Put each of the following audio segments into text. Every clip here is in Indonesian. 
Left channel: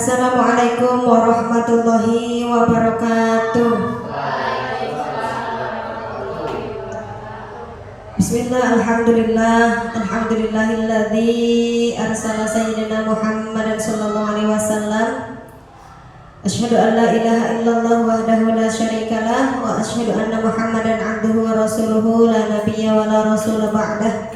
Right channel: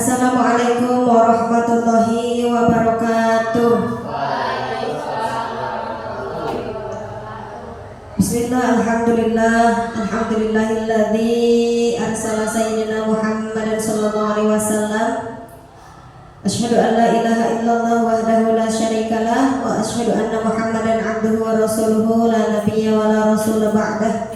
Assalamualaikum warahmatullahi wabarakatuh. Bismillah, alhamdulillah, alhamdulillahilladzi arsala sayyidina Muhammadan sallallahu alaihi wasallam. Asyhadu an la ilaha illallah wahdahu la syarikalah wa asyhadu anna Muhammadan abduhu wa rasuluhu la nabiyya wa la rasul ba'dah.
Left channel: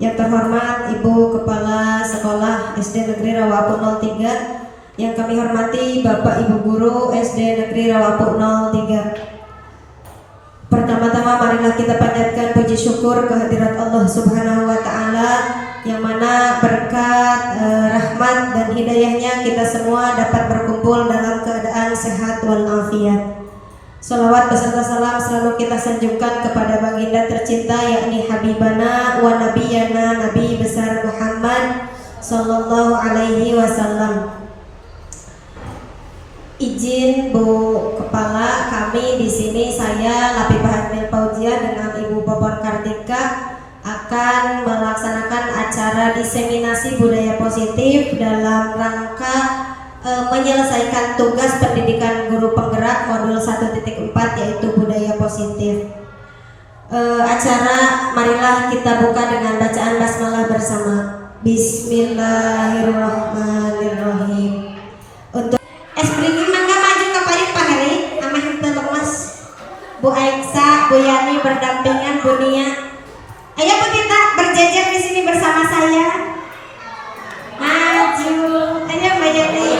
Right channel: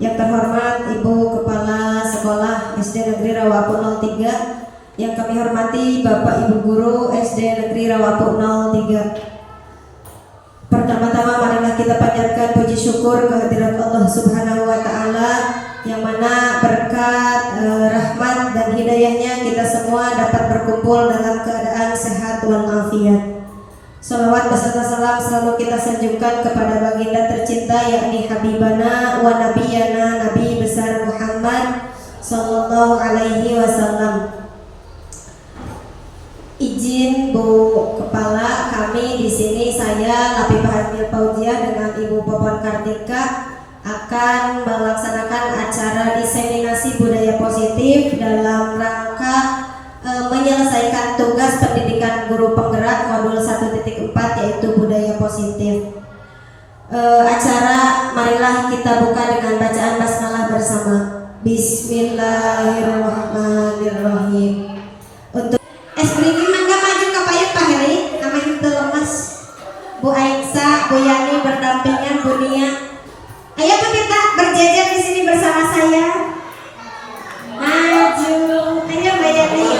Yang terhormat Ibu Kepala Sekolah SD Negeri Rawapu 03, yang kami hormati Bapak Ibu Guru SD Negeri Rawapu 03. Pertama-tama marilah kita panjatkan puji syukur kehadirat Allah Subhanahu wa taala, yang mana berkat rahmat dan hidayahnya kita semua dapat berkumpul dalam keadaan sehat walafiat. Salawat beserta salam selalu kita sanjungkan kepada baginda tercinta, yakni Habibana wa Nabiyana Nabi besar Muhammad sallallahu alaihi wasallam. Izin Bu Kepala, kami di sini saya Lapifah Admil Fauzia dengan Ibu Popon Kartika akan melaksanakan acara diseminasi budaya positif dalam rangka menyelesaikan tugas pendidikan guru penggerak modul 1.4 yaitu budaya positif. Acara marilah kita buka dengan bacaan basmalah bersama. Bismillahirrahmanirrahim. Untuk Espriki mangga maju ke payung Pak Heri, amah itu lemes. Bu Aisyah, Bu Yani berdampingan Bu Nia. Ayo Bu Tita berjajar di sini bersama saya. Maju, ayo Mbak Yani.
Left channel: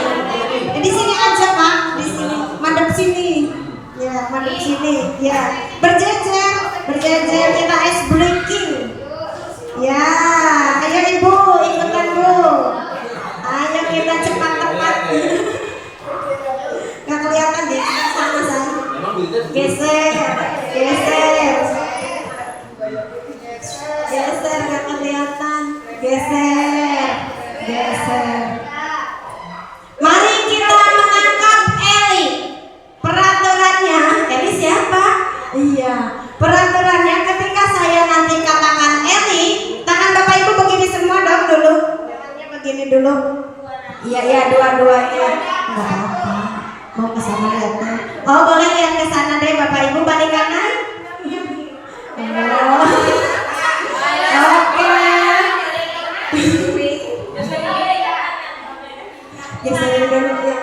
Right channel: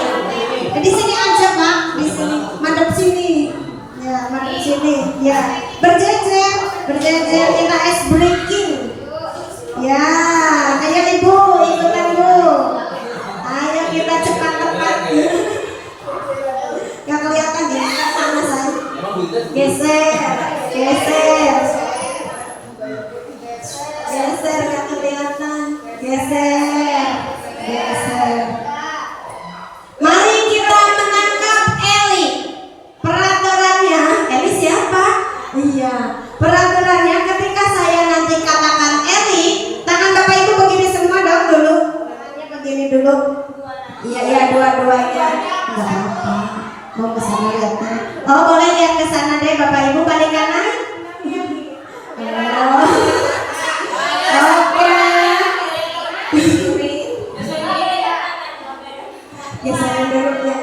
Di sini aja Pak, di sini, madep sini. Ya, madep sini. Ya, berjajar, berjajar kita ice breaking. Ya, ayo Ibu, ikutan Bu. Ayo kita cepat-cepat. Nggak kelihatan ya, sama saya. Geser, geser, geser, nggak kelihatan. Geser, geser. Mari kita menangkap Eli. Peraturannya, Eli siapa? Iya. Peraturannya ketika saya nanti katakan Eli, tangan Bapak Ibu begini semua dong dulu. Tangannya begini dulu. Iya, iya, dua-duanya. Nggak apa. Mau ke sana lihat. Oh, boleh lihat ke sana deh Bapak Ibu, balik kanan. Oh. Oke. Geserin dulu ya.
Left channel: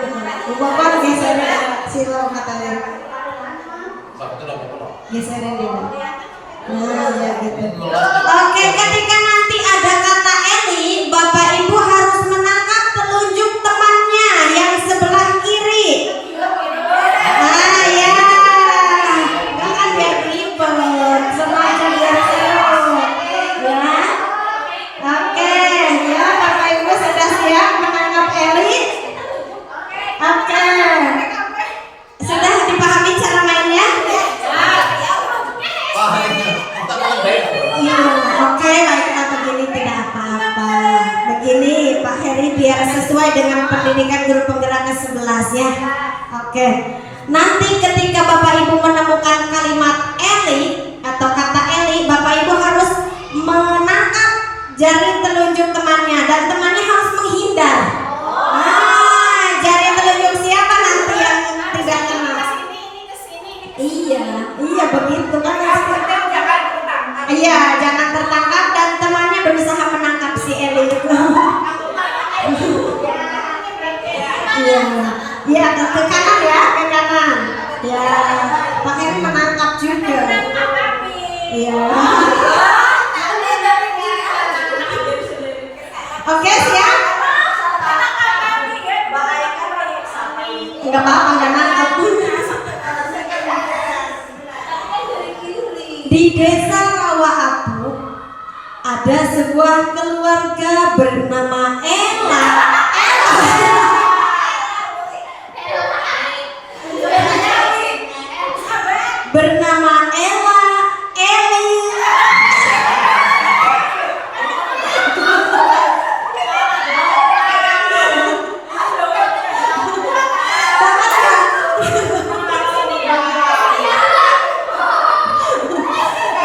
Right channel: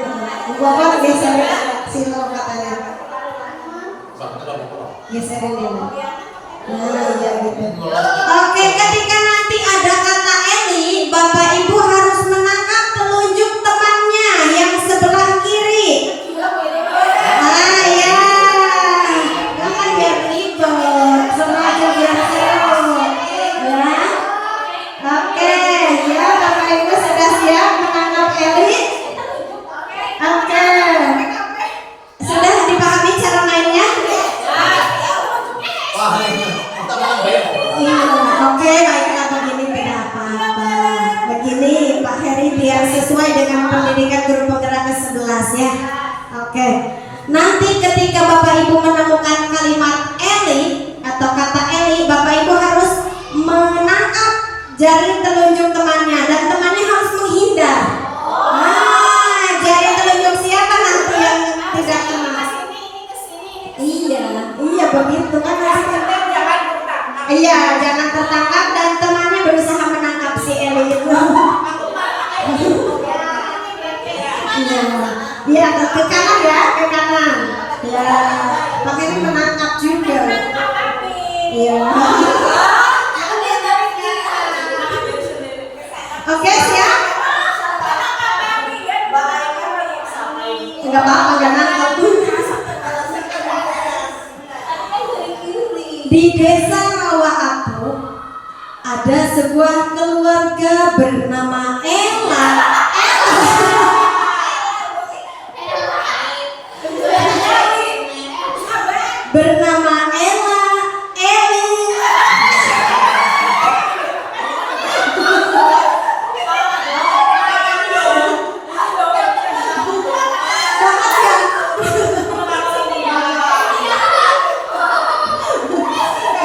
Bapak geserin silau katanya. Geserin dulu. Nah, ya gitu. Oke, ketika nanti ada kata Eli, Bapak Ibu harus menangkap telunjuk temannya yang sebelah kiri. Ah ya, jangan biar ribet, semua biar seru, ya. Oke, ya Bapak Ibu sudah siap menangkap Eli? Oke, sudah dipahami cara mainnya? Iya, oke, baiklah begini tidak apa-apa. Begini Pak Heri biar sesuai dengan pendidikan guru penggerak ke-11 ya. Oke. Nanti ketika Bapak Ibu menemukan kalimat Eli atau kata Eli, Bapak Ibu harus menangkap jari telunjuk temannya dan temannya harus menghindar. Nah, jari telunjuk siapa nanti yang tidak kena? Iya, iya begitu kan. Iya, jangan tertangkap dan temannya berusaha menangkap si Eli itu. Iya, iya ke kanan ya, ke kanan. Ya, Pak Heri menangkap juga. Iya. Oke, siap? Enggak apa-apa, enggak nangkap. Di desa Rawapu ada sebuah keluarga bernama Ella. Bernama Ella, Eli.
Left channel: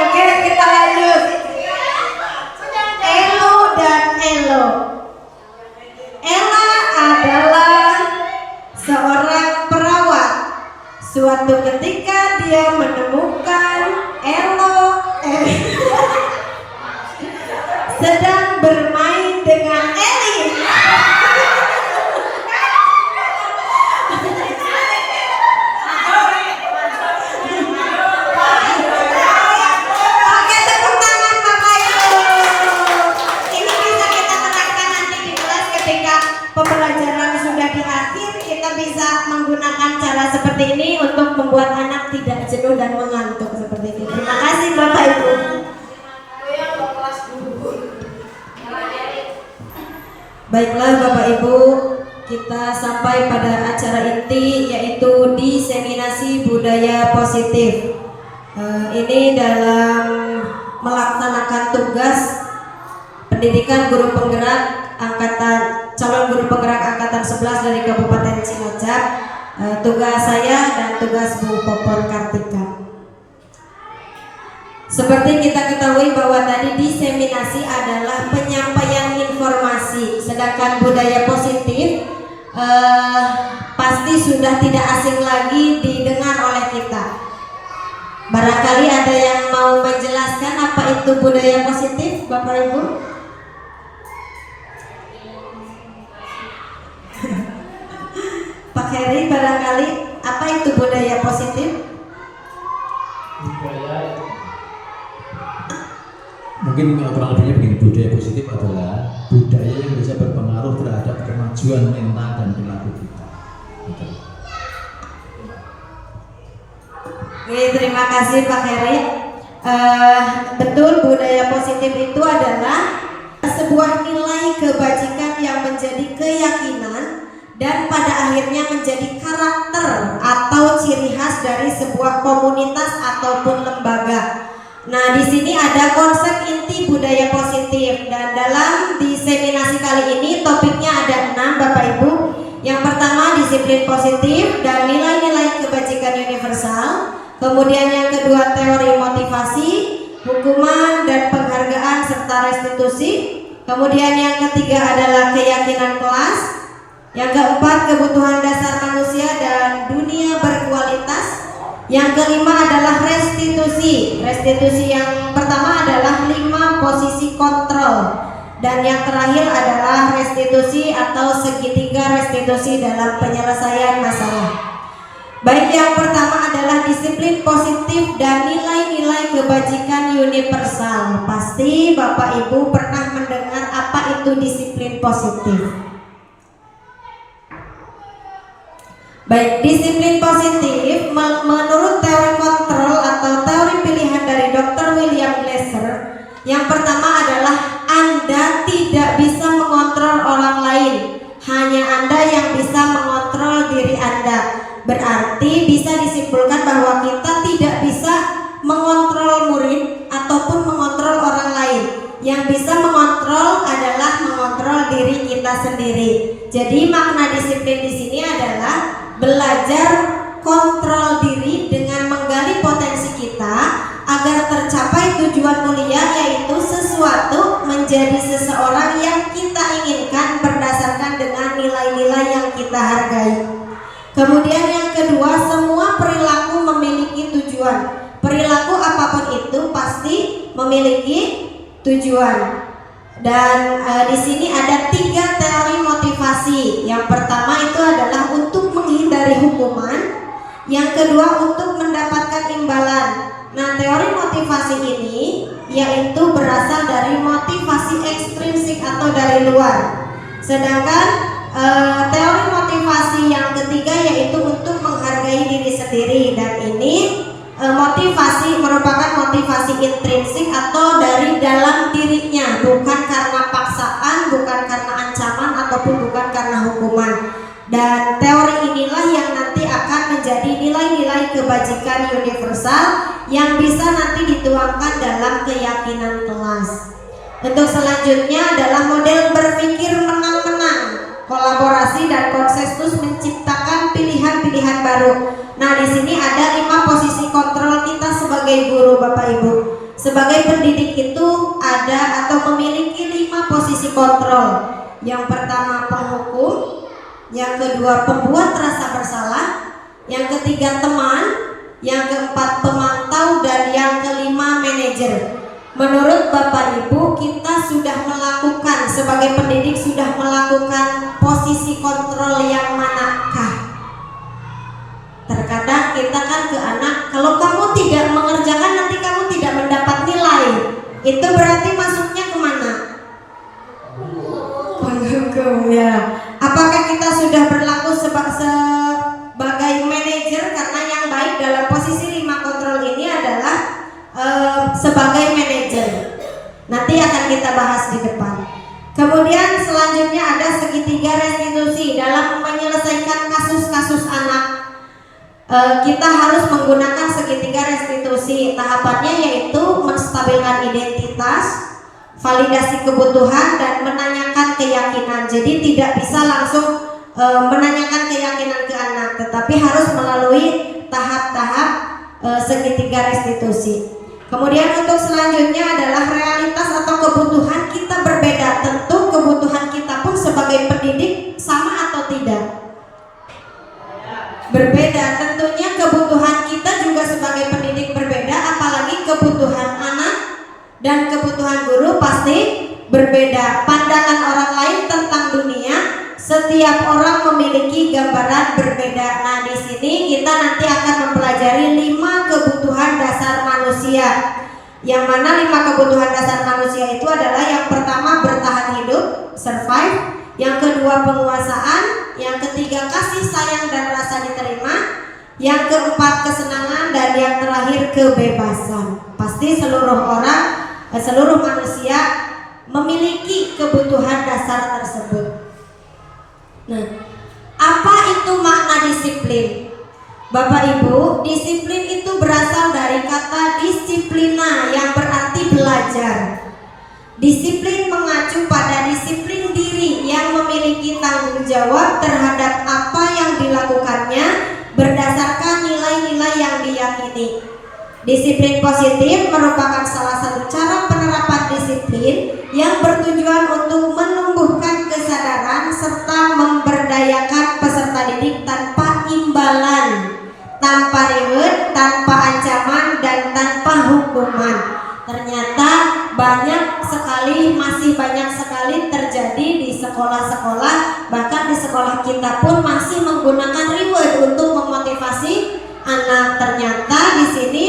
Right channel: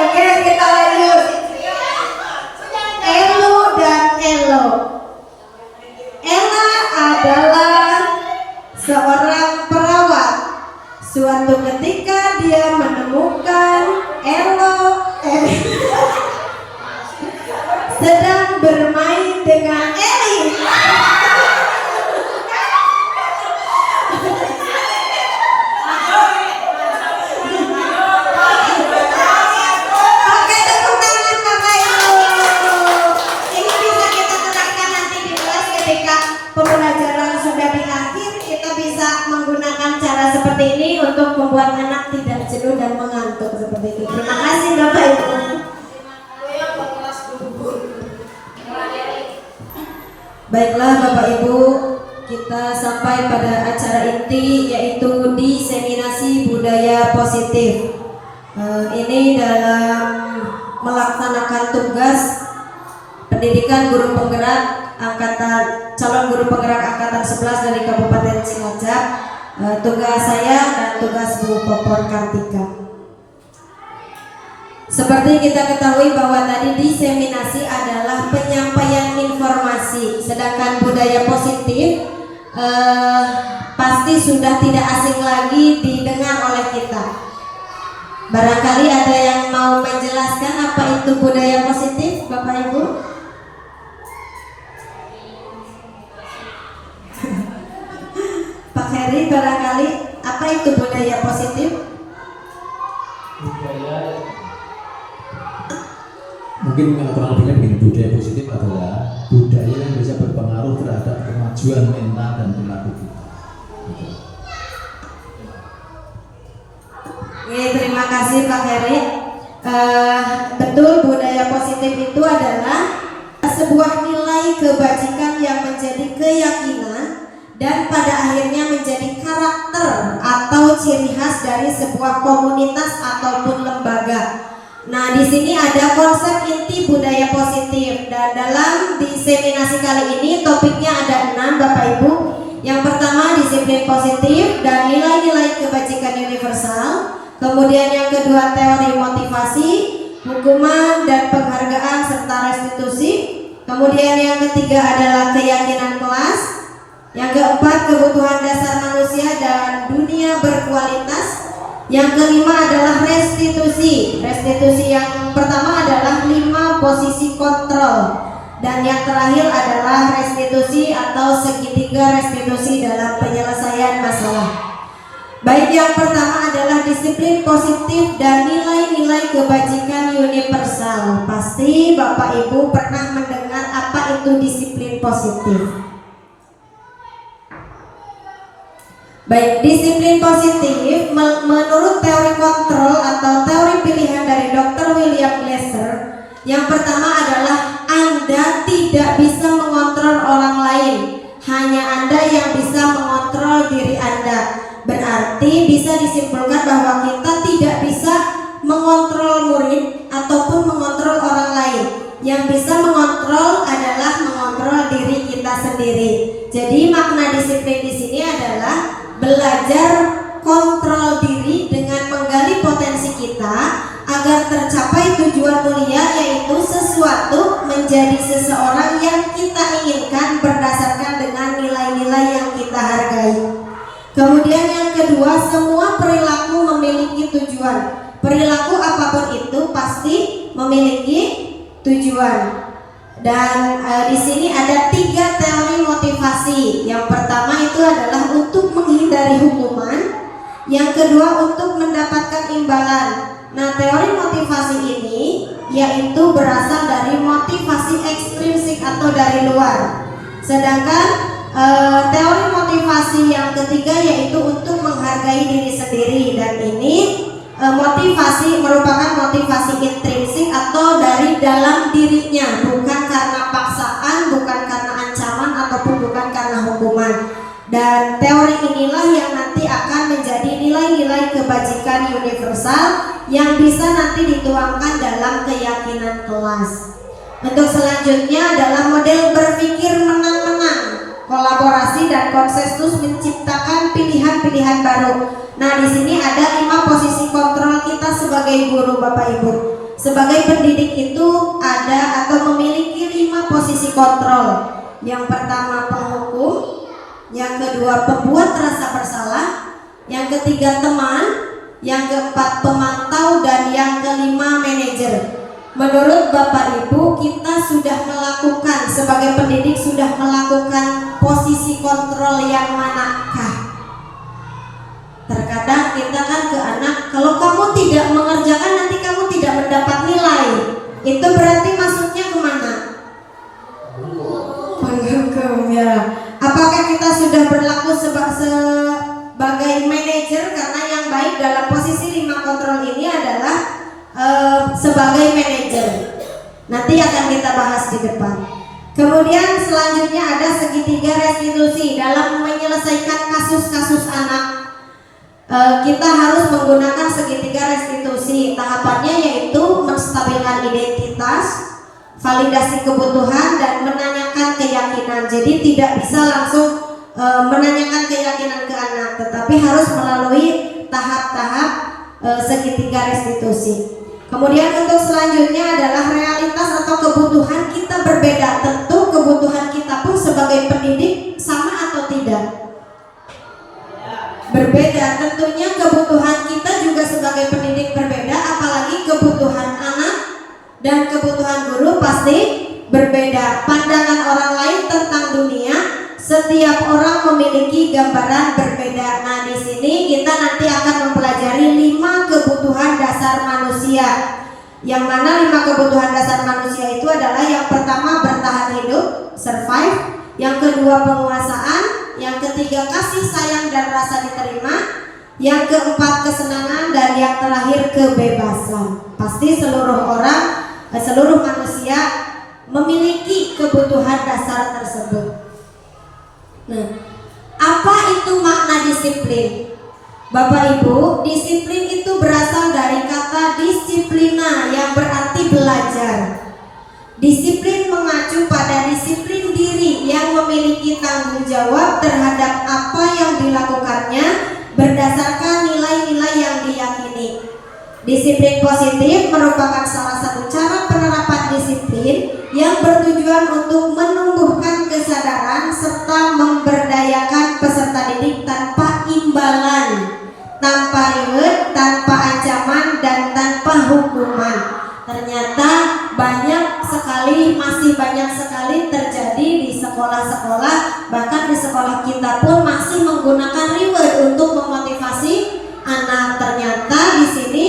Oke, kita lanjut. Elo dan Elo. Suatu ketika dia menemukan Elo sedang bermain dengan Eli. Oke, tepuk tangan Bapak Ibu. Ini bisa kita terapkan nanti di kelas ketika pembelajaran sudah di akhir. Kita bisa menggunakan cara seperti ini untuk membuat anak tidak jenuh dan mengantuk seperti itu. Terima kasih Bapak Ibu. Baiklah Bapak Ibu, kita sampai pada acara inti yaitu diseminasi budaya positif. Ini dalam melaksanakan tugas pendidikan guru penggerak calon guru penggerak angkatan 11 dari Kabupaten Cilacap. Tugas saya dan tugas Bu Popor Kartika. Seperti kita ketahui bahwa tadi diseminasi adalah penyampaian informasi, sedangkan budaya positif pasti sudah tidak asing lagi didengar oleh kita. Barangkali ada yang mau menjelaskan apa itu budaya positif, Bapak Ibu? Pak Heri, barangkali apa itu budaya positif? Budaya mungkin kurang lebihnya begini, budaya positif adalah budaya yang bisa berpengaruh terhadap kemajuan mental dan perilaku kita. Oke, terima kasih Pak Heri. Betul, budaya positif itu adalah sebuah nilai kebajikan yang menjadi keyakinan dan pada akhirnya menjadi karakter atau ciri khas dari sebuah komunitas ataupun lembaga. Nah, di sini ada konsep inti budaya positif dan dalam diseminasi kali ini topiknya ada 6 Bapak Ibu. Yang pertama disiplin positif dan nilai-nilai kebajikan universal. Kemudian yang kedua teori motivasi, hukuman dan penghargaan serta restitusi. Kemudian yang ketiga adalah keyakinan kelas. Yang keempat kebutuhan dasar manusia dan dunia berkualitas. Yang kelima adalah restitusi. Restitusi yang pertama adalah 5 posisi kontrol. Dan yang terakhir adalah restitusi atau segitiga restitusi dalam penyelesaian masalah. Baik, yang pertama adalah disiplin positif dan nilai-nilai kebajikan universal. Pasti Bapak Ibu pernah mendengar apa itu disiplin positif. Baik, disiplin positif menurut teori kontrol atau teori pilihan dari Dr. William Glasser, yang pertama adalah Anda tidak bisa mengontrol orang lain, hanya Anda yang bisa mengontrol diri Anda. Berarti bisa disimpulkan bahwa kita tidak bisa mengontrol murid ataupun mengontrol orang lain. Yang bisa mengontrol adalah mengontrol diri kita sendiri. Jadi makna disiplin di sini adalah belajar kontrol diri dengan menggali potensi kita agar tercapai tujuan mulia, yaitu sesuatu menjadi seseorang yang kita inginkan berdasarkan dengan nilai-nilai yang kita hargai. Kemudian yang kedua, semua perilaku memiliki tujuan. Perilaku apapun itu pasti memiliki tujuan. Dan di sini ada 3 teori motivasi. Yang pertama itu adalah untuk menghindari hukuman. Yang kedua untuk mendapatkan imbalan. Nah, teori motivasi ini yaitu berasal dari motivasi ekstrinsik atau dari luar. Sedangkan teori motivasi yang ketiga yaitu untuk menghargai diri sendiri, dan ini motivasi merupakan motivasi intrinsik atau dari dalam dirinya, bukan karena paksaan, bukan karena ancaman ataupun bukan karena hukuman. Dan teori inilah yang nanti akan menjadi nilai-nilai kebajikan universal yang bisa nanti dituangkan dalam keyakinan kelas. Untuk selanjutnya adalah model berpikir menang-menang, kolaborasi dan konsensus menciptakan pilihan-pilihan baru. Nah, di sini ada 5 posisi kontrol kita sebagai guru, Bapak Ibu. Sebagai pendidik itu ada atau memiliki 5 posisi kontrol. Yang pertama penghukum, yang kedua pembuat rasa bersalah, yang ketiga teman, yang keempat pemantau, dan yang kelima manajer. Menurut Bapak Ibu, kita sudah melakukan, sebagai pendidik sudah melakukan posisi kontrol yang manakah? Terkadang kita kan ke anak, kalau kamu tidak mengerjakan nanti kamu tidak mendapat nilai. Itu berarti masuknya kemana? Penghukum, ya. Apakah kita sudah berlaku sebagai manajer? Karena yang baik dalam posisi 5 kontrol ini adalah sebagai manajer. Nanti akan kita bahas di depan. Kemudian selanjutnya ada segitiga restitusi. Dalam menyelesaikan kasus-kasus anak, kita harus menggunakan segitiga restitusi. Tahapannya yaitu menstabilkan identitas, validasi kebutuhan, dan menanyakan keyakinan. Jadi tidak bisa langsung menanyakan keyakinan ke anak, tetapi harus melalui tahap-tahap segitiga restitusi. Kemudian untuk selanjutnya adalah realitas atau kebutuhan kita berbeda. Tentu kebutuhan kita pun sebagai pendidik sama atau tidak? Berbeda. Tentunya kebutuhan kita juga sebagai pendidik berbeda, apalagi kebutuhan anak dan kebutuhan guru pasti berbeda. Pandangan orang lain tentang dunia, setiap orang memiliki gambaran berbeda. Nah, di sini kita nanti akan mempelajari 5 kebutuhan dasar manusia. Yang mana 5 kebutuhan dasar manusia itu adalah: yang pertama bertahan hidup, survive; yang kedua penguasaan; yang ketiga kasih sayang dan rasa diterima; yang keempat kesenangan; dan yang terakhir kebebasan. Pasti seluruh manusia memiliki kebutuhan dasar tersebut. Nah, apa itu makna disiplin? Bapak Ibu, disiplin itu berasal dari kata disiplina yang berarti belajar. Disiplin mengacu pada disiplin diri yang memiliki tanggung jawab terhadap apa yang dilakukannya berdasarkan nilai-nilai yang diyakini. Disiplin positif merupakan salah satu cara penerapan disiplin yang bertujuan untuk menumbuhkan kesadaran serta memberdayakan peserta didik tanpa imbalan, tanpa reward, tanpa ancaman, dan tanpa hukuman. Ternyata masih banyak sekali terjadi di sekolah-sekolah, bahkan di sekolah kita pun masih menggunakan reward untuk memotivasi anak. Ternyata di sini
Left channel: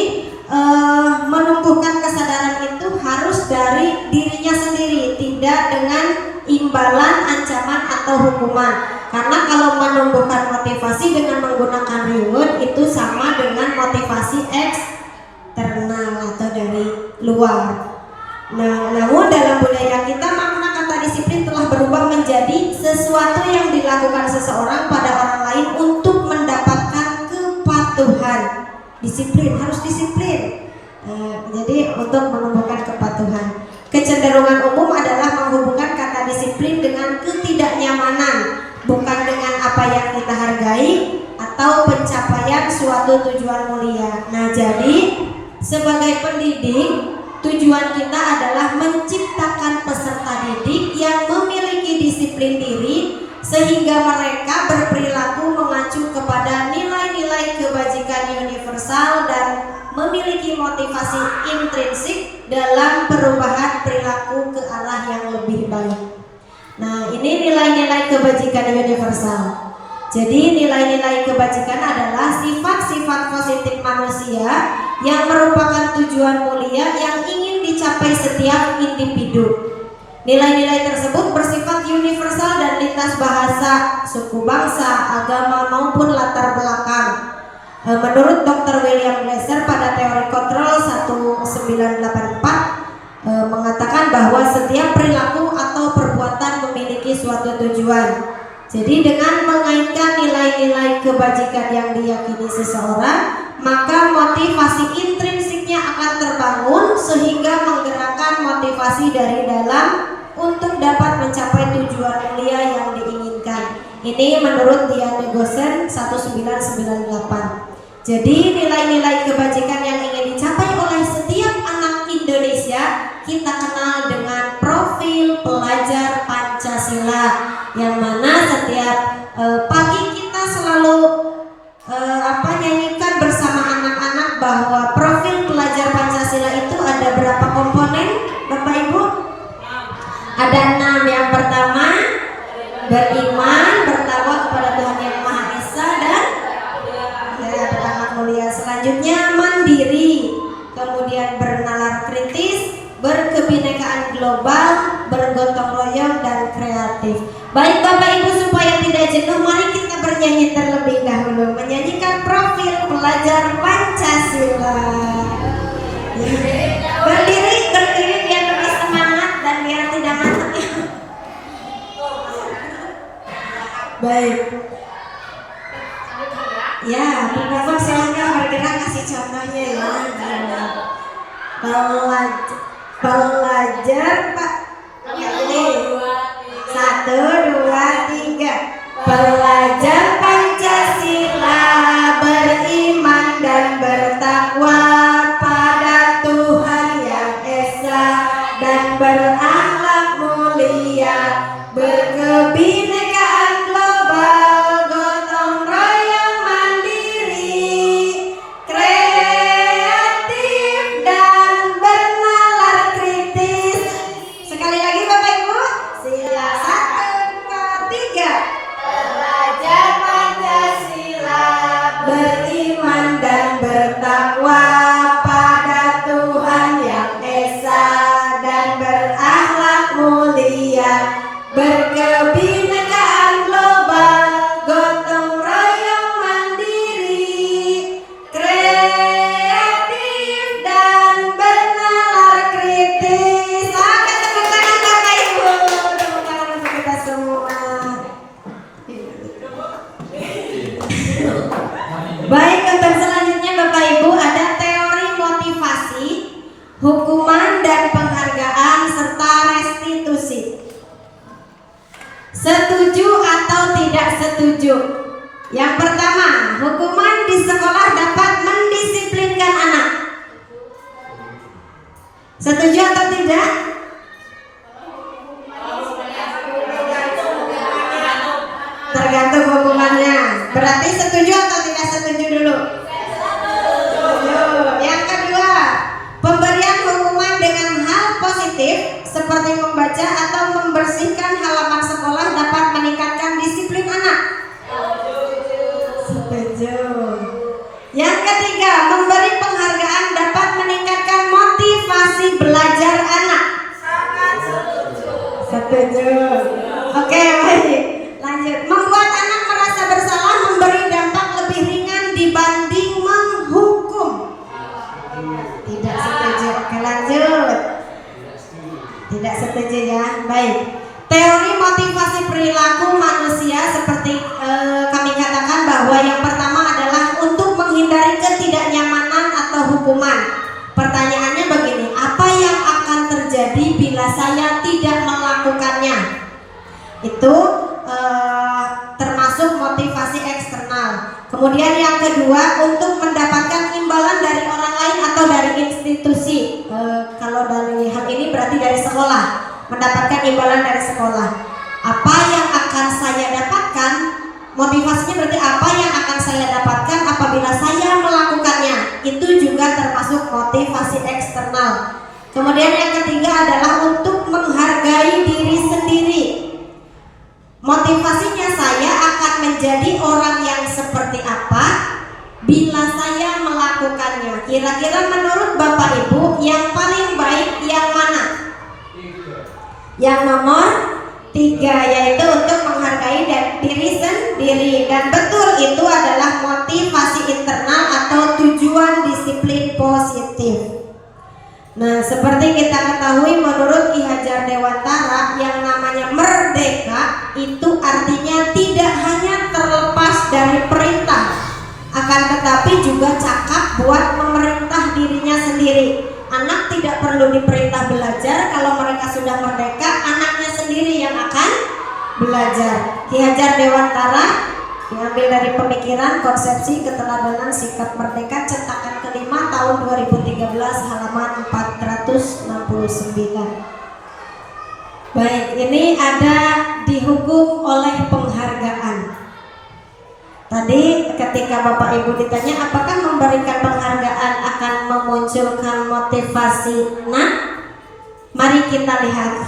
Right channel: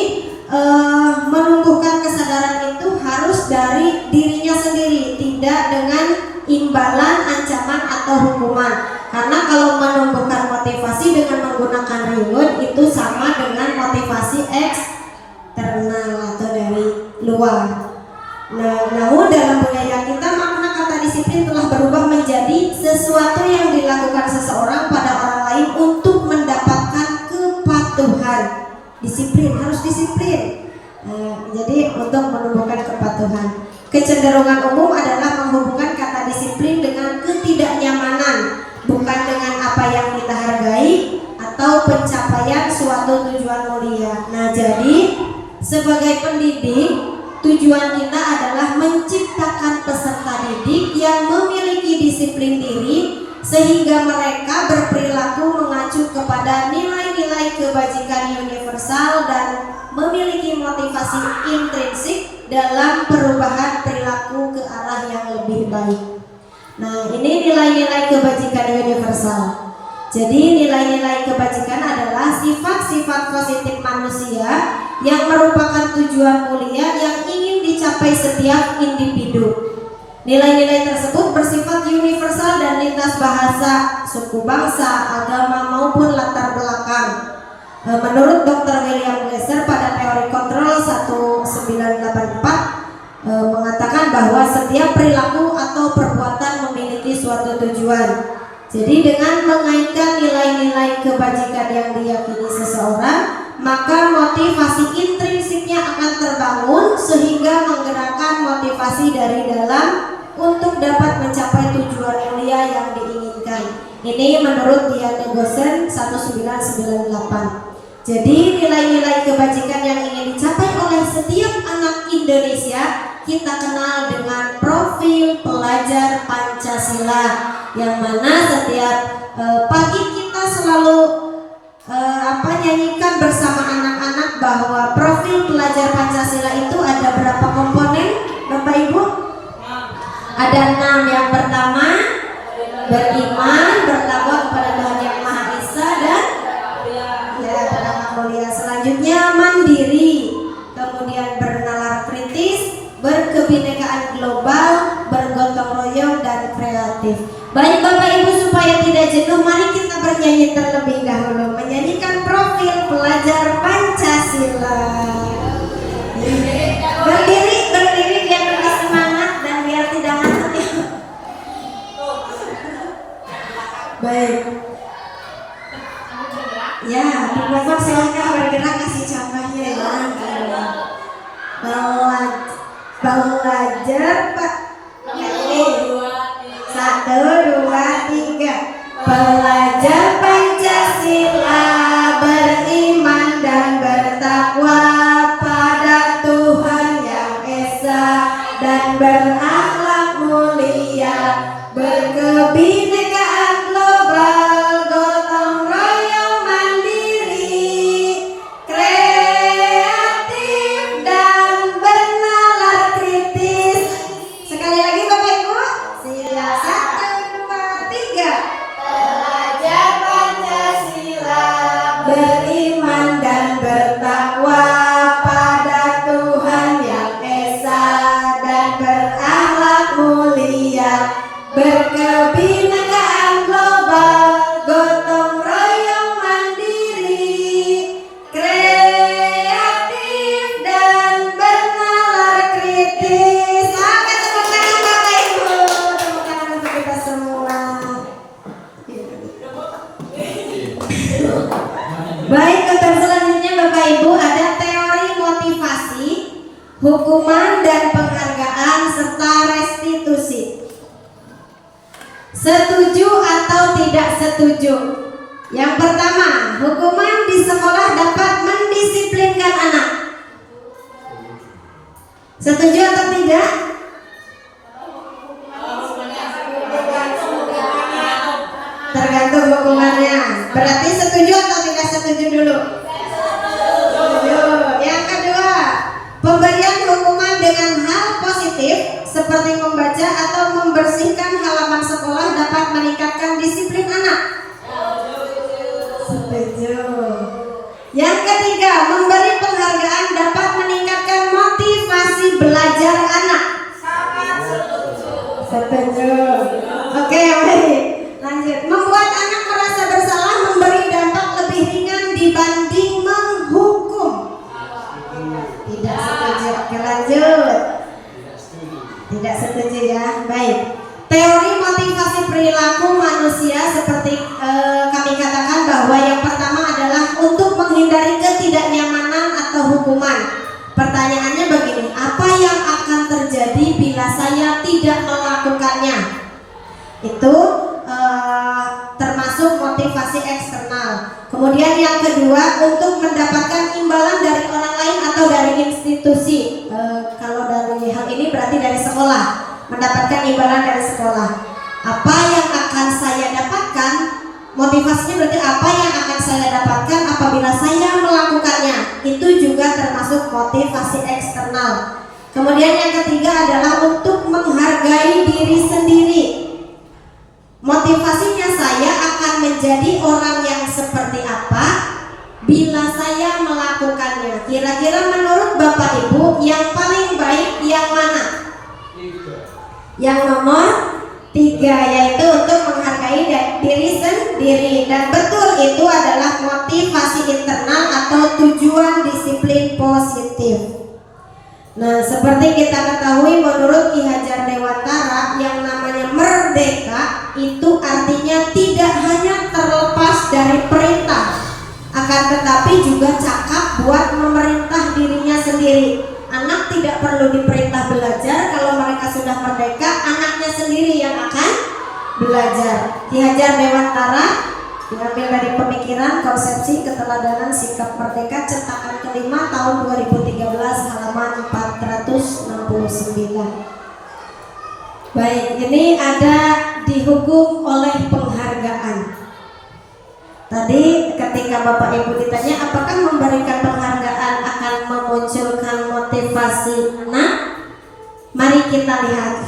menumbuhkan kesadaran itu harus dari dirinya sendiri, tidak dengan imbalan, ancaman, atau hukuman. Karena kalau menumbuhkan motivasi dengan menggunakan reward itu sama dengan motivasi eksternal atau dari luar. Nah, namun dalam budaya kita makna kata disiplin telah berubah menjadi sesuatu yang dilakukan seseorang pada orang lain untuk mendapatkan kepatuhan. Disiplin, harus disiplin. Jadi untuk menumbuhkan kepatuhan. Kecenderungan umum adalah menghubungkan kata disiplin dengan ketidaknyamanan, bukan dengan apa yang kita hargai atau pencapaian suatu tujuan mulia. Nah, jadi sebagai pendidik, tujuan kita adalah menciptakan peserta didik yang memiliki disiplin diri sehingga mereka berperilaku mengacu kepada nilai-nilai kebajikan universal dan memiliki motivasi intrinsik dalam perubahan perilaku ke arah yang lebih baik. Nah, ini nilai-nilai kebajikan universal. Jadi nilai-nilai kebajikan adalah sifat-sifat positif manusia yang merupakan tujuan mulia yang ingin dicapai setiap individu. Nilai-nilai tersebut bersifat universal dan lintas bahasa, suku bangsa, agama maupun latar belakang. Menurut Dr. William Glasser pada teori kontrol 1984 mengatakan bahwa setiap perilaku atau perbuatan memiliki suatu tujuan. Jadi dengan mengaitkan nilai-nilai kebajikan yang diyakini seseorang, maka motivasi intrinsiknya akan terbangun sehingga menggerakkan motivasi dari dalam untuk dapat mencapai tujuan mulia yang diinginkan. Ini menurut Diane Gosen 1998. Jadi nilai-nilai kebajikan yang ingin dicapai oleh setiap anak Indonesia kita kenal dengan profil pelajar Pancasila, yang mana setiap pagi kita selalu bernyanyi terlebih dahulu, menyanyikan profil pelajar Pancasila. Berdiri biar lebih semangat dan biar tidak ngantuk ya. Baik. Ya, Bapak silakan bergerak kasih contohnya ya. Belajar Pak. Ini 1, 2, 3. Belajar Pancasila, beriman dan bertakwa pada Tuhan Yang Esa dan berakhlak mulia, berkebinekaan global, gotong royong mandiri, kreatif dan bernalar kritis. Sekali lagi Bapak Ibu, sila 1, 2, 3. Belajar Pancasila, beriman dan bertakwa pada Tuhan Yang Esa dan berakhlak mulia, berkebinekaan global, gotong royong mandiri, kreatif dan bernalar kritis. Angkat tepuk tangan Bapak Ibu, tepuk tangan untuk kita semua. Baik, untuk selanjutnya Bapak Ibu ada teori motivasi, hukuman dan penghargaan serta restitusi. Setuju atau tidak setuju? Yang pertama, hukuman di sekolah dapat mendisiplinkan anak. Setuju atau tidak? Tergantung hukumannya. Berarti setuju atau tidak setuju dulu? Setuju. Yang kedua, pemberian hukuman dengan hal positif seperti membaca atau membersihkan halaman sekolah dapat meningkatkan disiplin anak. Setuju. Yang ketiga, memberi penghargaan dapat meningkatkan motivasi belajar anak. Setuju. Oke, baik. Lanjut. Membuat anak merasa bersalah memberi dampak lebih ringan dibanding menghukum. Tidak setuju. Oke, lanjut. Tidak setuju ya. Baik. Teori motivasi perilaku manusia seperti kami katakan bahwa yang pertama adalah untuk menghindari ketidaknyamanan atau hukuman. Pertanyaannya begini, apa yang akan terjadi bila saya tidak melakukannya? Itu termasuk motivasi eksternal. Kemudian yang kedua, untuk mendapatkan imbalan dari orang lain atau dari institusi. Kalau dari hal ini berarti dari sekolah, mendapatkan imbalan dari sekolah. Apa yang akan saya dapatkan? Motivasinya berarti apa yang akan saya dapatkan apabila saya melakukannya. Itu juga termasuk motivasi eksternal. Kemudian yang ketiga adalah untuk menghargai diri sendiri. Motivasinya saya akan menjadi orang yang seperti apa bila saya melakukannya. Kira-kira menurut Bapak Ibu yang paling baik yang mana? Yang nomor 3, yaitu untuk menghargai diri sendiri. Dan betul, itu adalah motivasi internal atau tujuan disiplin positif. Nah, seperti kita ketahui menurut Ki Hajar Dewantara, yang namanya merdeka itu artinya tidak hanya terlepas dari perintah, akan tetapi juga cakap buat memerintah dirinya sendiri. Anak tidak perlu diperintah belajar. Kalau mereka sudah merdeka, anaknya sendiri yang akan belajar. Ki Hajar Dewantara diambil dari pemikiran konsepsi keteladanan sikap merdeka cetakan kelima tahun 2013 halaman 469. Baik, ini ada dihukum oleh penghargaan. Tadi ketika Bapak Ibu ditanya apakah memberikan penghargaan akan memunculkan motivasi, nah mari kita lihat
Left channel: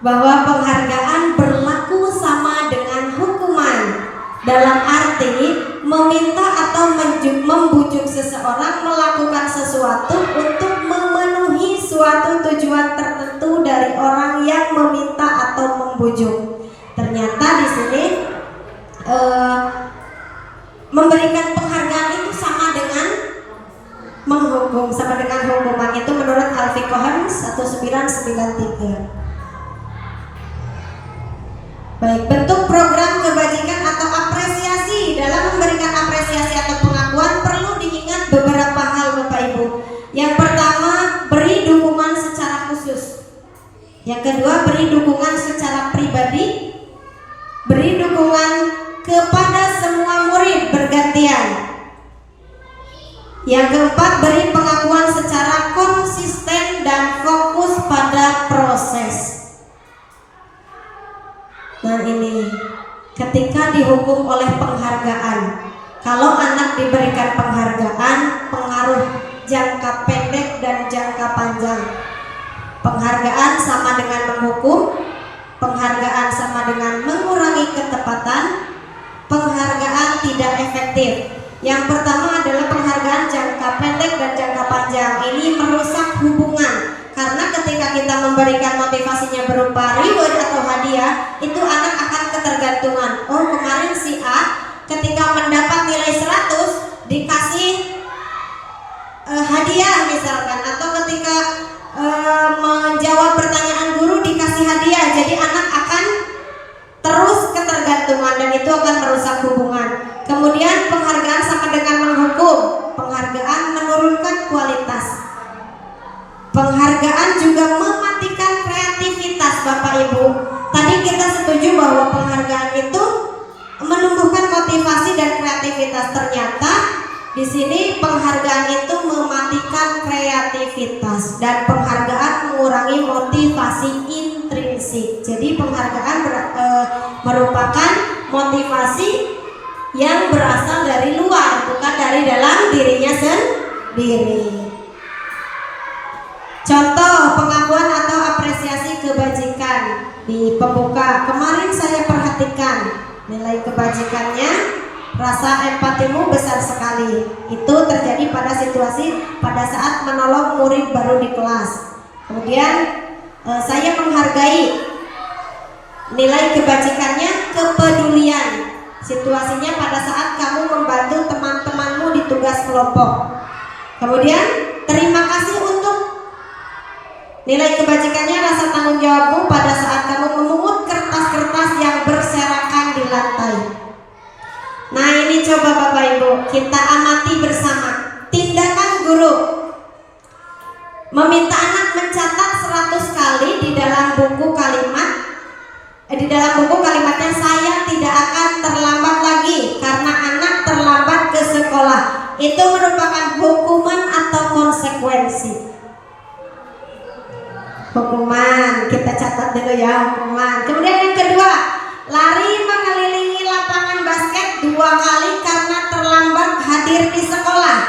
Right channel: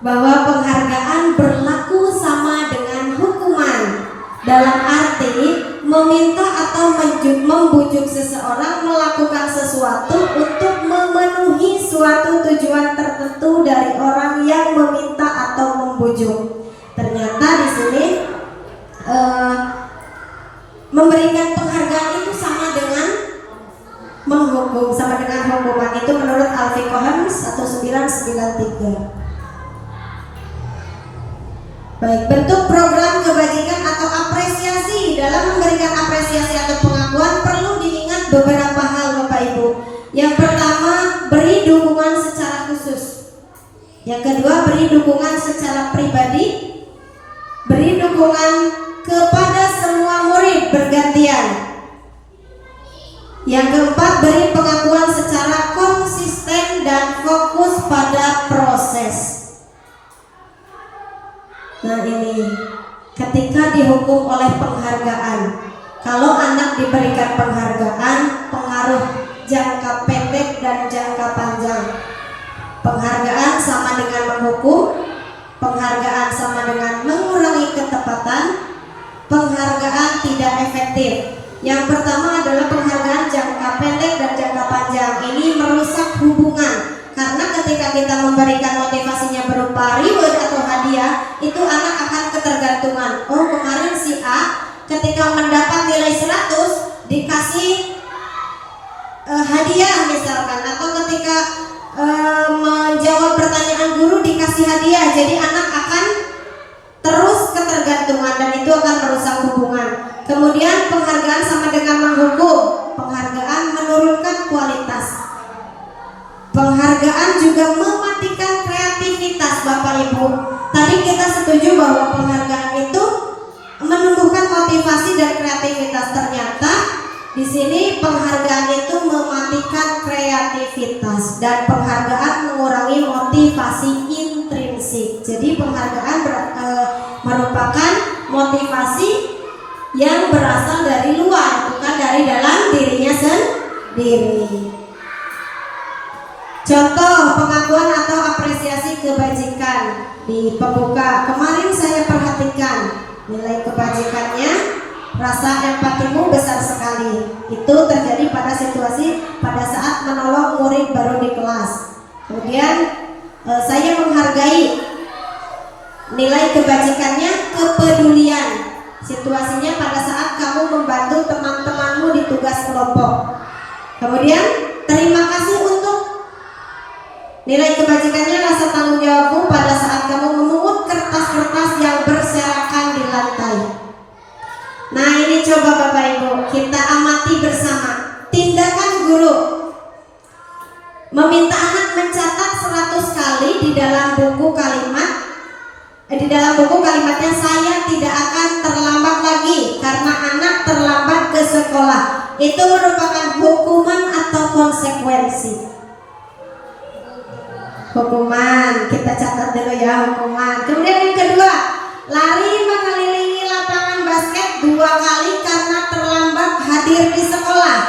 bahwa penghargaan berlaku sama dengan hukuman, dalam arti meminta atau membujuk seseorang melakukan sesuatu untuk memenuhi suatu tujuan tertentu dari orang yang meminta atau membujuk. Ternyata di sini memberikan penghargaan itu sama dengan menghukum, sama dengan hukuman. Itu menurut Al-Fiqh 1993. Baik, bentuk program kebajikan atau apresiasi. Dalam memberikan apresiasi atau pengakuan perlu diingat beberapa hal Bapak Ibu. Yang pertama, beri dukungan secara khusus. Yang kedua, beri dukungan secara pribadi. Beri dukungan kepada semua murid bergantian. Yang keempat, beri pengakuan secara konsisten dan fokus pada proses. Nah ini, ketika dihukum oleh penghargaan, kalau anak diberikan penghargaan, pengaruh jangka pendek dan jangka panjang. Penghargaan sama dengan menghukum, penghargaan sama dengan mengurangi ketepatan, penghargaan tidak efektif. Yang pertama adalah penghargaan jangka pendek dan jangka panjang. Ini merusak hubungan, karena ketika kita memberikan motivasinya berupa reward atau hadiah, itu anak akan ketergantungan. Oh, kemarin si A ketika mendapat nilai 100 dikasih hadiah misalkan, atau ketika menjawab pertanyaan guru dikasih hadiah. Jadi anak akan terus ketergantungan dan itu akan merusak hubungan. Kemudian penghargaan sama dengan menghukum. Penghargaan menurunkan kualitas. Penghargaan juga mematikan kreativitas Bapak Ibu. Tadi kita setuju bahwa penghargaan itu menumbuhkan motivasi dan kreativitas. Ternyata di sini penghargaan itu mematikan kreativitas dan penghargaan mengurangi motivasi intrinsik. Jadi penghargaan merupakan motivasi yang berasal dari luar, bukan dari dalam dirinya sendiri. Contoh pengakuan atau apresiasi kebajikan di pembuka. Kemarin saya perhatikan nilai kebajikannya, rasa empatimu besar sekali. Itu terjadi pada situasi pada saat menolong murid baru di kelas. Kemudian saya menghargai nilai kebajikannya, kepedulian. Situasinya pada saat kamu membantu teman-temanmu di tugas kelompok. Kemudian terima kasih untuk nilai kebajikannya, rasa tanggung jawabmu pada saat kamu memungut kertas-kertas yang berserakan di lantai. Nah ini coba Bapak Ibu kita amati bersama. Tindakan guru meminta anak mencatat 100 kali di dalam buku kalimatnya saya tidak akan terlambat lagi karena anak terlambat ke sekolah. Itu merupakan hukuman atau konsekuensi? Hukuman, kita catat dulu ya, hukuman. Kemudian yang kedua, lari mengelilingi lapangan basket 2 kali karena terlambat hadir di sekolah.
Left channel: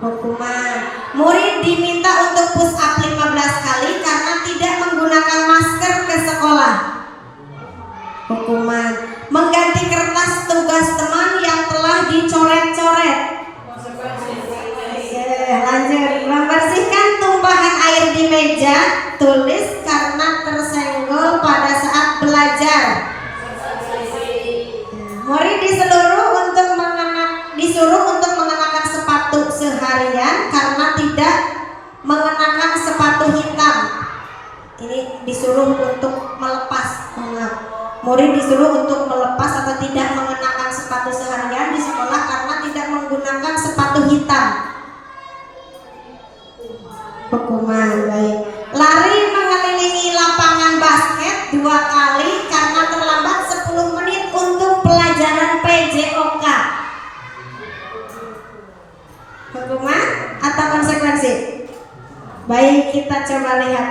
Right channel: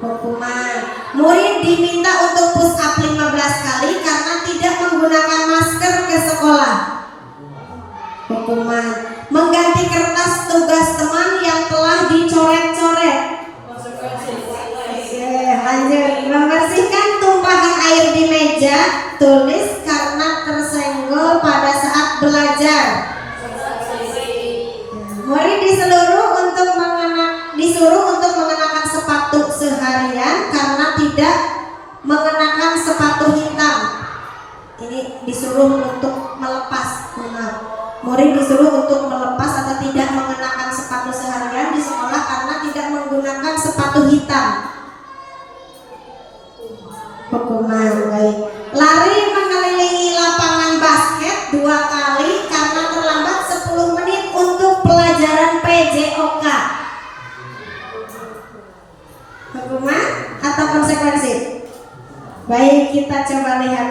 Hukuman. Murid diminta untuk push up 15 kali karena tidak menggunakan masker ke sekolah. Hukuman. Mengganti kertas tugas teman yang telah dicoret-coret. Oke, lanjut. Membersihkan tumpahan air di meja tulis karena tersenggol pada saat belajar. Murid disuruh untuk mengenakan sepatu seharian karena tidak mengenakan sepatu hitam. Ini disuruh untuk melepas. Murid disuruh untuk melepas atau tidak mengenakan sepatu seharian di sekolah karena tidak menggunakan sepatu hitam. Hukuman. Baik. Lari mengelilingi lapangan basket 2 kali karena terlambat 10 menit untuk pelajaran PJOK. Hukuman atau konsekuensi? Baik, kita coba lihat.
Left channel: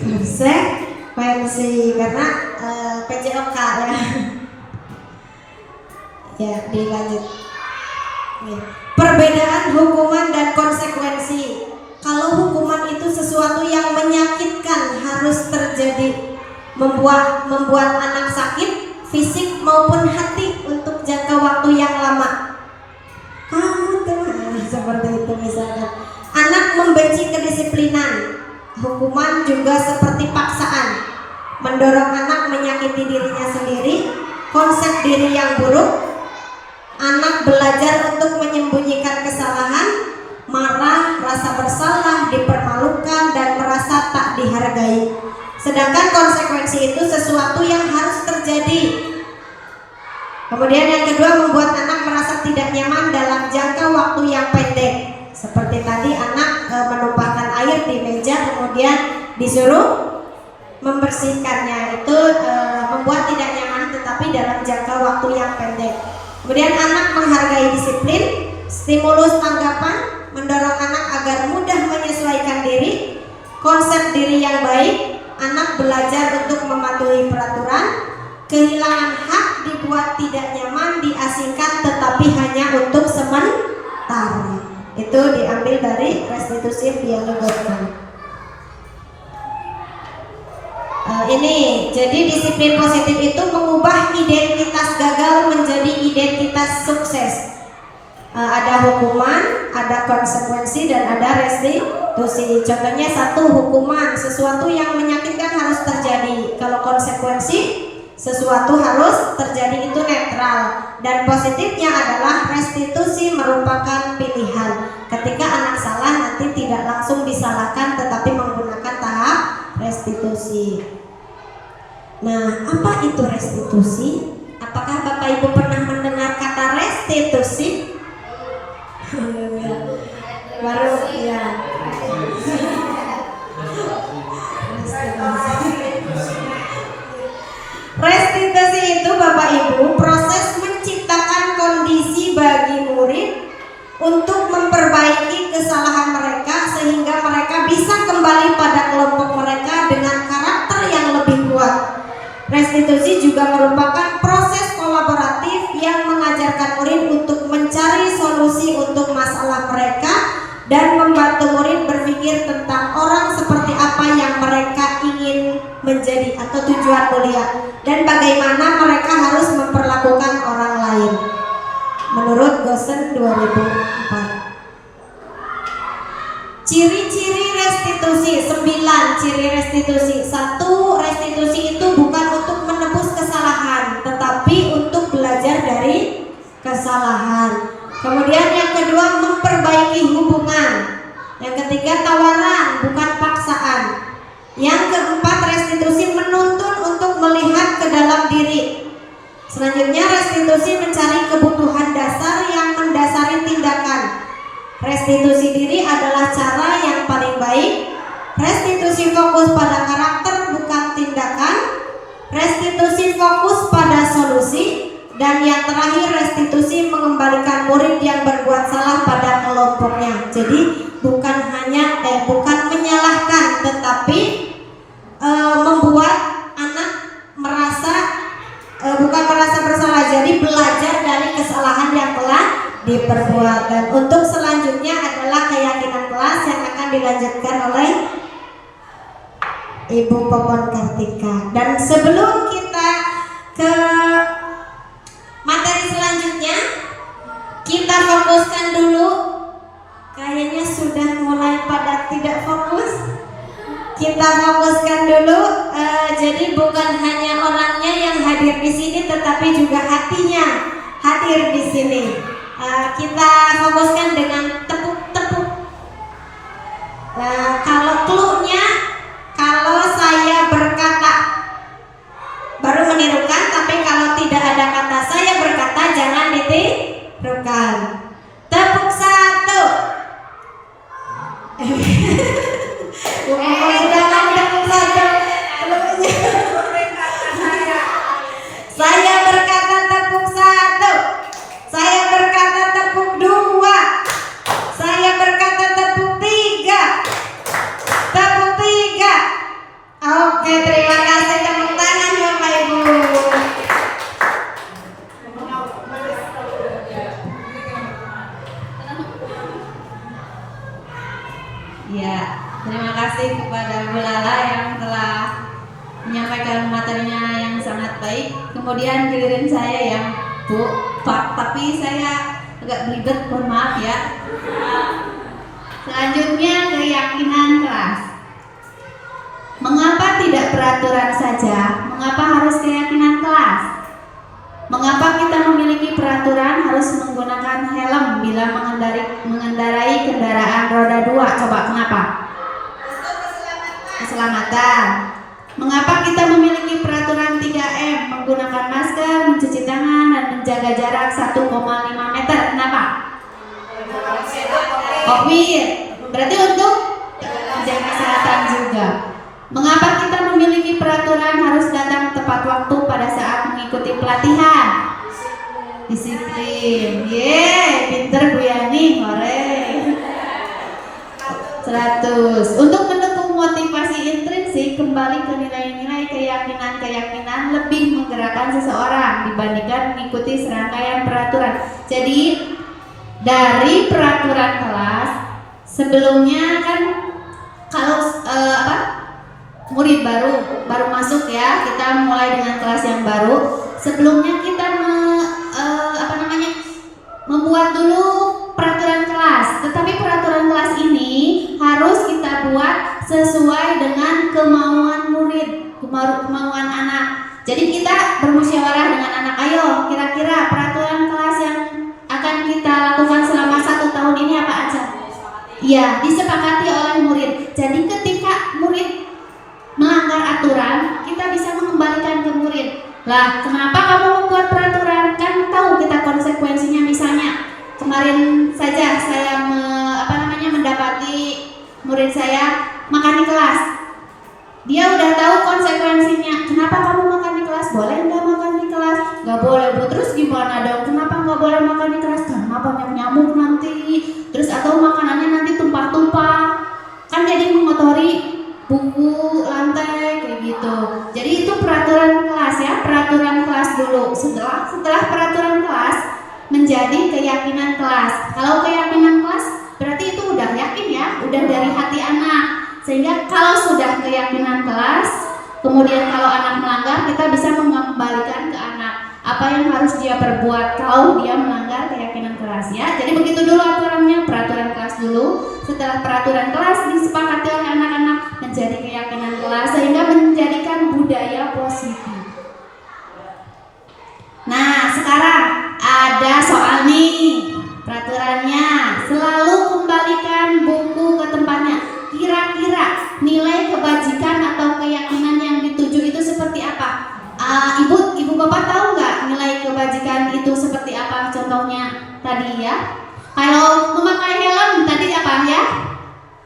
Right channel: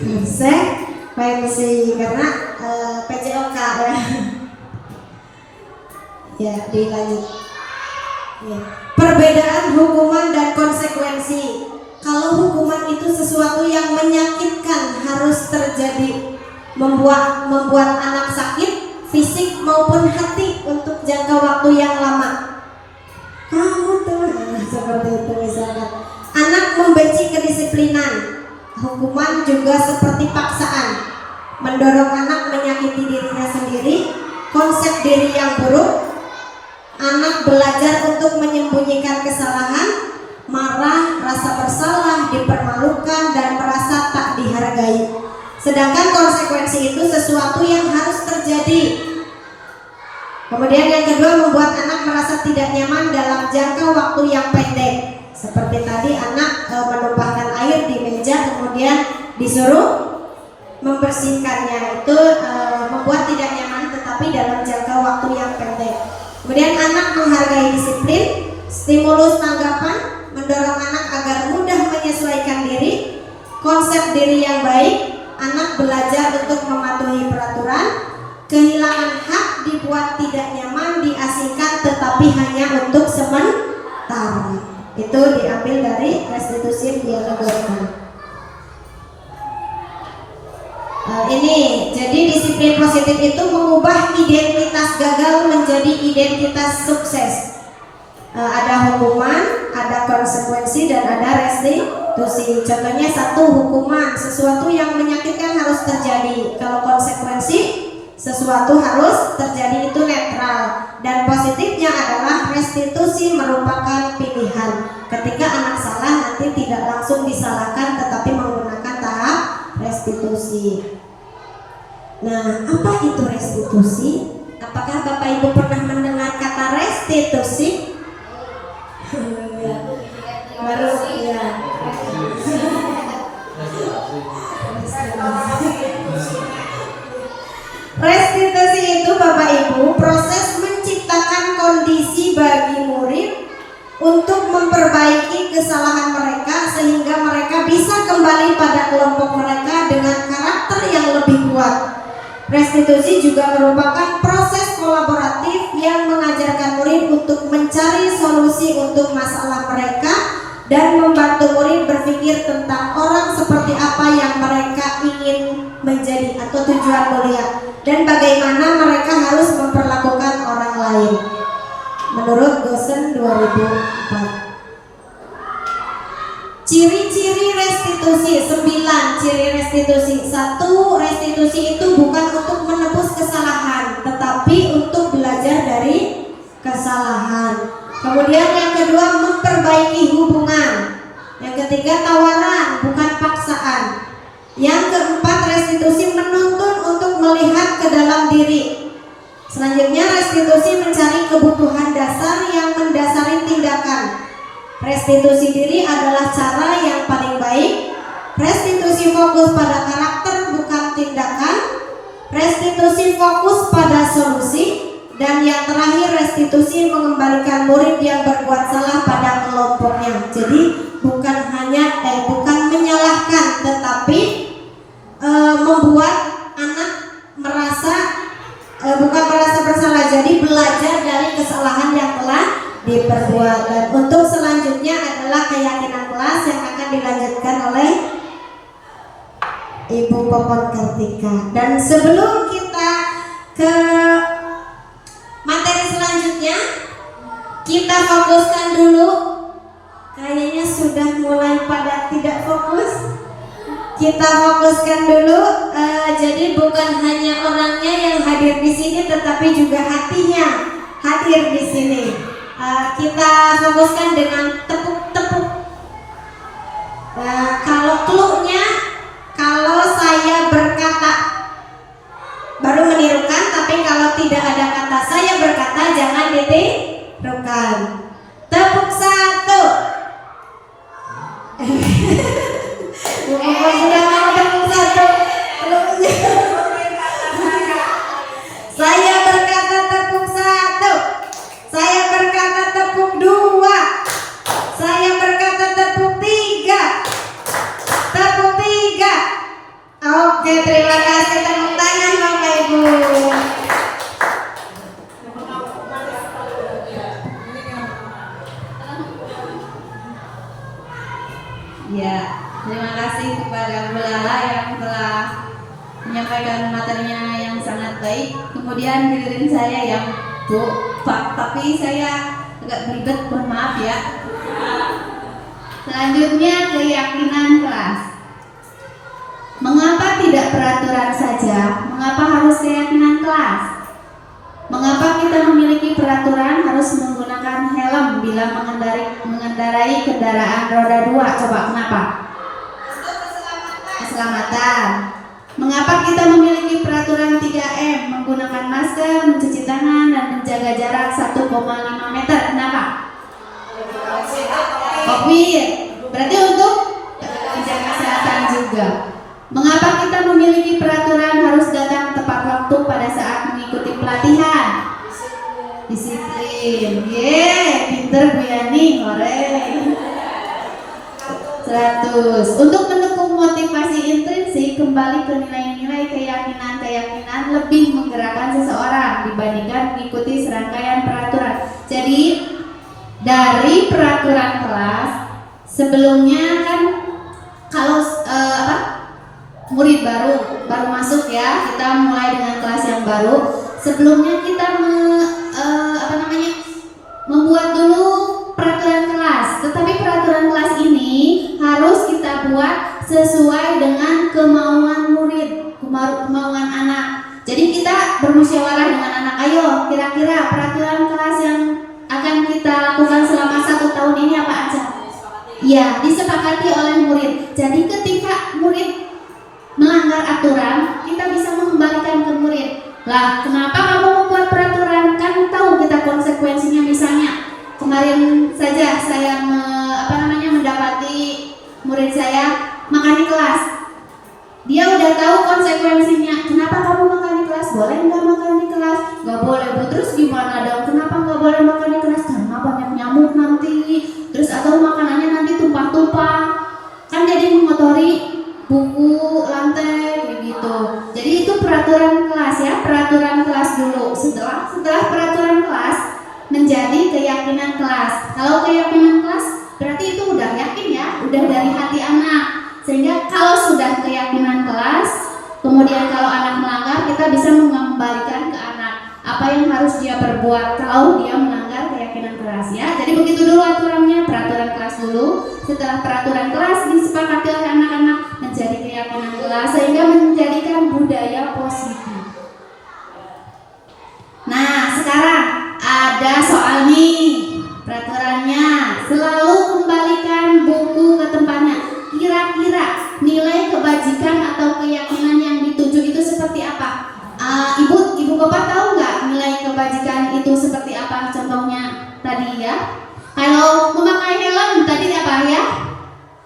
Konsekuensi karena PJOK ya. Ya, dilanjut. Ya. Perbedaan hukuman dan konsekuensi. Kalau hukuman itu sesuatu yang menyakitkan, harus terjadi, membuat anak sakit fisik maupun hati untuk jangka waktu yang lama. Kamu teman seperti itu misalkan. Anak membenci kedisiplinan. Hukuman juga seperti paksaan. mendorong anak menyakiti dirinya sendiri, konsep diri yang buruk, anak belajar untuk menyembunyikan kesalahan, marah, rasa bersalah, dipermalukan, dan merasa tak dihargai. Sedangkan konsekuensi itu sesuatu yang harus terjadi. Kemudian yang kedua, membuat anak merasa tidak nyaman dalam jangka waktu yang pendek. Seperti tadi anak menumpahkan air di meja kemudian disuruh membersihkannya, itu membuat tidak nyaman tetapi dalam jangka waktu yang pendek. Kemudian anak menghargai disiplin, stimulus tanggapan, mendorong anak agar mudah menyesuaikan diri, konsep diri yang baik, anak belajar untuk mematuhi peraturan, kehilangan hak, dibuat tidak nyaman, diasingkan tetapi hanya untuk sementara. Itu diambil dari restitusi dialogkan. Ini jadi disiplin positif itu mengubah identitas gagal menjadi identitas sukses. Ada hukuman, ada konsekuensi, dan ada restitusi. Contohnya satu, hukuman, sesuatu yang menyakitkan harus terjadi. Kalau konsekuensi, sesuatu harus terjadi, itu netral. Dan positifnya adalah restitusi merupakan pilihan. Ketika anak salah nanti tidak langsung disalahkan tetapi menggunakan tahap restitusi. Nah, apa itu restitusi? Apakah Bapak Ibu pernah mendengar kata restitusi? Baru ya. Restitusi itu Bapak Ibu proses menciptakan kondisi bagi murid untuk memperbaiki kesalahan mereka sehingga mereka bisa kembali pada kelompok mereka dengan karakter yang lebih kuat. Restitusi juga merupakan proses kolaboratif yang mengajarkan murid untuk mencari solusi untuk masalah mereka dan membantu murid berpikir tentang orang seperti apa yang mereka ingin menjadi atau tujuan mulia dan bagaimana mereka harus memperlakukan orang lain. Menurut Gosen 2004. Ciri-ciri restitusi 9 ciri restitusi. 1. Restitusi itu bukan untuk menebus kesalahan tetapi untuk belajar dari kesalahan. Kemudian yang kedua, memperbaiki hubungan. Yang ketiga, tawaran bukan paksaan. Yang keempat, restitusi menuntun untuk melihat ke dalam diri. Selanjutnya, restitusi mencari kebutuhan dasar yang mendasari tindakan. Restitusi diri adalah cara yang paling baik. Restitusi fokus pada karakter bukan tindakan. Restitusi fokus pada solusi. Dan yang terakhir, restitusi mengembalikan murid yang berbuat salah pada kelompoknya. Jadi bukan menyalahkan tetapi membuat anak bukan merasa bersalah. Jadi belajar dari kesalahan yang telah diperbuat. Dan untuk selanjutnya adalah keyakinan kelas yang akan dilanjutkan oleh Ibu Popon Kartika. Dan sebelum kita ke materi selanjutnya, kita fokuskan dulu. Kayaknya sudah mulai pada tidak fokus. Kita fokuskan dulu. Jadi bukan hanya orangnya yang hadir di sini, tetapi juga hatinya hadir di sini. Kita fokuskan dengan tepuk-tepuk. Kalau clue-nya, kalau saya berkata baru menirukan, tapi kalau tidak ada kata saya berkata jangan ditirukan. Tepuk 1. Jangan tepuk 1. Saya berkata tepuk 1. Saya berkata tepuk 2. Saya berkata tepuk 3. Tepuk 3. Oke, terima kasih, tepuk tangan Bapak Ibu. Ya, terima kasih kepada Bu Lala yang telah menyampaikan materinya yang sangat baik. Kemudian giliran saya yang Bu, Pak, tapi saya agak belibet, mohon maaf ya. Selanjutnya keyakinan kelas. Mengapa tidak peraturan saja? Mengapa harus keyakinan kelas? Mengapa kita memiliki peraturan harus menggunakan helm bila mengendarai kendaraan roda 2? Coba kenapa? Keselamatan. Mengapa kita memiliki peraturan 3M? Menggunakan masker, mencuci tangan, dan menjaga jarak 1,5 meter. Kenapa? COVID. Berarti untuk menjaga kesehatan juga. Mengapa kita memiliki peraturan harus datang tepat waktu pada saat mengikuti pelatihan? Disiplin. Pinter Bu Yani, hore. 100. Untuk mendukung motivasi intrinsik, kembali ke nilai-nilai keyakinan lebih menggerakkan seseorang dibandingkan mengikuti serangkaian peraturan. Jadi dari peraturan kelas sebelumnya kan kalau murid baru masuk ya, kita mulai dengan kelas yang baru. Sebelumnya kita membuat dulu peraturan kelas. Tetapi peraturan kelas ini harus kita buat sesuai dengan kemauan murid, kemauan anak. Jadi kita bermusyawarah dengan anak. Ayo, kira-kira peraturan kelas yang akan kita lakukan selama 1 tahun ini apa aja? Ya, disepakati oleh murid. Jadi ketika murid melanggar aturan, kita bisa mengembalikan ke murid. Lah, kenapa kamu membuat peraturan? Kan tahu kita konsekuensinya. Misalnya kemarin saja saya mendapati murid saya makan di kelas. Dia udah tahu konsekuensinya. Kenapa kamu makan di kelas? Boleh nggak makan di kelas? Nggak boleh Bu. Terus gimana dong? Kenapa nggak boleh makan di kelas? Karena banyak nyamuk nanti. Terus atau makanannya nanti tumpah-tumpah. Kan jadi mengotori buku, lantai, kayak gitu. Jadi itu peraturan kelas ya, peraturan kelas dulu. Setelah peraturan kelas menjadi keyakinan kelas. Kalau keyakinan kelas berarti itu udah yakin ya, udah dari hati anak. Sehingga kalau sudah keyakinan kelas, kemudian kalau anak melanggar, kita bisa mengembalikan ke anak apa yang harus dia perbuat kalau dia melanggar keyakinan kelas ya. Jadi begitu dulu aturannya, peraturan kelas dulu. Setelah peraturan kelas disepakati oleh anak-anak menjadi keyakinan kelas sehingga menjadikan budaya positif. Nah, sekarang ada soal nih. Peraturannya selalu kembalikan buku ke tempatnya. Kira-kira nilai kebajikan atau keyakinan yang dituju itu seperti apa? Ibu bapak tahu nggak nilai kebajikan itu seperti apa? Contohnya tadi ya. Kalau memakai helm tadi apa ya?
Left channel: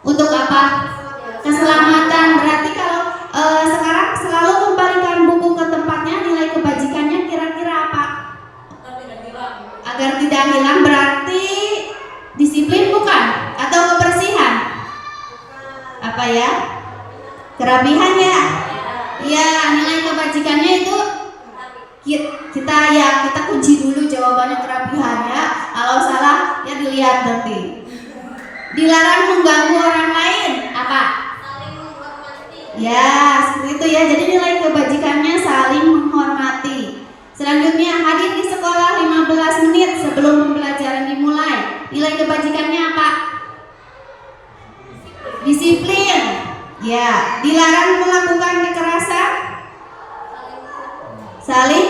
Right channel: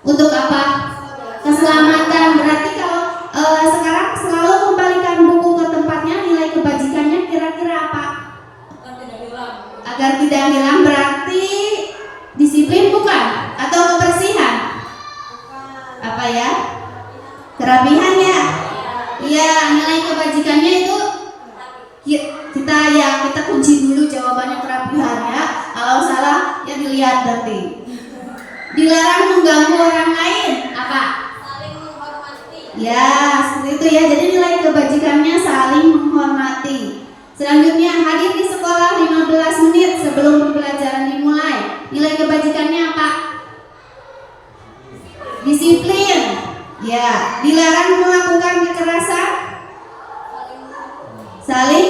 Untuk apa? Keselamatan. Berarti kalau sekarang selalu kembalikan buku ke tempatnya, nilai kebajikannya kira-kira apa? Agar tidak hilang. Berarti disiplin bukan? Atau kebersihan? Apa ya? Kerapihan ya? Iya, nilai kebajikannya itu kita kunci dulu jawabannya kerapihan ya. Kalau salah ya dilihat nanti. Dilarang mengganggu orang lain. Apa? Saling menghormati. Ya, seperti itu ya. Jadi nilai kebajikannya saling menghormati. Selanjutnya hadir di sekolah 15 menit sebelum pembelajaran dimulai. Nilai kebajikannya apa? Disiplin. Ya, dilarang melakukan kekerasan. Saling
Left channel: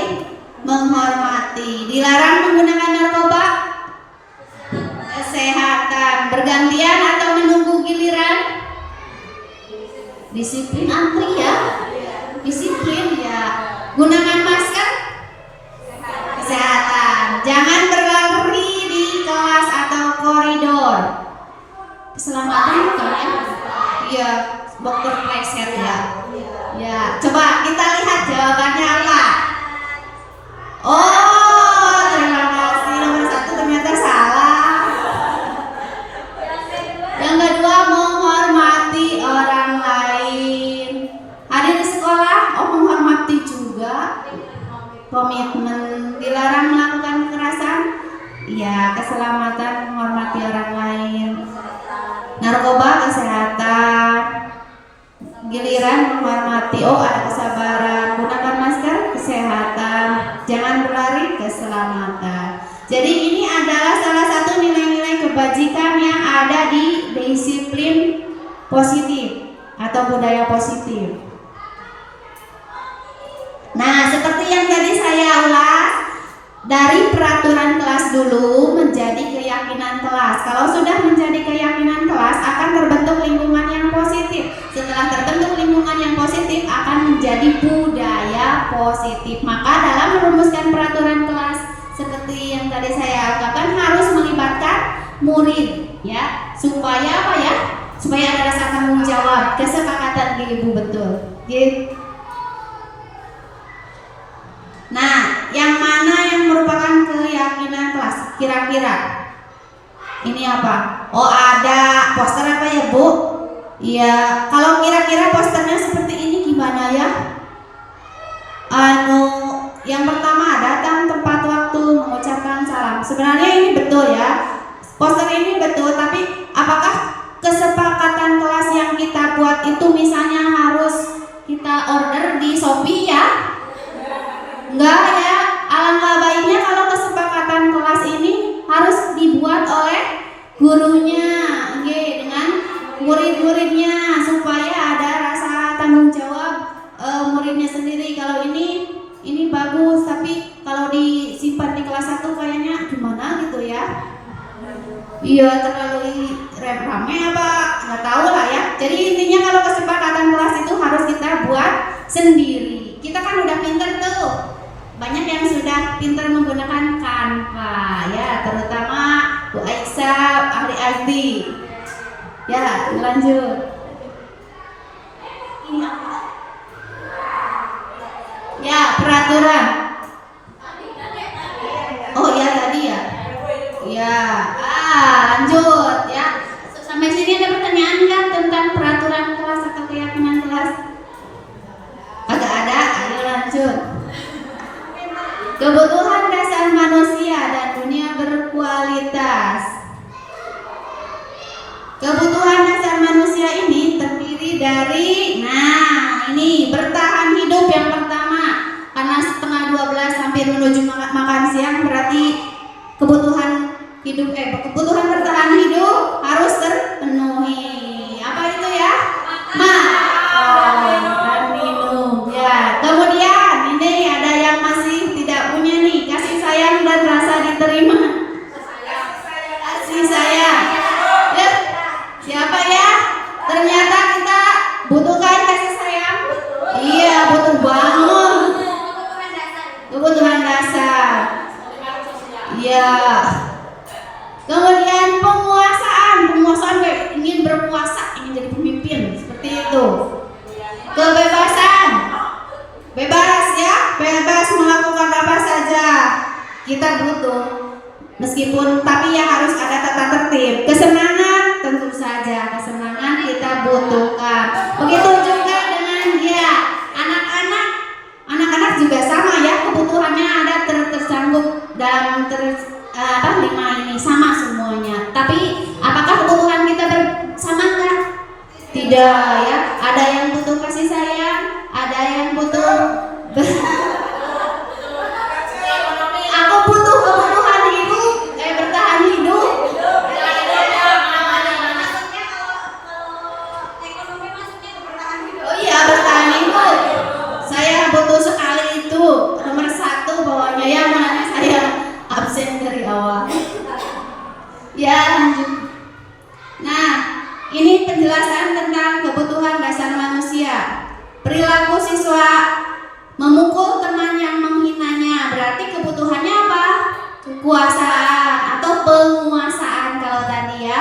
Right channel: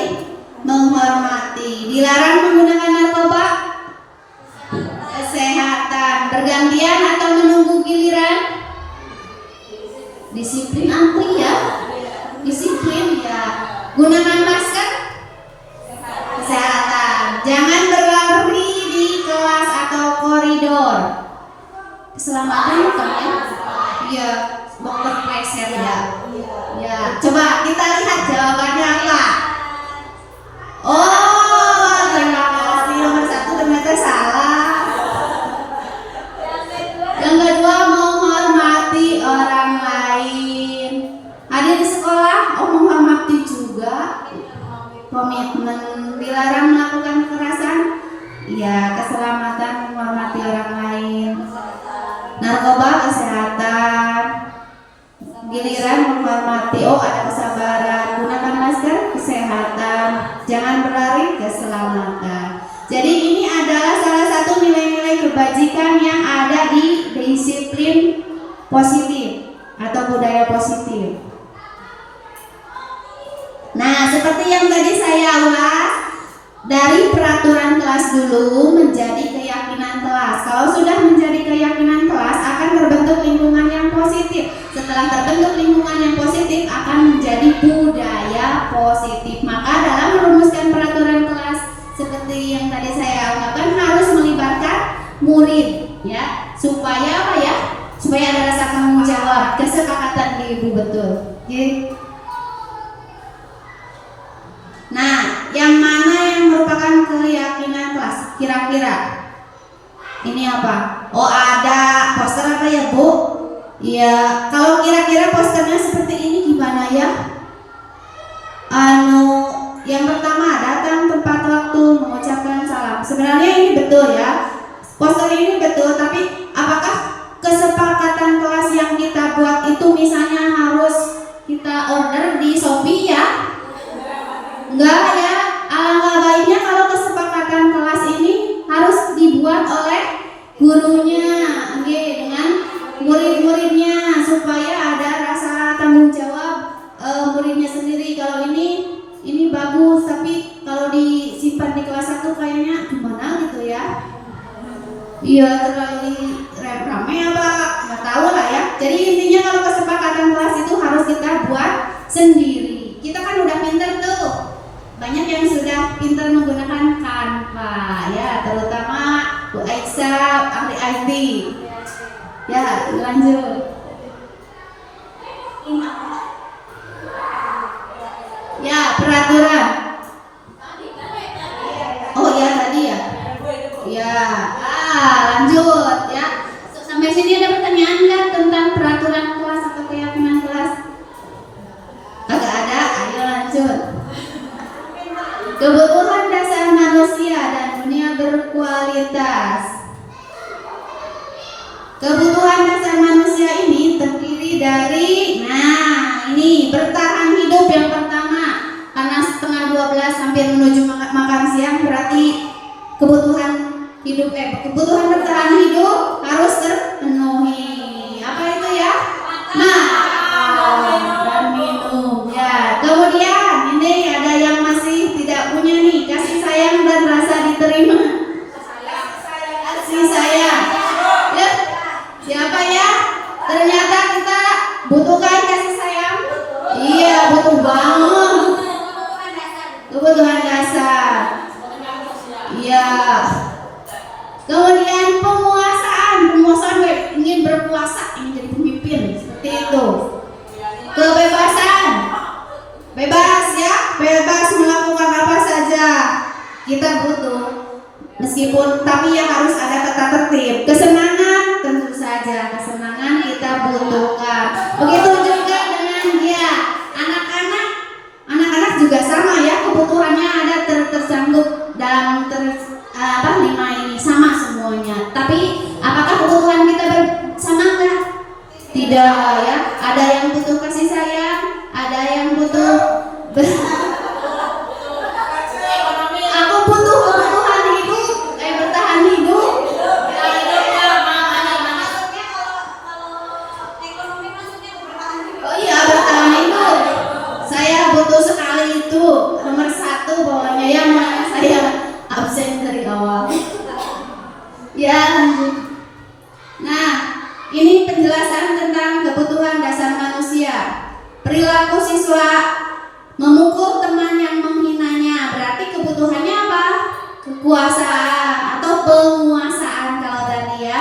menghormati. Dilarang menggunakan narkoba. Kesehatan. Bergantian atau menunggu giliran. Disiplin antri ya. Disiplin ya. Gunakan masker. Kesehatan. Jangan berlari di kelas atau koridor. Keselamatan bukan ya? Iya, dokter pleset ya. Ya, coba kita lihat jawabannya apa. Oh, terima kasih. Nomor 1 ternyata salah. Yang kedua, menghormati orang lain. Hadir di sekolah, menghormati juga. Komitmen. Dilarang melakukan kekerasan. Iya, keselamatan, menghormati orang lain. Narkoba, kesehatan. Giliran menghormati, ada kesabaran. Gunakan masker, kesehatan. Jangan berlari, keselamatan. Jadi ini adalah salah satu nilai-nilai kebajikan yang ada di disiplin positif atau budaya positif. dari peraturan kelas dulu menjadi keyakinan kelas. Kalau sudah menjadi keyakinan kelas akan terbentuk lingkungan yang positif. Setelah terbentuk lingkungan yang positif akan menjadi budaya positif. Maka dalam merumuskan peraturan kelas seperti yang tadi saya ungkapkan harus melibatkan murid ya, supaya apa ya? Supaya ada rasa tanggung jawab, kesepakatan di ibu betul. Gitu. Nah, yang mana yang merupakan keyakinan kelas? Kira-kira ini apa? Oh, ada poster apa ya, Bu? Iya, kalau kira-kira posternya seperti ini gimana ya? Yang pertama datang tepat waktu, mengucapkan salam. Sebenarnya ini betul ya. Poster ini betul, tapi apakah kesepakatan kelas yang kita buat itu misalnya harus kita order di Shopee ya? Enggak ya, alangkah baiknya kalau kesepakatan kelas ini harus dibuat oleh gurunya, dengan murid-muridnya supaya ada rasa tanggung jawab muridnya sendiri. Kalau ini bagus, tapi kalau disimpan di kelas 1 kayaknya gimana gitu ya? Iya, terlalu rame apa? Nggak tahu lah ya. Jadi intinya kalau kesepakatan kelas itu harus kita buat sendiri. Kita kan udah pinter tuh. Banyak yang sudah pintar menggunakan Canva ya, terutama Bu Aisyah, ahli IT. Ya, lanjut. Ini apa? Ya, peraturan. Oh ya tadi ya. Ya, lanjut ya. Sampai sini ada pertanyaan nggak tentang peraturan kelas atau keyakinan kelas? Agak ada. Ayo lanjut. Kebutuhan dasar manusia dan dunia berkualitas. Kebutuhan dasar manusia ini terdiri dari, ini bertahan hidup yang pertama. Karena setengah 12 hampir menuju makan siang, berarti kebutuhan kebutuhan bertahan hidup harus terpenuhi. Apa itu ya? Makan dan minum. Ya, kemudian ini ada yang masih tidak punya nih, kasih sayang dan rasa diterima. Kasih sayang. Ya, siapa ya? Ternyata kita butuhkan kasih sayang. Iya, butuh banget. Kebutuhan dasar. Iya. Kemudian penguasaan ingin berkuasa, ingin jadi pemimpin, seperti itu. Kebebasan, bebas ya, bebas melakukan apa saja kita butuh, meskipun tapi ya harus ada tata tertib. Kesenangan tentu saja, kesenangan kita butuhkan. Begitu juga dengan dia anak-anak juga sama ya, kebutuhannya ada tercangkup dalam 5 ini sama semuanya. Tapi apakah kebutuhan kita bersama enggak? Tidak ya. Ada yang butuh kasih sayang, ada yang butuh aku butuh kebutuhan hidup, bertahan hidup. Oh iya, bertahan hidup. Saya butuh sekali itu nomor 1 bawahnya ya, makanya saya absen dari awal. Ya, lanjut. Nah, ini penjelasan tentang kebutuhan dasar manusia. Perilaku siswa memukul teman yang menghinanya, berarti kebutuhannya apa? Kekuasaan atau penguasaan kalau tadi ya.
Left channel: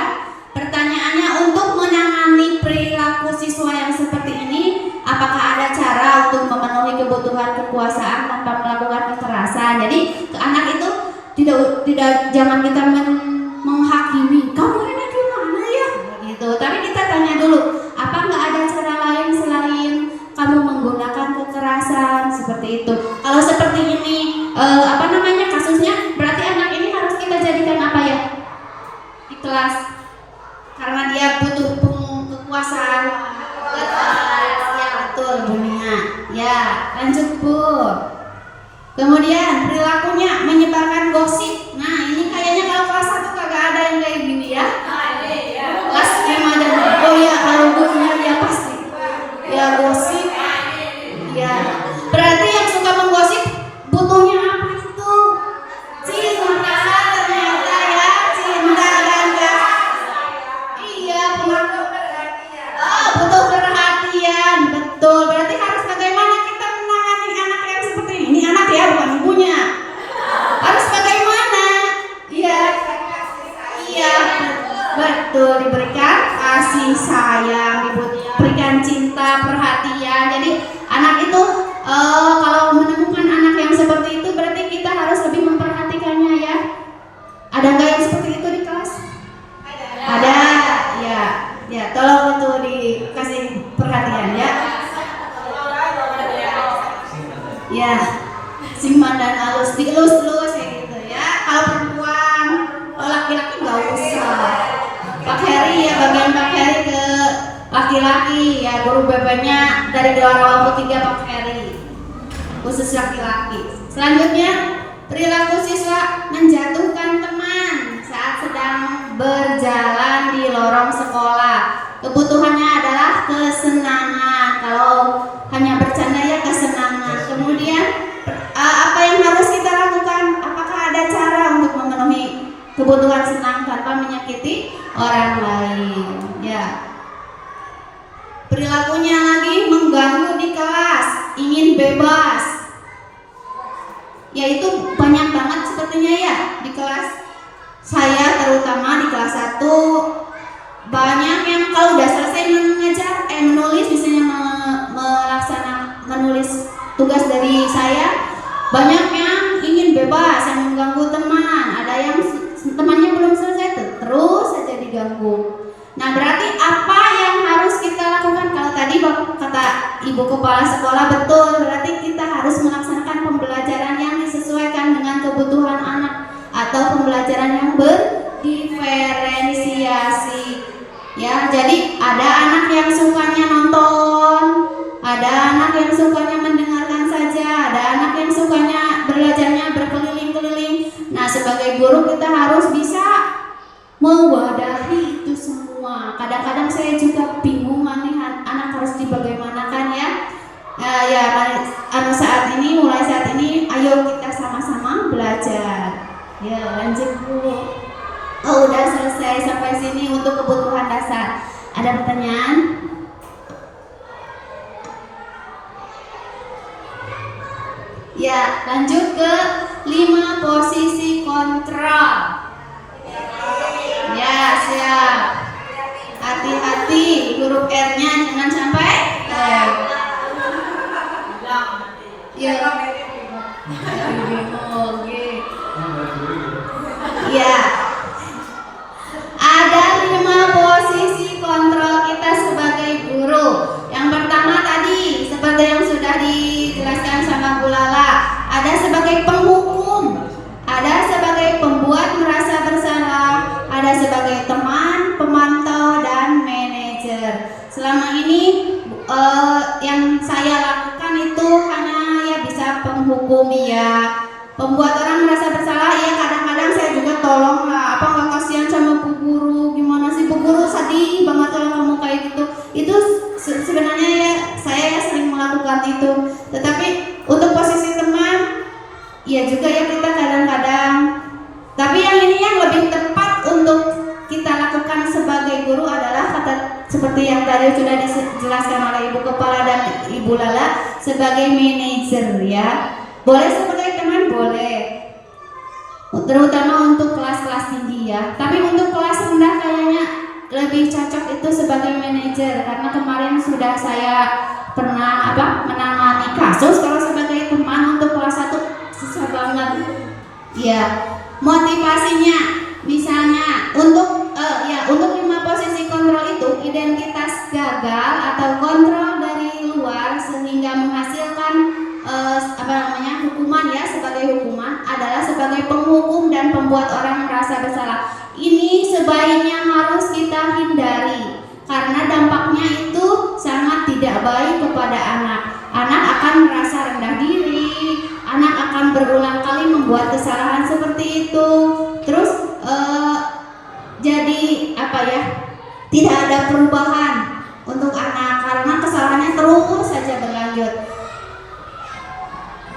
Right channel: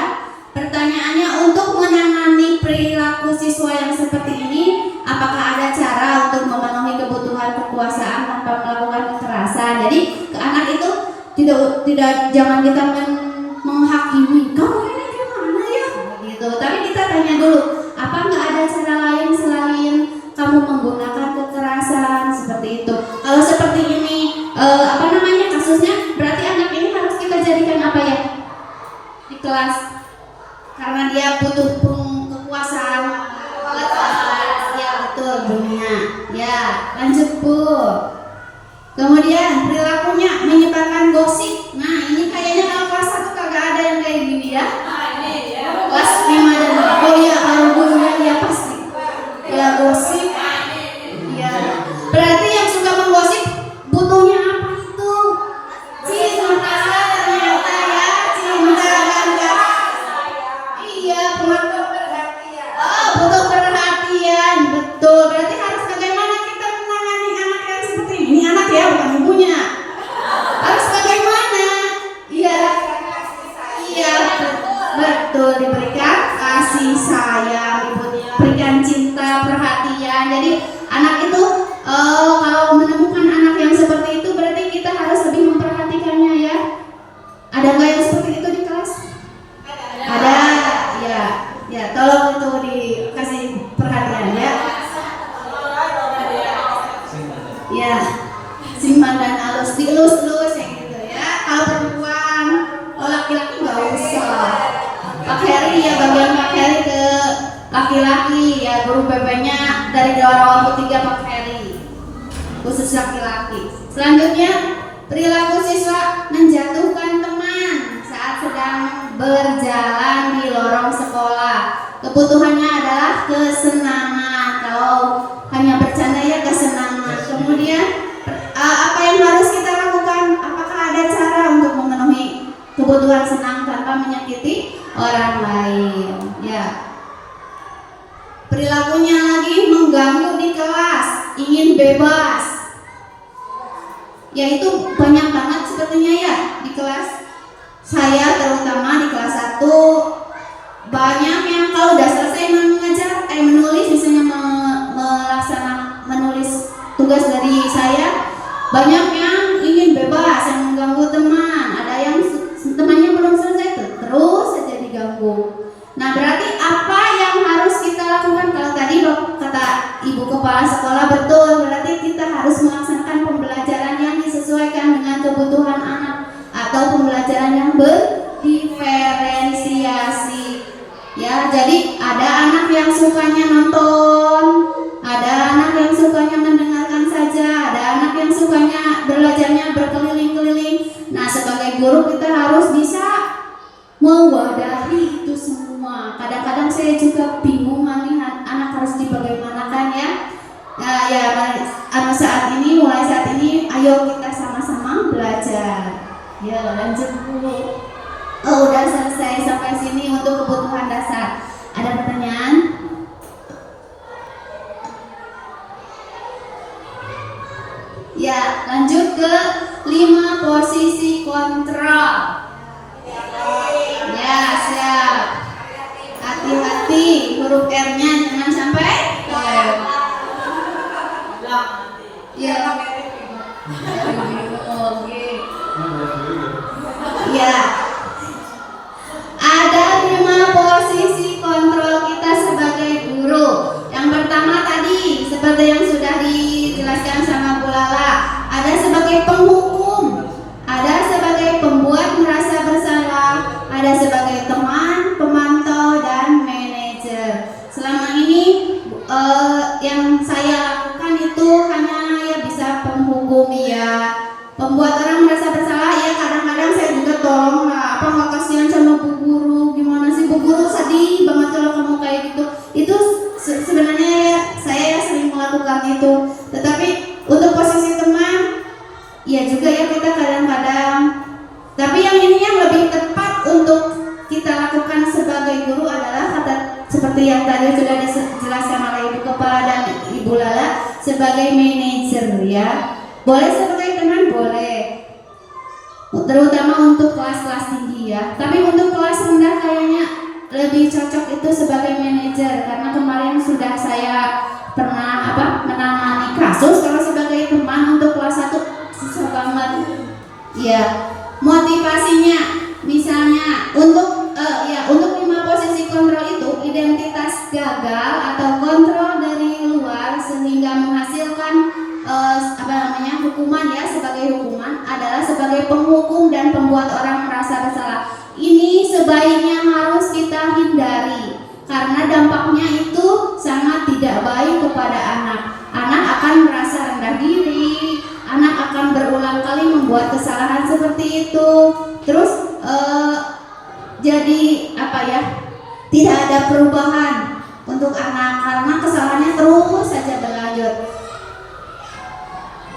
Pertanyaannya, untuk menangani perilaku siswa yang seperti ini, apakah ada cara untuk memenuhi kebutuhan kekuasaan tanpa melakukan kekerasan? Jadi ke anak itu tidak jangan kita menghakimi, kamu ini gimana ya gitu. Tapi kita tanya dulu, apa nggak ada cara lain selain kamu menggunakan kekerasan seperti itu? Kalau seperti ini kasusnya, berarti anak ini harus kita jadikan apa ya di kelas, karena dia butuh kekuasaan. Ya betul bunyinya. Ya, lanjut Bu. Kemudian perilakunya menyebarkan gosip. Nah, ini kayaknya kalau kelas 1 kagak ada yang kayak gini ya. Kelas 5 dan oh ya, kalau gurunya ya pasti. Ya gosip. Ya. Berarti yang suka menggosip butuhnya apa itu? Siman dan halus, dielus-elus ya gitu ya. Kalau perempuan, kalau laki-laki nggak usah. Pak Heri ya, bagian Pak Heri ke laki-laki ya, guru BB-nya dari Gelora Waktu 3 Pak Heri, khusus laki-laki. Selanjutnya, perilaku siswa menjatuhkan teman saat sedang berjalan di lorong sekolah. Kebutuhannya adalah kesenangan. Kalau hanya bercanda ya kesenangan. Kemudian apa yang harus kita lakukan? Apakah ada cara untuk memenuhi kebutuhan senang tanpa menyakiti orang lain? Ya. Perilakunya lagi mengganggu di kelas, ingin bebas. Ya itu banyak banget sepertinya ya di kelas. Saya terutama di kelas 1 banyak yang kalau udah selesai mengajar menulis, misalnya menulis tugas dari saya, banyak yang ingin bebas, yang mengganggu teman. Ada yang temannya belum selesai terus saja diganggu. Nah, berarti apa yang harus kita lakukan? Kalau tadi kata Ibu Kepala Sekolah betul, berarti kita harus melaksanakan pembelajaran yang disesuaikan dengan kebutuhan anak atau pembelajaran yang berdiferensiasi. Ya, jadi ada anak yang sukanya nonton, ada anak yang sukanya mendengarkan saja, ada anak yang sukanya belajarnya berkeliling-keliling. Nah, sebagai guru kita harus bisa mewadahi itu semua. Kadang-kadang saya juga bingung nih anak harus dibagaimanakan ya. Mulai saat ini ayo kita sama-sama belajar. Ya, lanjut Bu. Oh, udah selesai sampai sini untuk kebutuhan dasar. Ada pertanyaan? Ya, lanjut ke 5 posisi kontrol. Ya, siap. Hati-hati huruf R-nya jangan sampai ya. Oke. Ya. Ada 5 posisi kontrol kita sebagai guru. Yang pertama tadi seperti yang sudah dijelaskan sama Bu Lala, ada sebagai penghukum, ada sebagai pembuat merasa bersalah, ada sebagai teman, pemantau, dan manajer. Selama ini yang saya lakukan itu hanya ya bisa penghukumi ya, pembuat orang merasa bersalah ya. Kadang-kadang saya juga tolong lah, apa nggak kasihan sama Bu Guru, gimana sih Bu Guru, sedih banget kalau kamu kayak gitu. Itu sebenarnya ya, saya sering melakukan itu. Tetapi untuk posisi teman ya juga ya kita kadang-kadang. Tapi yang ini yang lebih tepat untuk kita lakukan sebagai guru adalah seperti yang tadi sudah dijelaskan oleh Ibu Kepala dan Ibu Lala, sebagai manajer ya. Boleh sebagai teman, boleh. Terutama untuk kelas-kelas tinggi ya. Tapi untuk kelas rendah kayaknya lebih cocok itu sebagai manajer, karena kemarin sudah saya pernah menangani kasus. Kalau sebagai teman untuk kelas 1 susah banget. Ya, motivasinya misalnya untuk 5 posisi kontrol itu identitas gagal atau kontrol dari luar sehingga menghasilkan hukuman ya. Sebagai hukuman adalah sebagai penghukum dan pembuat orang merasa bersalah. Ini sebaiknya harus kita hindari karena dampaknya itu sangat tidak baik kepada anak. Anak akan merasa rendah diri, anak akan berulang kali membuat kesalahan seperti itu. Terus jadi tidak ada perubahan untuk anak karena kesalahannya terus saja berlanjut.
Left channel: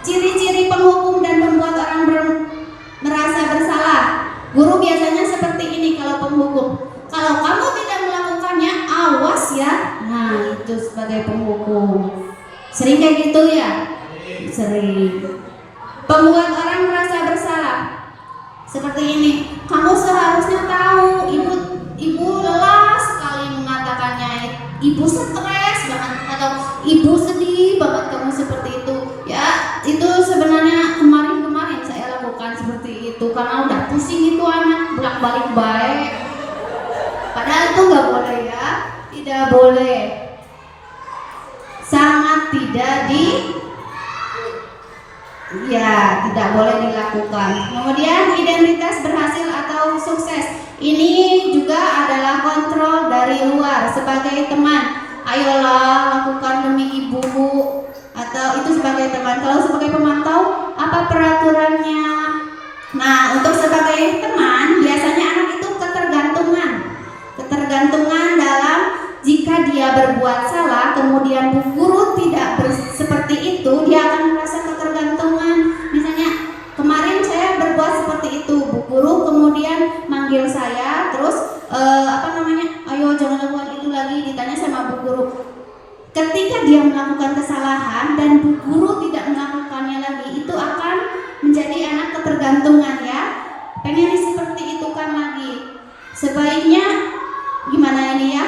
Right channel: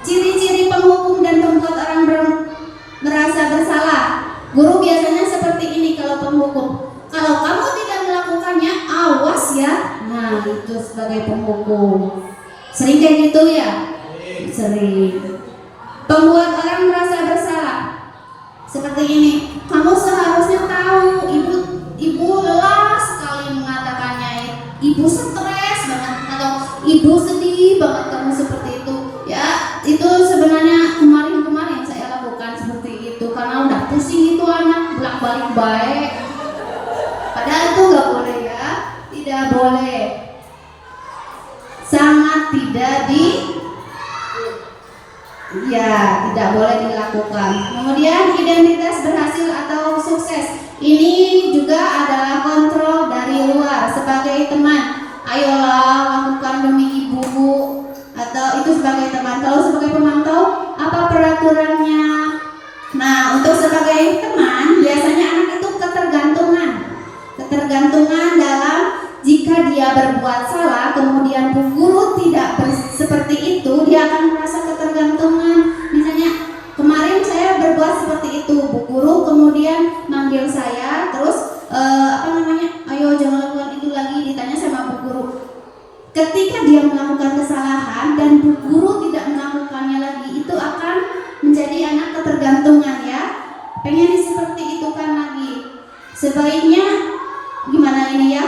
Ciri-ciri penghukum dan pembuat orang merasa bersalah. Guru biasanya seperti ini kalau penghukum. Kalau kamu tidak melakukannya, awas ya. Nah, itu sebagai penghukum. Sering kayak gitu ya? Sering. Pembuat orang merasa bersalah. Seperti ini. Kamu seharusnya tahu, ibu lelah sekali mengatakannya. Ibu stres banget atau ibu sedih banget kamu seperti itu. Ya, itu sebenarnya kemarin saya lakukan seperti itu karena udah pusing itu anak bolak-balik baik. Padahal itu nggak boleh ya, tidak boleh, sangat tidak ya tidak boleh dilakukan. Kemudian identitas berhasil atau sukses, ini juga adalah kontrol dari luar sebagai teman. Ayolah lakukan demi ibu, atau itu sebagai teman. Kalau sebagai pemantau, apa peraturannya? Nah, untuk sebagai teman biasanya anak itu ketergantungan dalam jika dia berbuat salah kemudian bu guru tidak seperti itu, dia akan merasa ketergantungan. Misalnya kemarin saya berbuat seperti itu, bu guru kemudian manggil saya terus ayo jangan lakukan itu lagi, ditanya sama bu guru. Ketika dia melakukan kesalahan dan bu guru tidak melakukannya lagi, itu akan menjadi anak ketergantungan ya. Pengen seperti itu kan lagi. Sebaiknya gimana ini ya?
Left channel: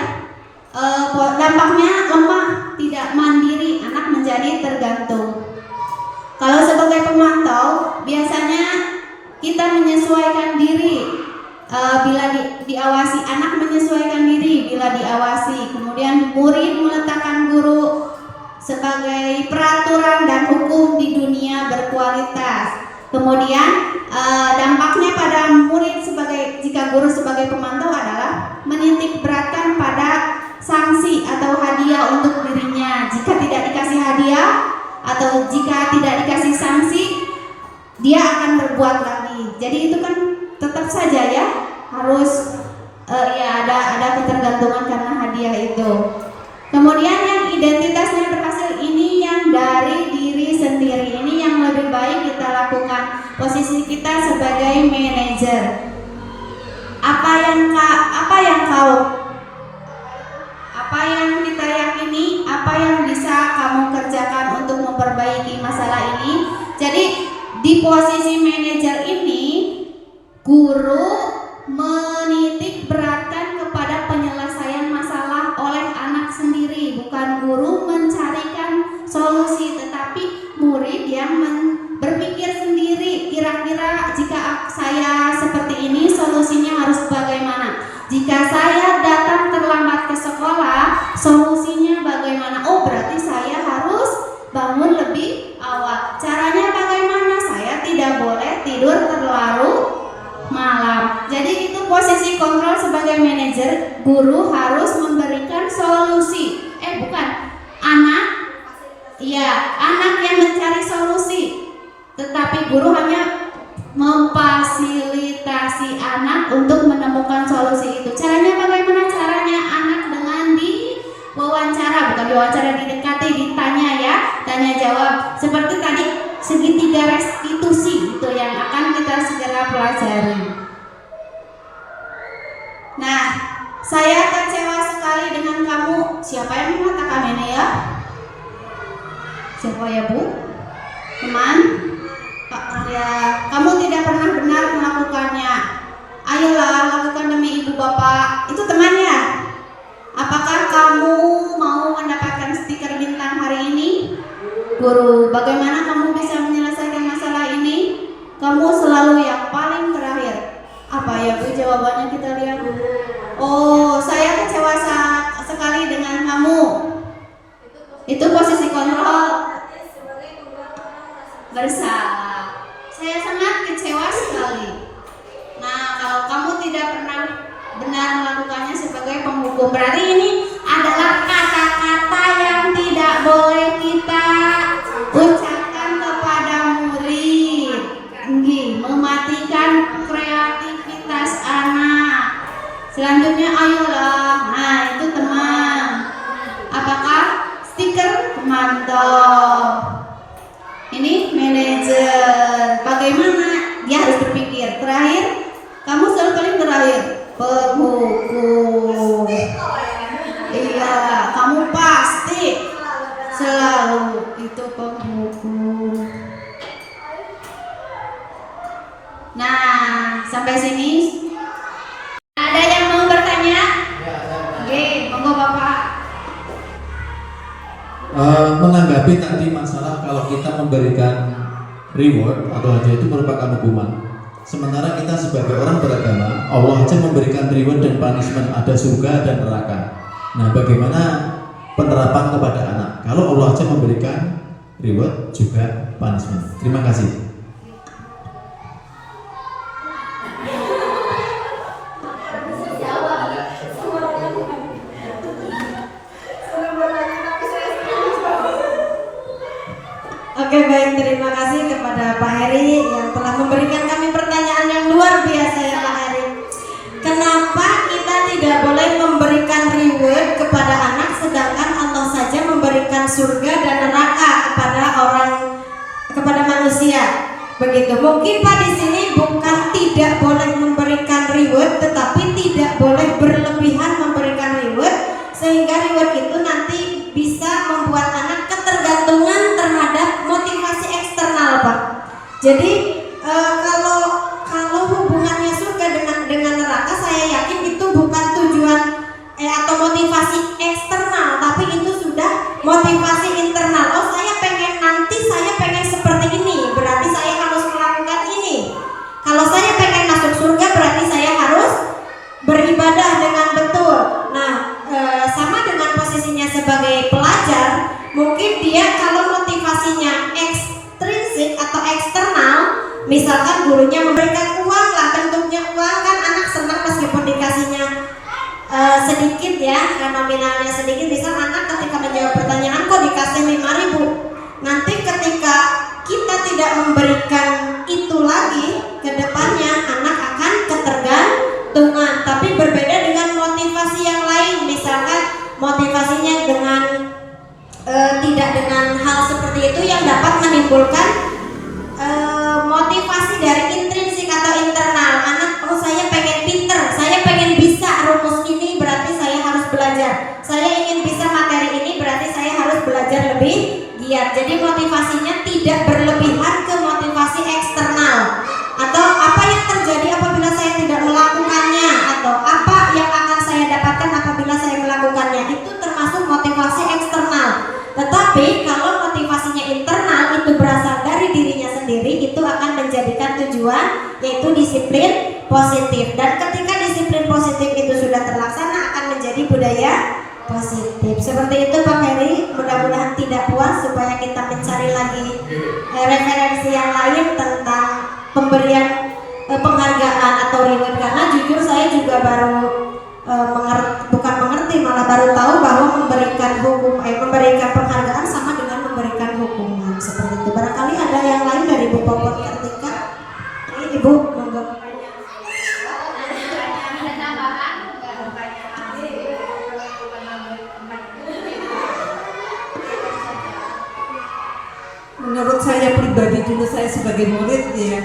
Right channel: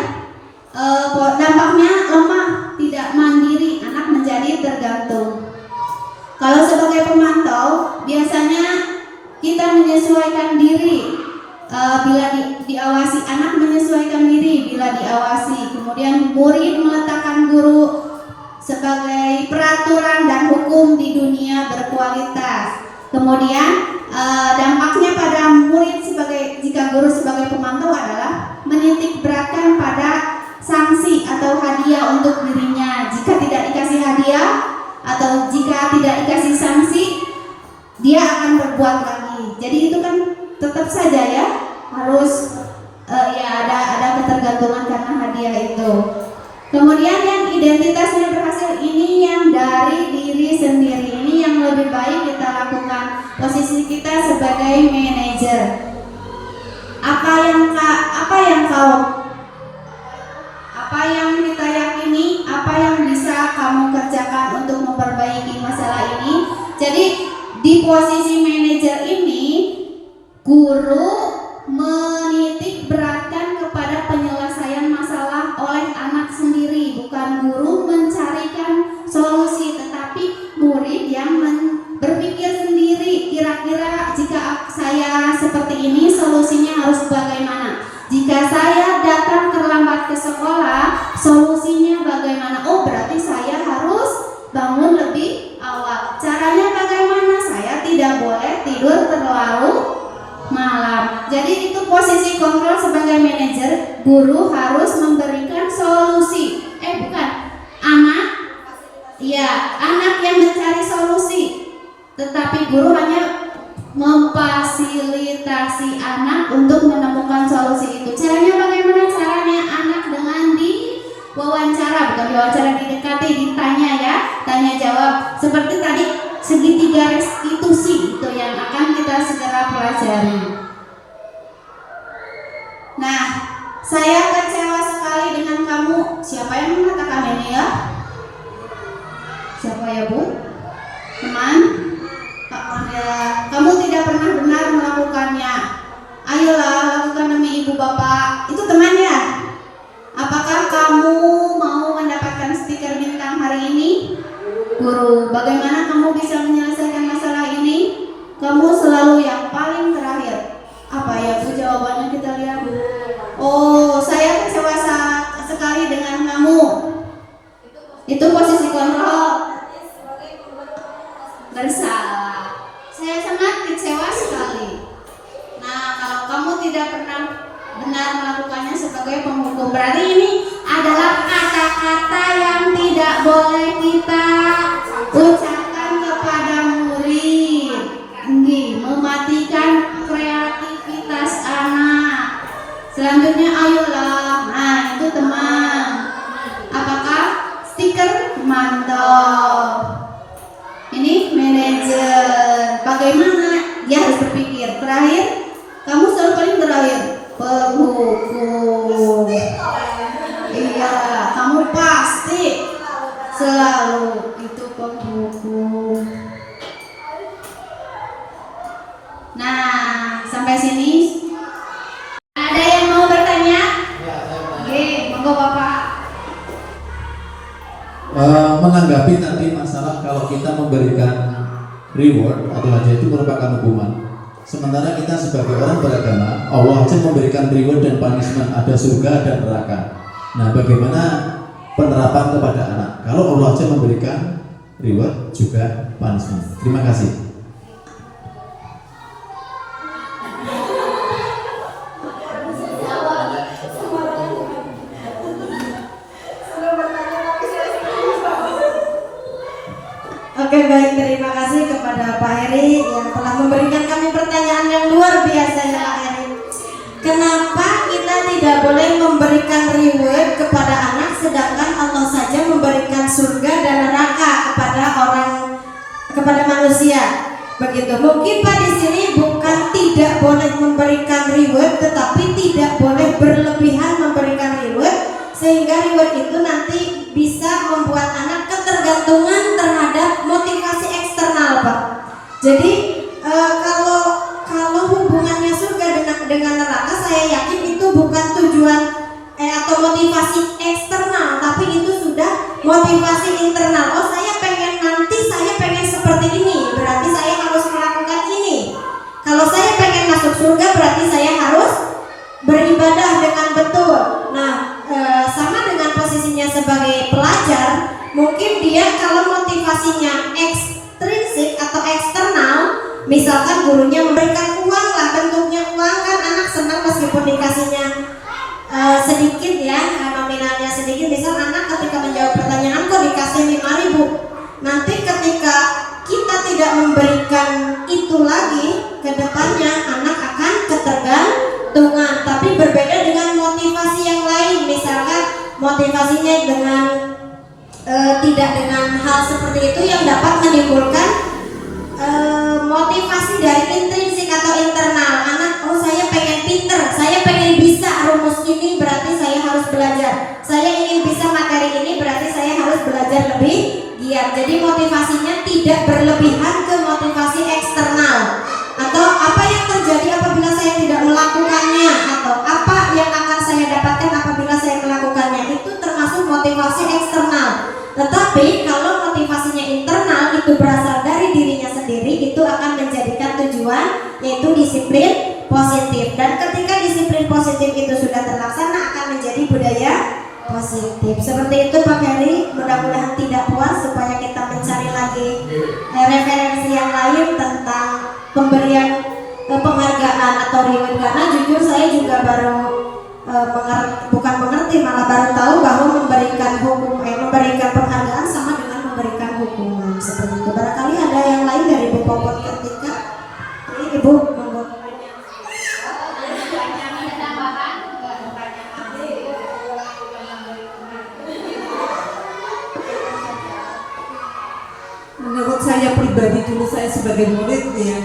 Dampaknya lemah, tidak mandiri, anak menjadi tergantung. Kalau sebagai pemantau, biasanya kita menyesuaikan diri bila diawasi, anak menyesuaikan diri bila diawasi. Kemudian murid meletakkan guru sebagai peraturan dan hukum di dunia berkualitas. Kemudian dampaknya pada murid jika guru sebagai pemantau adalah menitik beratkan pada sanksi atau hadiah untuk dirinya. Jika tidak dikasih hadiah atau jika tidak dikasih sanksi, dia akan berbuat lagi. Jadi itu kan tetap saja ya harus ada ketergantungan karena hadiah itu. Kemudian yang identitasnya berhasil, ini yang dari diri sendiri, ini yang lebih baik kita lakukan. Posisi kita sebagai manajer, apa yang kita yakini, apa yang bisa kamu kerjakan untuk memperbaiki masalah ini. Jadi di posisi manajer ini, guru menitik beratkan kepada penyelesaian masalah oleh anak sendiri, bukan guru mencarikan solusi, tetapi murid yang berpikir sendiri, kira-kira jika saya seperti ini solusinya harus bagaimana. Jika saya datang terlambat ke sekolah, solusinya bagaimana? Oh, berarti saya harus bangun lebih awal. Caranya bagaimana? Saya tidak boleh tidur terlalu malam. Jadi itu posisi kontrol sebagai manajer. Guru harus memberikan solusi. Anak yang mencari solusi. Tetapi guru hanya memfasilitasi anak untuk menemukan solusi itu. Caranya bagaimana? Caranya anak dengan diwawancara, bukan diwawancara, didekati, ditanya ya, tanya jawab. Seperti tadi segitiga restitusi itu yang akan kita segera pelajari. Nah, saya kecewa sekali dengan kamu. Siapa yang mengatakan ini ya? Siapa ya Bu? Teman? Kamu tidak pernah benar melakukannya. Ayolah lakukan demi ibu bapak. Itu temannya. Apakah kamu mau mendapatkan stiker bintang hari ini? Guru, bagaimana kamu bisa menyelesaikan masalah ini? Kamu selalu yang paling terakhir. Apa ya Bu jawabannya, kita lihat. Oh, saya kecewa sekali dengan kamu. Itu posisi kontrol bersalah. Saya sangat kecewa sekali. Nah, kalau kamu tidak pernah benar melakukannya sebagai penghukum, berarti ini adalah kata-kata yang tidak boleh kita ucapkan kepada murid. Mematikan kreativitas anak. Selanjutnya ayolah. Nah, itu teman. Apakah stiker pemantau? Ini manajer. Bagaimana? Dia harus berpikir. Terakhir, kamu selalu paling terakhir. Penghukum. Iya, kamu pasti selalu itu penghukum. Nah, sampai sini ada yang mau bertanya? Oke, monggo Bapak. Menanggapi tadi masalah kalau kita memberikan reward atau hadiah itu merupakan hukuman. Sementara kita sebagai orang beragama, Allah aja memberikan reward dan punishment, ada surga dan neraka. Nah, bagaimana penerapan kepada anak? Kalau Allah aja memberikan reward juga punishment. Terima kasih. begitu. Mungkin Pak di sini bukan tidak boleh memberikan reward, tetapi tidak boleh berlebihan memberikan reward, sehingga reward itu nanti bisa membuat anak ketergantungan terhadap motivasi eksternal, Pak. Jadi kalau hubungannya surga dengan neraka, saya yakin itu bukan tujuan atau motivasi eksternal, tapi itu sudah motivasi internal. Oh, saya pengen seperti ini, berarti saya harus melakukan ini. Kalau saya pengen masuk surga, berarti saya harus beribadah dengan betul. Nah, sama dengan posisinya sebagai pelajar, mungkin dia kalau motivasinya ekstrinsik atau eksternal, misalkan gurunya memberikan uang lah, bentuknya uang, kan anak senang meskipun dikasihnya sedikit ya, nominalnya sedikit. Misal anak ketika menjawab pertanyaan kok dikasih 5.000, nanti ketika kita tidak memberikan itu lagi, ke depannya anak akan ketergantungan. Tapi berbeda dengan motivasi yang lain, misalkan motivasinya dengan tidak dengan hal seperti itu yang dapat menimbulkan motivasi dari intrinsik atau internal. Anak, oh saya pengen pinter, saya pengen bisa rumus ini, berarti saya harus belajar. Saya ingin bisa materi ini, berarti saya harus belajar lebih giat. Jadi motivasinya tidak berlebihan ke motivasi eksternal. Atau apa yang terjadi apabila saya tidak melakukannya, atau apa yang akan saya dapatkan apabila saya melakukannya, itu termasuk motivasi eksternal. Tetapi kalau motivasinya internal, itu berasal dari dirinya sendiri, itu akan menjadikan tujuan, yaitu disiplin positif. Dan ketika disiplin positif itu sudah terlaksana, akan menjadi budaya positif. Seperti itu Pak Heri. Mudah-mudahan tidak puas, supaya kita mencari lagi referensi yang lain tentang pemberian penghargaan atau reward. Karena jujur saya juga baru bukan mengerti, malah baru tahu bahwa memberikan penghargaan sama dengan memberikan hukuman seperti itu. Barangkali ada yang lain dari Ibu Popon ketika ini, Ibu, monggo. Menurut saya pribadi, dulu saya sebagai murid ya,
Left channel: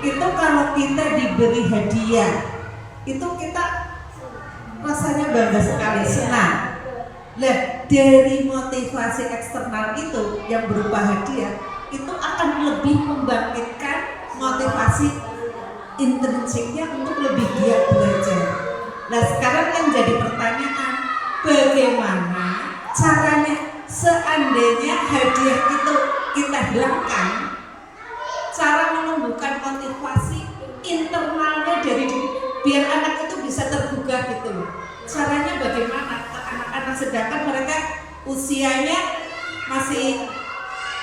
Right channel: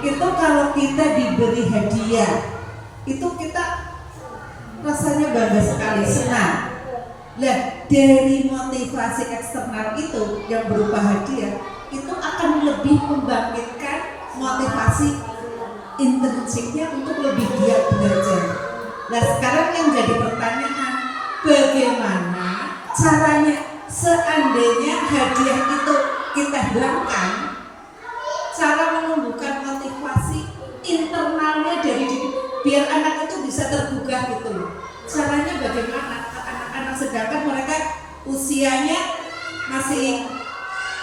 itu kalau kita diberi hadiah, itu kita rasanya bangga sekali, senang. Nah, dari motivasi eksternal itu yang berupa hadiah, itu akan lebih membangkitkan motivasi intrinsiknya untuk lebih giat belajar. Nah, sekarang yang jadi pertanyaan, bagaimana caranya seandainya hadiah itu kita hilangkan, cara menumbuhkan motivasi internalnya dari diri, biar anak itu bisa tergugah gitu loh. Caranya bagaimana ke anak-anak, sedangkan mereka usianya masih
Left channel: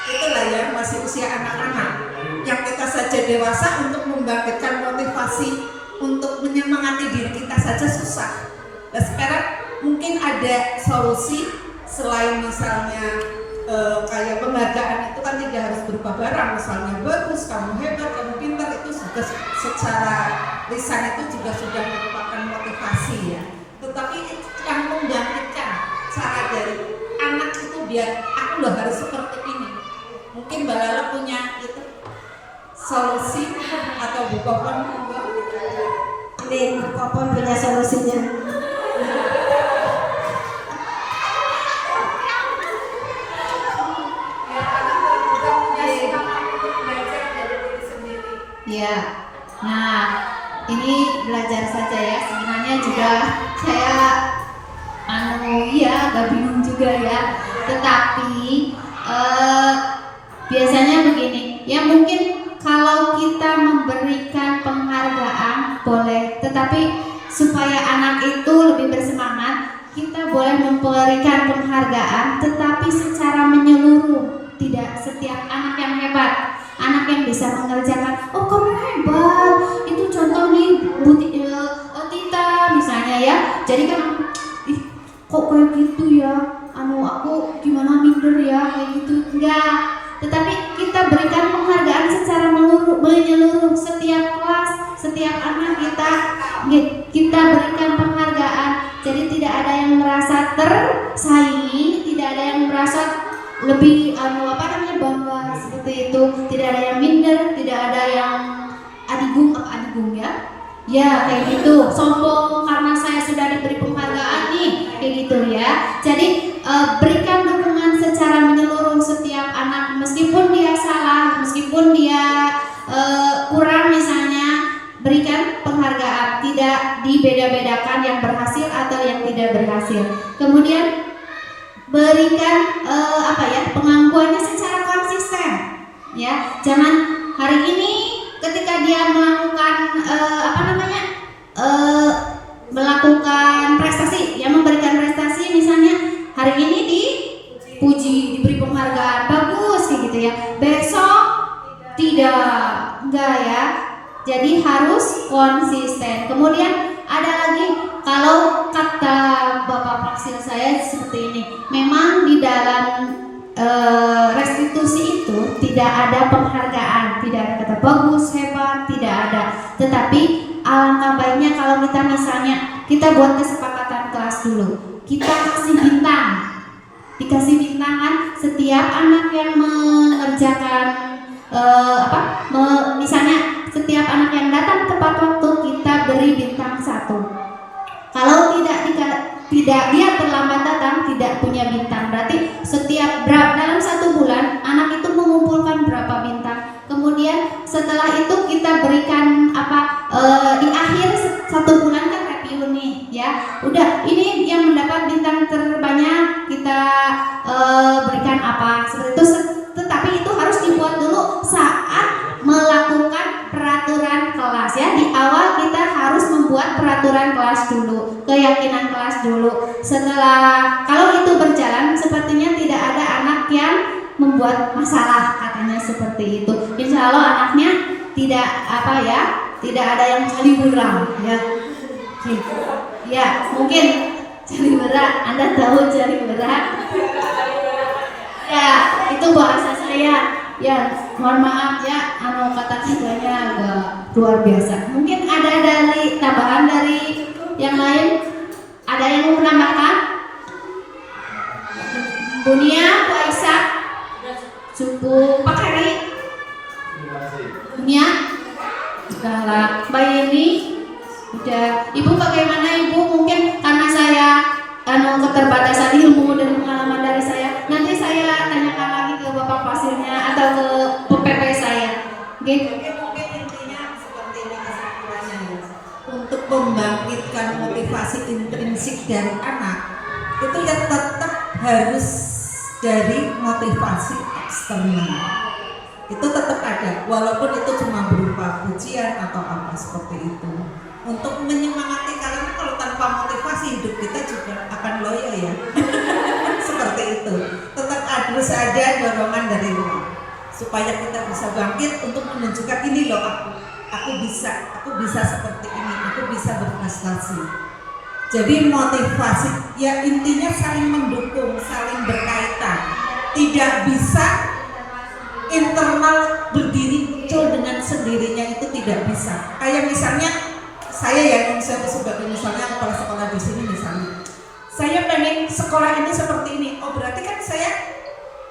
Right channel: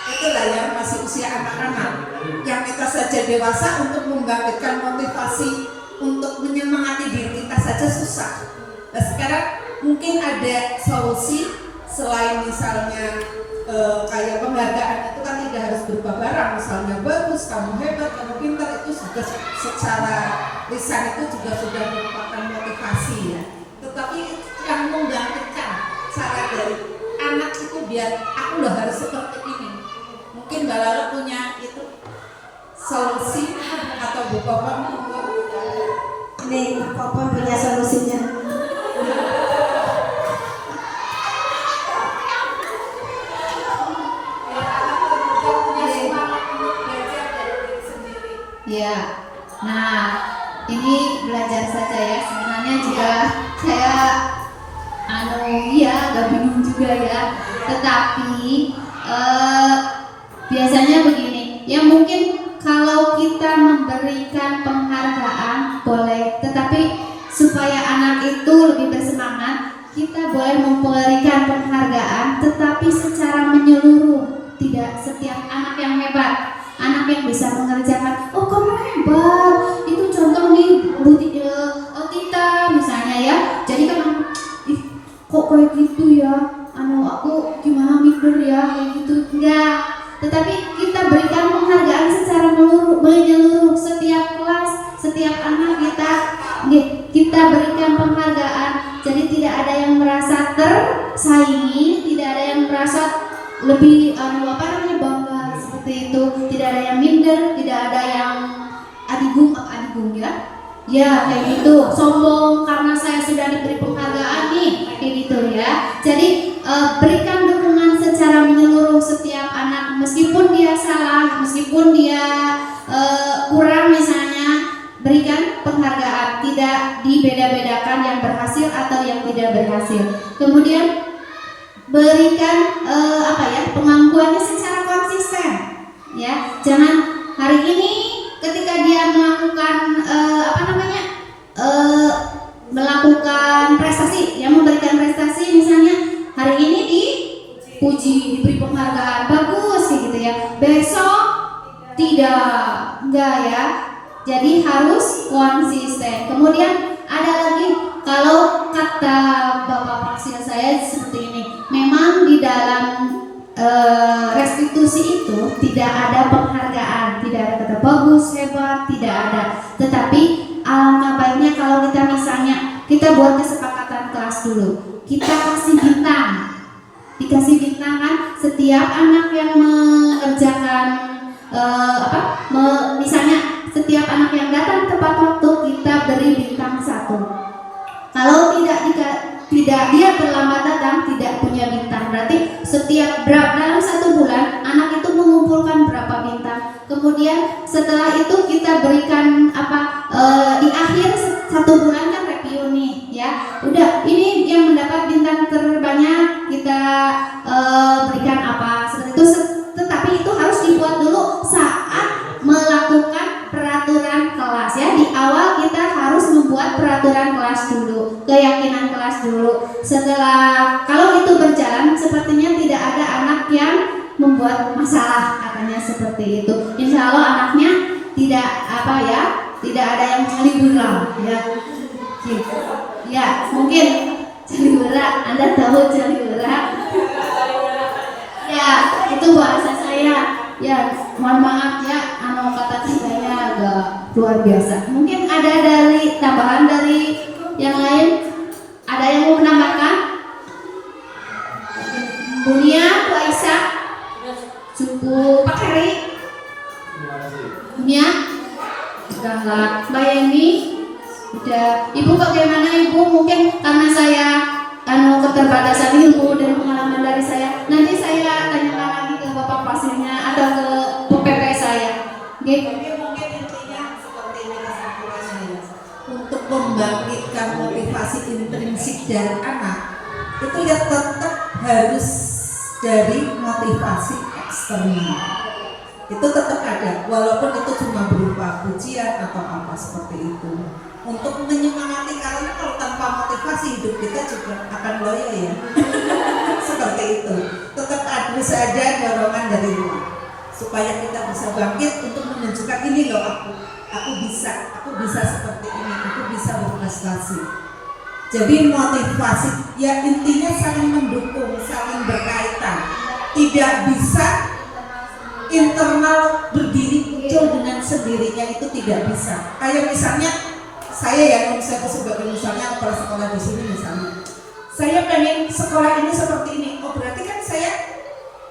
itulah ya, masih usia anak-anak, yang kita saja dewasa untuk membangkitkan motivasi untuk menyemangati diri kita saja susah. Nah, sekarang mungkin ada solusi selain misalnya kayak penghargaan itu kan tidak harus berupa barang, misalnya bagus, kamu hebat, kamu pintar, itu sudah secara lisan itu juga sudah merupakan motivasi ya. Tetapi yang membangkitkan cara dari anak itu biar aku loh harus seperti ini. Mungkin Mbak Lala punya itu solusi atau Bu Popon? Ini Bu Popon punya solusinya. Ya, nah ini belajar saja ya. Sebenarnya juga saya agak bingung juga ya. Tetapi biasanya begini, ya mungkin kalau kita memberikan penghargaan boleh, tetapi supaya anak itu lebih bersemangat, kita boleh memberikan penghargaan, tetapi secara menyeluruh. Tidak setiap anak yang hebat, anak yang bisa mengerjakan, oh kamu hebat, itu contoh nih Tita misalnya ya. Jadi kan, kok kayak gitu ya, aku gimana minder ya kayak gitu. Enggak, tetapi kita berikan penghargaan secara menyeluruh, setiap kelas, setiap anak kita berikan penghargaan. Jadi tidak ada yang merasa tersaingi, tidak ada yang merasa lebih bangga seperti itu, tidak ada yang minder, tidak ada ibu ya. Ya kayak gitu, sombong karena saya sudah diberi penghargaan nih, kayak gitu ya. Jadi berikan dukungan secara menyeluruh setiap anak, meskipun dia salah, meskipun dia kurang misalnya, berikan penghargaan, tidak dibeda-bedakan yang berhasil atau yang tidak berhasil. Kemudian berikan pengakuannya secara konsisten, ya. Jangan hari ini ketika dia melakukan melakukan prestasi, ya, memberikan prestasi misalnya hari ini dipuji, diberi penghargaan, bagus kayak gitu ya. Besok enggak ya. Jadi harus konsisten. Kemudian ada lagi, kalau kata Bapak Praksil saya seperti ini, memang di dalam restitusi itu tidak ada penghargaan, tidak ada kata bagus, hebat, tidak ada. Tetapi alangkah baiknya kalau kita misalnya kita buat kesepakatan kelas dulu, kita kasih bintang, dikasih bintang kan, setiap anak yang mengerjakan misalnya setiap anak yang datang tepat waktu kita beri bintang 1. Kalau tidak dia terlambat datang, tidak punya bintang, berarti setiap dalam 1 bulan anak itu mengumpulkan berapa bintang. Kemudian setelah itu kita berikan di akhir 1 bulan kan review nih ya. Udah, ini yang mendapat bintang terbanyak kita berikan apa seperti itu. Tetapi itu harus dibuat dulu saat melakukan peraturan kelas ya. Di awal kita harus membuat peraturan kelas dulu, keyakinan kelas dulu. Setelah kalau itu berjalan, sepertinya tidak ada anak yang membuat masalah, katanya seperti itu. Insya Allah anaknya tidak ada yang caliburang ya. Ya, mungkin caliburang, Anda tahu caliburang? Ya, itu bahasa saya. Ya, mohon maaf ya, kata-katanya agak luar biasa. Mungkin ada dari tambahan dari yang lain? Ada yang mau menambahkan? Bunia, Bu Aisyah, cukup Pak Heri, Bunia, udahlah. Mbak Yeni, udah. Ibu bagaimana Ibu? Mungkin karena saya keterbatasan ilmu dan pengalaman dari saya, nanti saya tanyakan lagi ke Bapak Pasilnya atau ke PPP saya. Gitu. Mungkin intinya seperti ini kesimpulannya ya. Untuk membangkitkan motivasi intrinsik dari anak, itu ya tetap harus dari motivasi eksternal. Itu tetap ada, walaupun itu cuma berupa pujian atau apa seperti itu. Untuk menyemangati, karena kalau tanpa motivasi hidup kita juga akan loyo ya. Seperti itu. Tetap harus ada dorongan dari luar supaya kita bisa bangkit untuk menunjukkan ini loh aku bisa seperti ini, aku bisa berprestasi. Jadi motivasi ya intinya saling mendukung, saling berkaitan. Tidak bisa internal berdiri muncul dengan sendirinya, itu tidak bisa. Kayak misalnya saya sebagai misalnya kepala sekolah di sini misalnya, saya pengen sekolah ini seperti ini. Oh berarti kan saya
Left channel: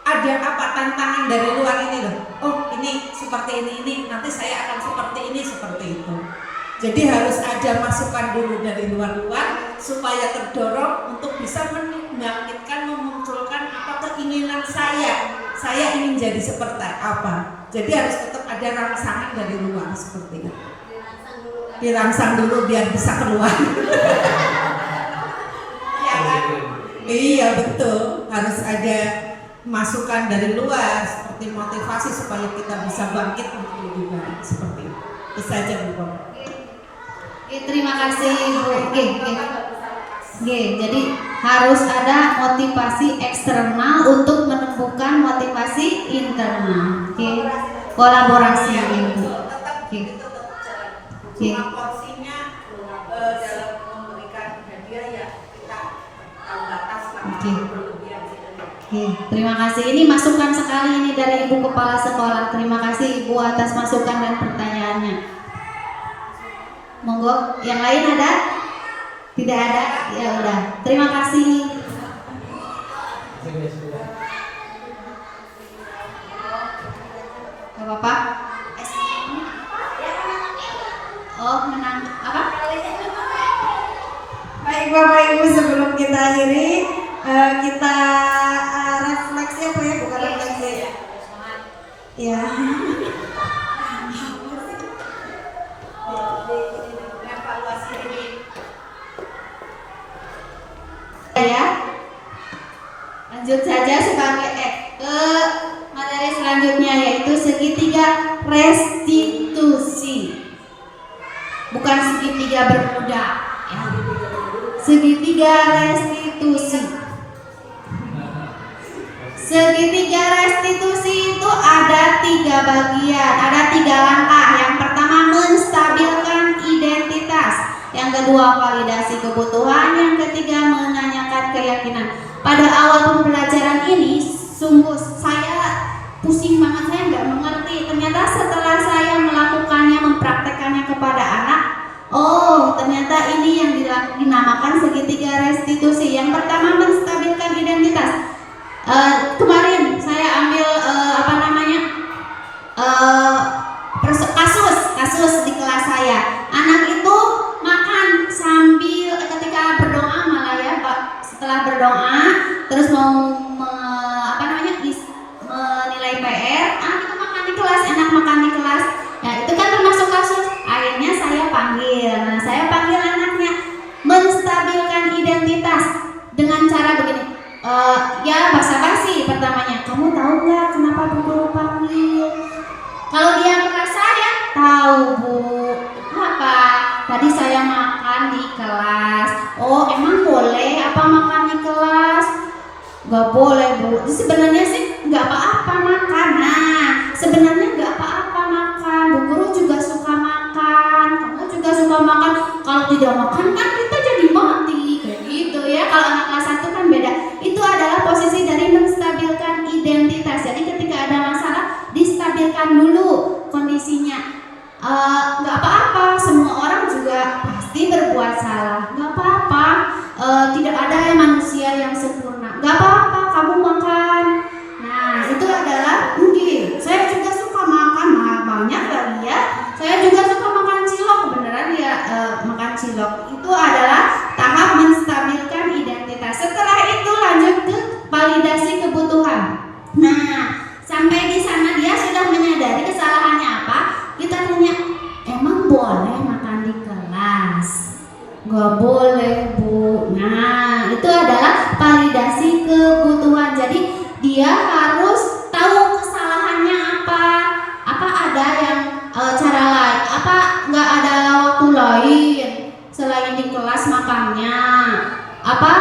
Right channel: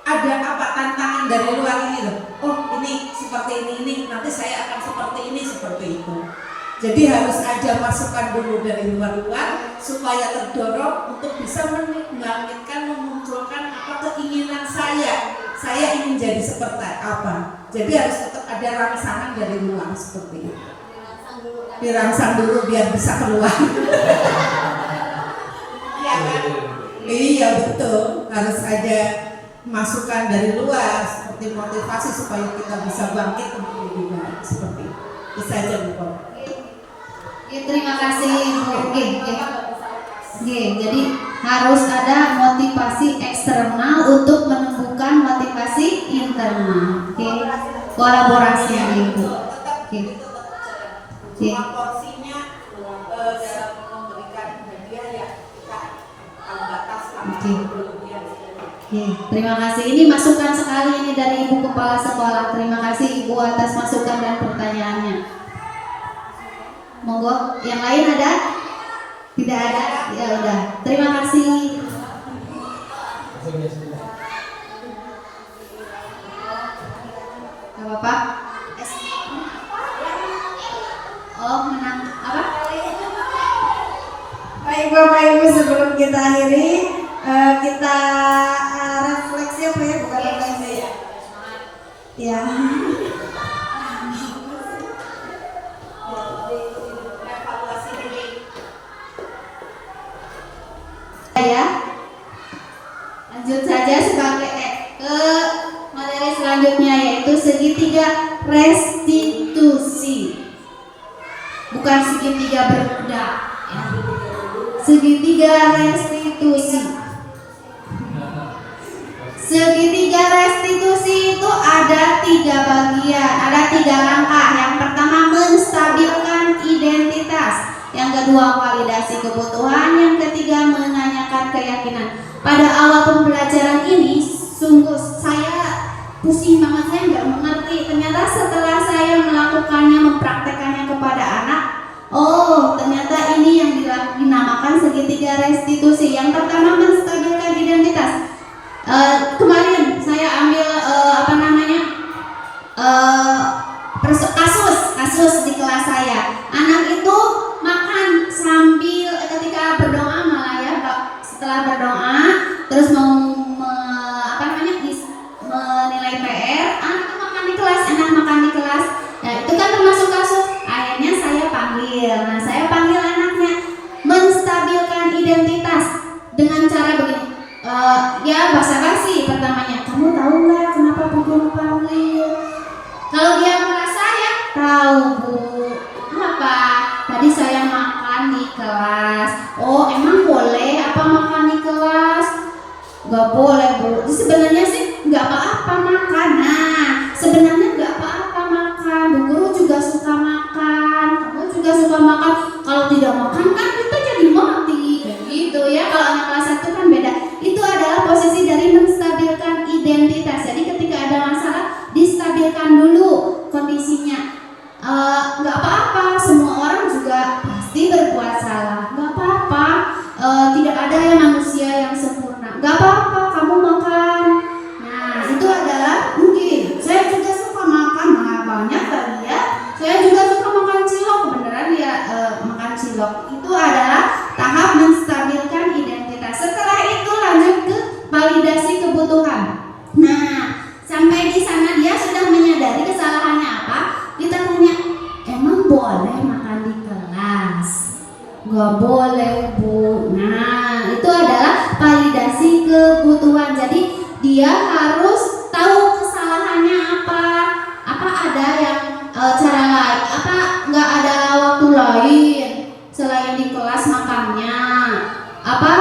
ada tantangan dari luar ini loh. Oh ini seperti ini nanti saya akan seperti itu. Jadi harus ada masukan dulu dari luar supaya terdorong untuk bisa membangkitkan, memunculkan keinginan saya. Saya ingin jadi seperti apa. Jadi harus tetap ada rangsangan dari luar seperti itu. Dirangsang dulu biar bisa keluar. Ya kan? Iya betul. Harus ada masukan dari luar seperti motivasi supaya kita bisa bangkit untuk lebih baik seperti itu. Itu saja Bu. Terima kasih Bu. Jadi harus ada motivasi eksternal untuk menumbuhkan motivasi internal. Kolaborasi Ibu. Cuma porsinya dalam memberikan hadiah ya kita batas lah. Terima kasih. Ini masukan sekali ini dari Ibu Kepala Sekolah. Terima kasih Ibu atas masukan dan pertanyaannya. Monggo, yang lain ada? Tidak ada? Ya udah. Terima kasih. Gak apa-apa. menang apa? Baik Bapak Ibu, sebelum kita akhiri kita refleksi apa ya, bukan refleksi ya. Ya, lanjut saja sebagai ke materi selanjutnya, yaitu segitiga restitusi, bukan segitiga berkuda ya. Segitiga restitusi. Segitiga restitusi itu ada 3 bagian, ada 3 langkah. Yang pertama menstabilkan identitas, yang kedua validasi kebutuhan, yang ketiga menanyakan keyakinan. Pada awal pembelajaran ini sungguh saya pusing banget, saya nggak mengerti. Ternyata setelah saya melakukannya, mempraktekannya kepada anak, oh ternyata ini yang dinamakan segitiga restitusi. Yang pertama menstabilkan identitas. Kemarin saya ambil kasus di kelas saya. Anak itu makan sambil ketika berdoa, malah ya setelah berdoa terus mau menilai PR, anak itu makan di kelas, enak makan di kelas. Nah itu kan termasuk kasus. Akhirnya saya panggil. Nah saya panggil anaknya, menstabilkan identitas dengan cara begini. Ya basa-basi pertamanya. Kamu tahu nggak kenapa Bu Guru panggil? Kalau dia merasa ya tahu Bu. Apa? Tadi saya makan di kelas. Oh emang boleh apa makan di kelas? Nggak boleh Bu. Sebenarnya sih nggak apa-apa makan. Nah sebenarnya nggak apa-apa makan. Bu Guru juga suka makan. Kamu juga suka makan. Kalau tidak makan kan kita jadi mati. Kayak gitu ya. Kalau anak kelas 1 kan beda. Itu adalah posisi dari menstabilkan identitas. Jadi ketika ada masalah distabilkan dulu kondisinya. Nggak apa-apa, semua orang juga pasti berbuat salah. Nggak apa-apa, tidak ada yang manusia yang sempurna. Nggak apa-apa, kamu makan. Nah itu adalah mungkin saya juga suka makan banyak kali ya. Saya juga suka makan cilok, beneran ya makan cilok. Itu adalah tahap menstabilkan identitas. Setelah itu lanjut ke validasi kebutuhan. Nah sampai di sana dia sudah menyadari kesalahannya apa. Kita tanya, emang boleh makan di kelas? Gak boleh Bu. Nah itu adalah validasi kebutuhan. Jadi dia harus tahu kesalahannya apa. Apa ada yang cara lain? Apa nggak ada waktu lain selain di kelas makannya? Apa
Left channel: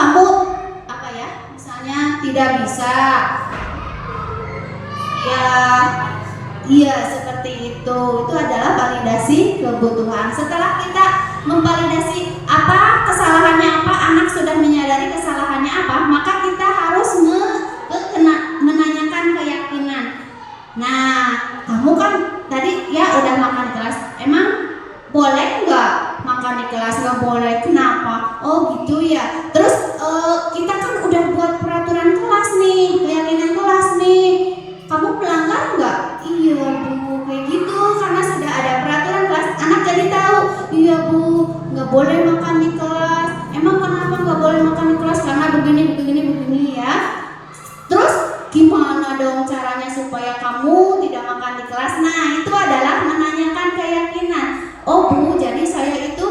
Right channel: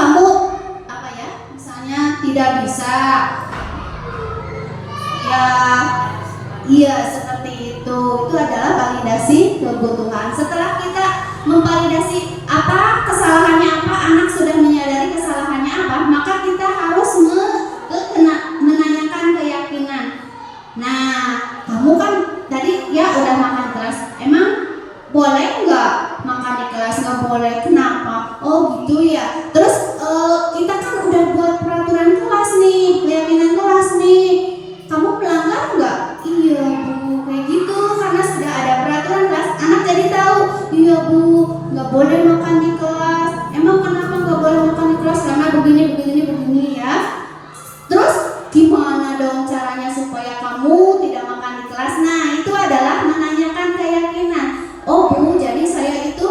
kamu misalnya tidak bisa? Iya seperti itu. Itu adalah validasi kebutuhan. Setelah kita memvalidasi apa kesalahannya apa, anak sudah menyadari kesalahannya apa, maka kita harus menanyakan keyakinan. Nah kamu kan tadi ya udah makan di kelas, emang boleh nggak makan di kelas? Nggak boleh, kenapa? Oh gitu ya. Terus kita kan udah buat peraturan kelas nih, keyakinan kelas nih, kamu melanggar nggak? Iya Bu, kayak gitu. Karena sudah ada peraturan kelas, anak jadi tahu. Iya Bu, nggak boleh makan di kelas. Emang kenapa nggak boleh makan di kelas? Karena begini ya. Terus gimana dong caranya supaya kamu tidak makan di kelas? Nah itu adalah menanyakan keyakinan. Oh Bu, jadi saya itu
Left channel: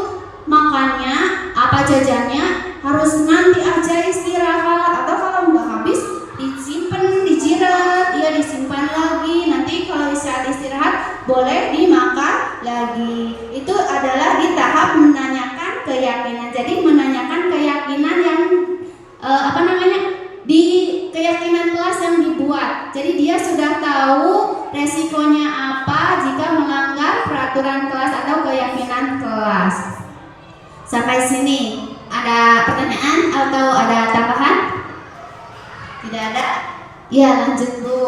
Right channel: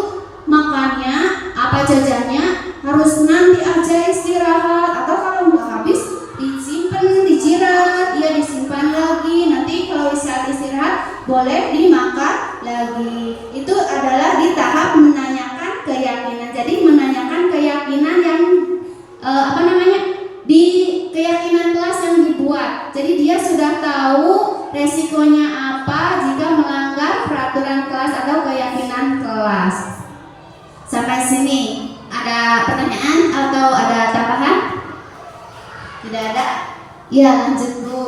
makannya apa jajannya harus nanti aja istirahat, atau kalau nggak habis disimpan, dijirat, ya disimpan lagi, nanti kalau istirahat boleh dimakan lagi. Itu adalah di tahap menanyakan keyakinan. Jadi menanyakan keyakinan yang di keyakinan kelas yang dibuat. Jadi dia sudah tahu resikonya apa jika melanggar peraturan kelas atau keyakinan kelas. Sampai sini ada pertanyaan atau ada tambahan? Tidak ada? Ya lanjut Bu.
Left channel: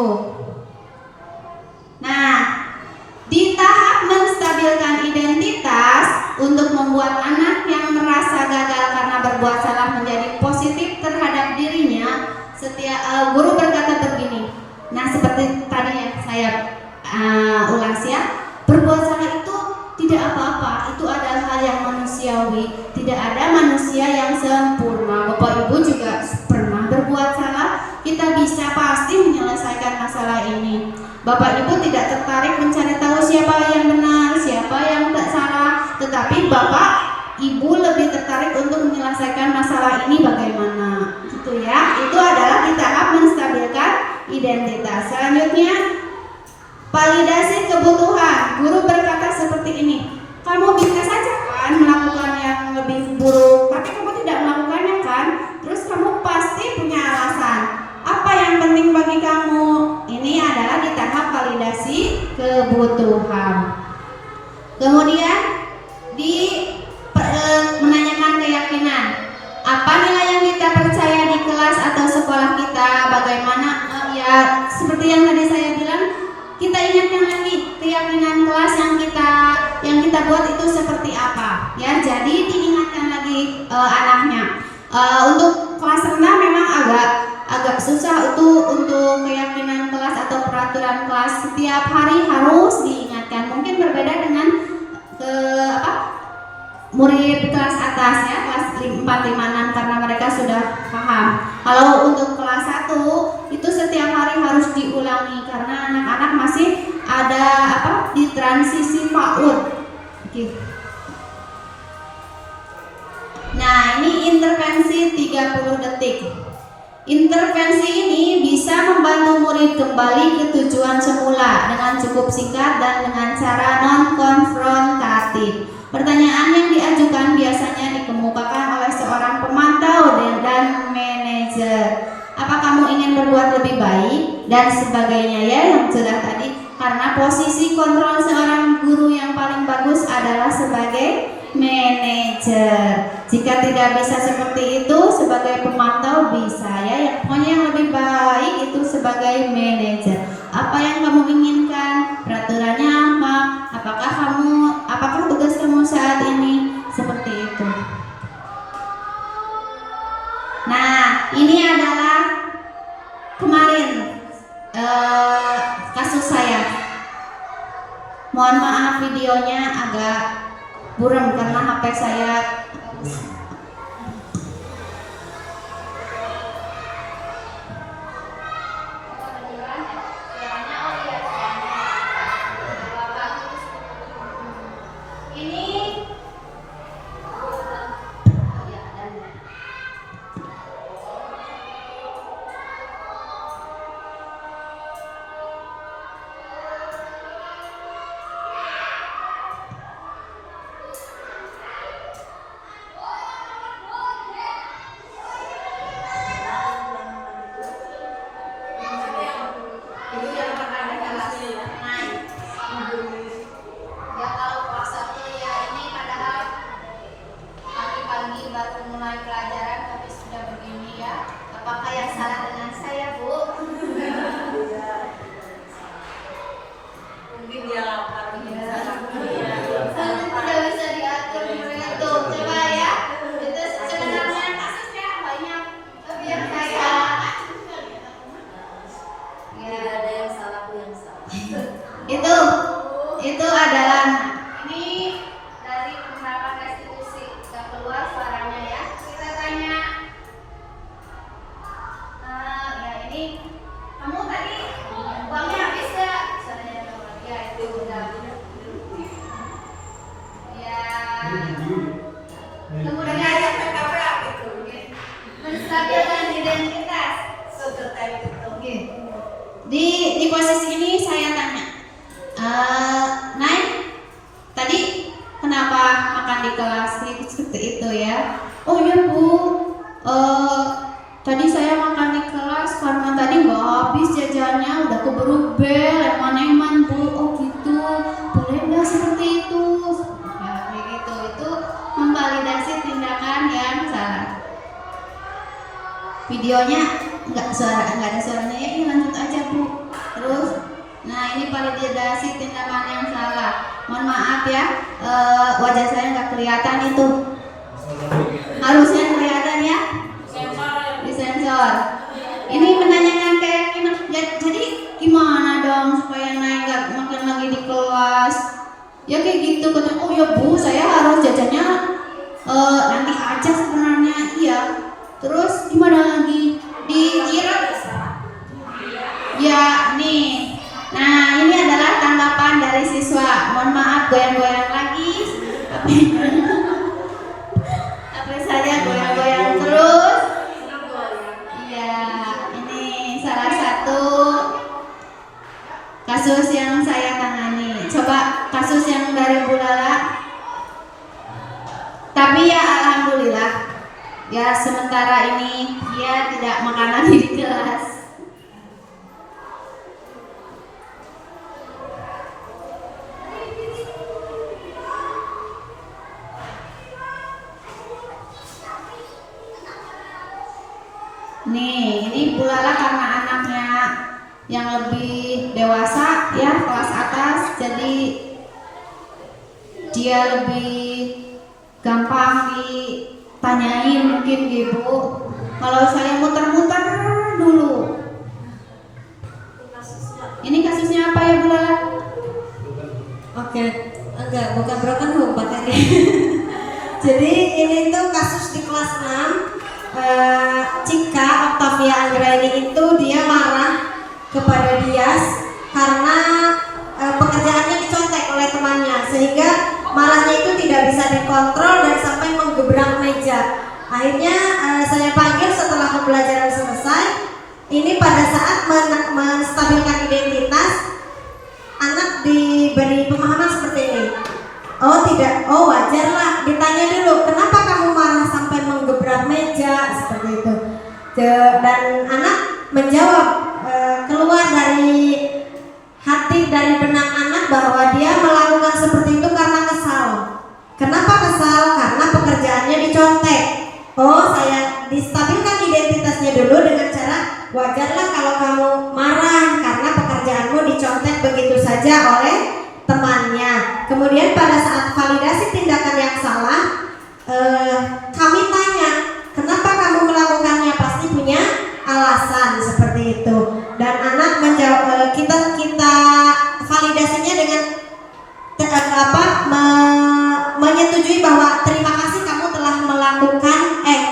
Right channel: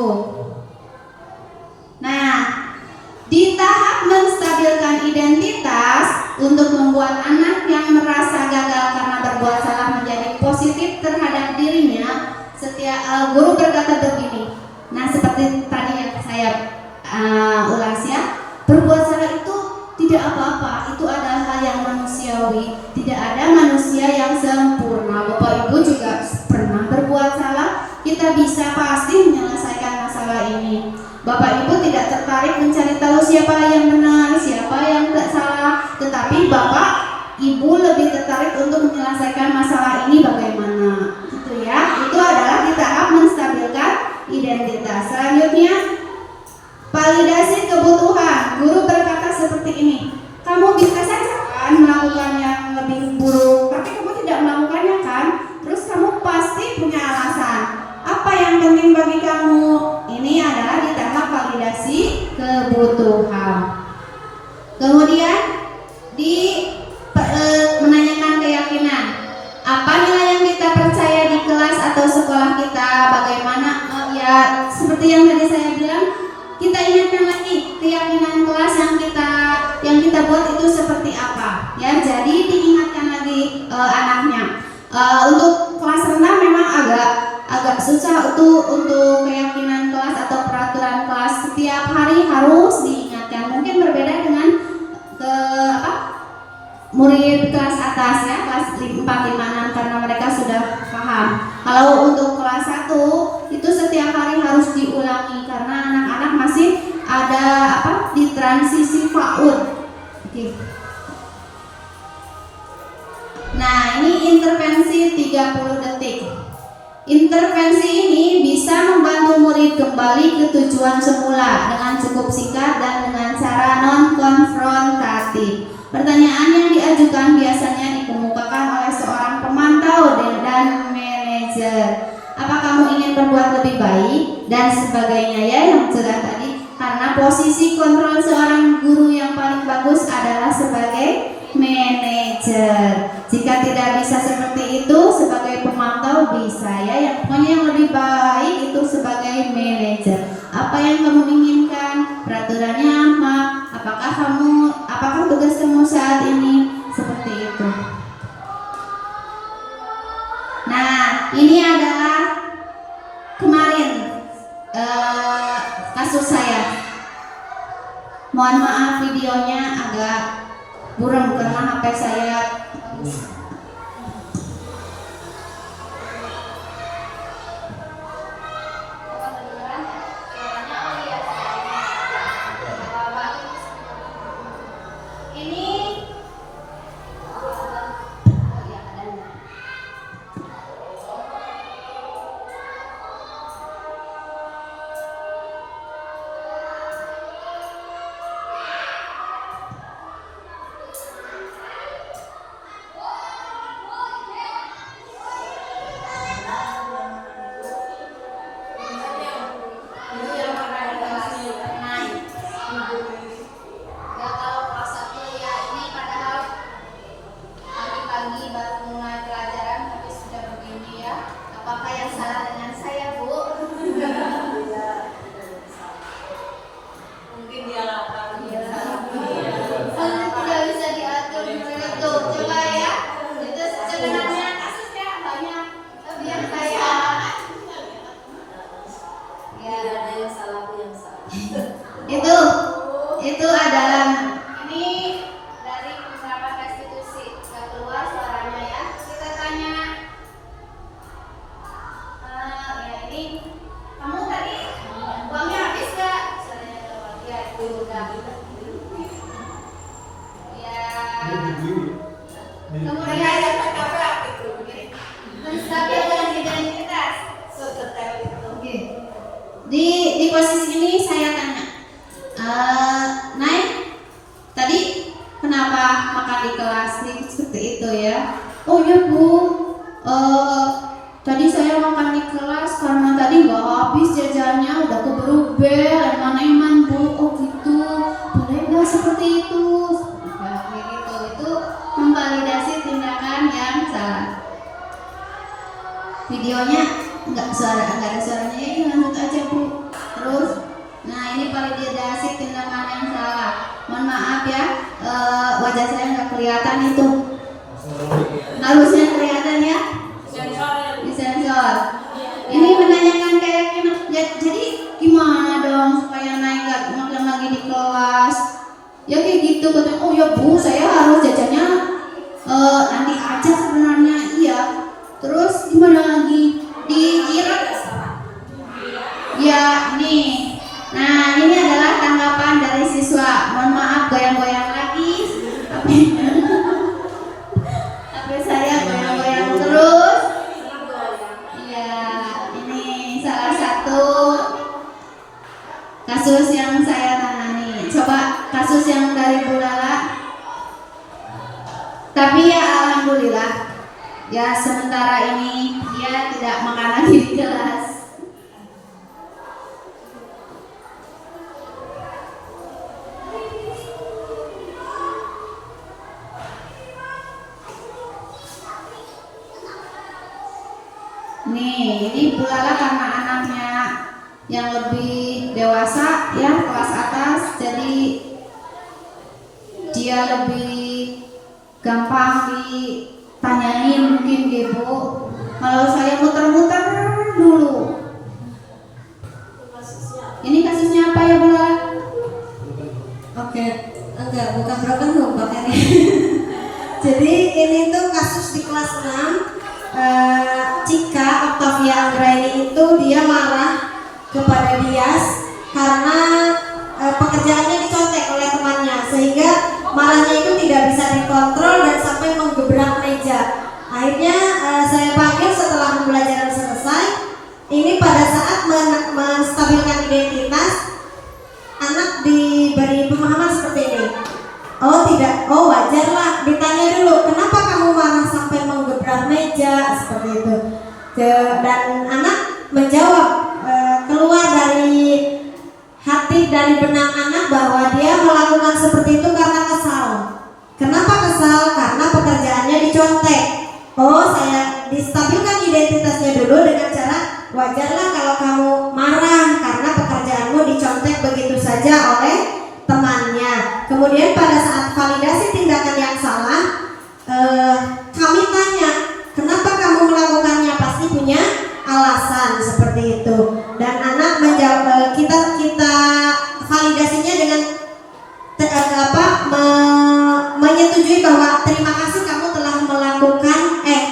Nah di tahap menstabilkan identitas, untuk membuat anak yang merasa gagal karena berbuat salah menjadi positif terhadap dirinya, setiap guru berkata begini. Nah seperti tadi yang saya ulas ya, berbuat salah itu tidak apa-apa, itu adalah hal yang manusiawi. Tidak ada manusia yang sempurna. Bapak Ibu juga pernah berbuat salah. Kita bisa pasti menyelesaikan masalah ini. Bapak Ibu tidak tertarik mencari tahu siapa yang benar, siapa yang tak salah, tetapi Bapak Ibu lebih tertarik untuk menyelesaikan masalah ini bagaimana, gitu ya. Itu adalah di tahap menstabilkan identitas. Selanjutnya, validasi kebutuhan. Guru berkata seperti ini, kamu bisa saja kan melakukan yang lebih buruk, tapi kamu tidak melakukannya kan? Terus kamu pasti punya alasan. Apa yang penting bagi kamu? Ini adalah di tahap validasi kebutuhan. Kemudian di menanyakan keyakinan. Apa nilai yang kita percaya di kelas atau sekolah kita? Bagaimana? Ya seperti yang tadi saya bilang, kita ingatkan lagi keyakinan kelas yang kita buat itu seperti apa. Ya, jadi diingatkan lagi anaknya. Untuk kelas rendah memang agak susah itu untuk keyakinan kelas atau peraturan kelas. Setiap hari harus diingatkan. Mungkin berbeda dengan murid kelas atas ya, kelas 4, 5, 6, karena mereka sudah paham. Kalau untuk kelas 1 itu setiap hari harus diulangi karena anak-anak masih ada di transisi PAUD. Oke. Nah, ini intervensi 30 detik. Intervensi ini bisa membantu murid kembali ke tujuan semula dengan cukup singkat dan dengan cara non-konfrontatif. Pertanyaan yang diajukan biasanya dikemukakan oleh seorang pemantau dan manajer. Apa kamu ingin berbuat lebih baik dan sebagainya ya, yang sudah tadi. Karena posisi kontrol seorang guru yang paling bagus adalah sebagai manajer. Jika tidak bisa seperti itu sebagai pemantau bisa ya. Pokoknya yang lebih baik itu sebagai manajer. Apa yang kamu inginkan? Peraturannya apa? Apakah tugas kamu saat ini? Seperti itu. Nah, ini adalah kemarin kasus saya. Mohon maaf videonya agak buram karena HP saya itu adalah ini dari beberapa restitusi. Gak keluar suaranya ya. Kita tanya ya ini kamu tadi uangnya habis gak? Suaranya keluar ya, itu udah ya. Kemudian menstabilkan identitas. Oke. Di posisi ini saya tanya, Nay, tadi kenapa makan di kelas seperti itu ya? Oh iya Bu, tadi saya makan di kelas karena tadi nggak habis jajannya, udah keburu bel, eman-eman Bu. Oh gitu, boleh nggak seperti itu? Kayak gitu, itu memvalidasi tindakan yang salah. Videonya nggak ada suaranya, ini lanjut aja Bu. Terus, nah ini validasi tindakan yang salah. Mohon maaf ya, wajah saya nggak kelihatan itu. Harusnya kelihatan ya. Disensor. Ini menanyakan keyakinan. Ya, jadi gimana dong supaya naik gak makin lagi di kelas? Ya kayak gitu, katanya, oh ya Bu, saya harus jajannya nanti aja sebenarnya. Iya. Terus gimana lagi? Dikira ya nih. Nah, ini adalah tanggapan dari siswa. Mohon maaf goyang-goyang lagi. Tapi saya goyang-goyang terus. Iya, ini salah satu kasus yang saya tangani. Coba kasus yang dari Bu Lala. Tapi ya alhamdulillah, ya sementara ini dia tidak makanan di kelas. Nih, ini Bu Lala karena anaknya yang lebih dewasa ya, kelas atas, jadi dia lebih gampang ditanyain mungkin gitu. Kalau saya muter-muter dulu. Ini kasusnya apa ya Bu Lala? Oke, enggak, bukan broken home Pak Eri. Jadi ini tuh kasus di kelas 6. Cika Octavia Anggraini itu dia marah kepada Dias karena pekerjaannya dicontek oleh temannya, sehingga marahnya itu tidak bisa dikontrol dan sampai menggebrak meja. Akhirnya saya panggil setelah pembelajaran selesai. Ini pada saat menstabilkan identitas, anak diberi pemahaman seperti ini. Oh tidak, oh wajar lah. Ditanya dulu, kenapa kamu marah sampai menggebrak meja seperti itu? Dan anak menjawab, keluar dari hati, dari benak anak bahwa dia melakukan seperti itu karena kesal. Kenapa kesal? Karena pekerjaannya dicontek. Oh, saya distabilkan identitasnya dulu dengan cara, wajarlah kalau kamu marah karena pekerjaanmu dicontek begitu saja oleh temannya. Kemudian pada saat validasi tindakan yang salah, kami tanya, kenapa kamu melakukannya? Pasti punya alasan seperti itu. Dan anak menjawab, kita validasinya dengan menyetujui bahwa terima kasih kamu telah melakukan,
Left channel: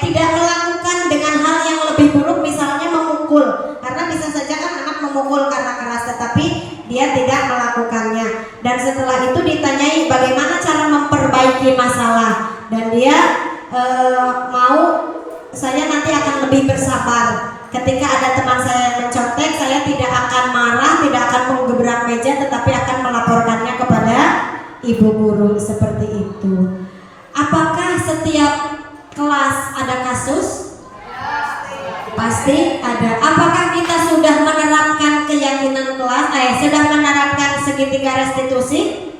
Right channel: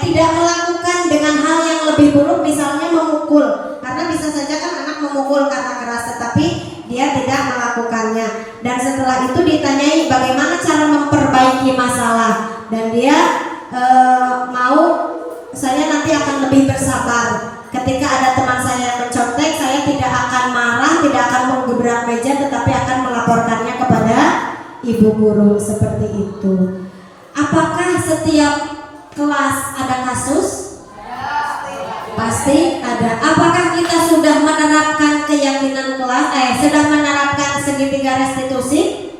tidak melakukan dengan hal yang lebih buruk, misalnya memukul. Karena bisa saja kan anak memukul karena keras, tetapi dia tidak melakukannya. Dan setelah itu ditanyai bagaimana cara memperbaiki masalah, dan dia mau, saya nanti akan lebih bersabar. Ketika ada teman saya yang mencontek, saya tidak akan marah, tidak akan menggebrak meja, tetapi akan melaporkannya kepada ibu guru, seperti itu. Apakah setiap kelas ada kasus? Pasti ada. Apakah kita sudah menerapkan keyakinan kelas? Sedang menerapkan segitiga restitusi?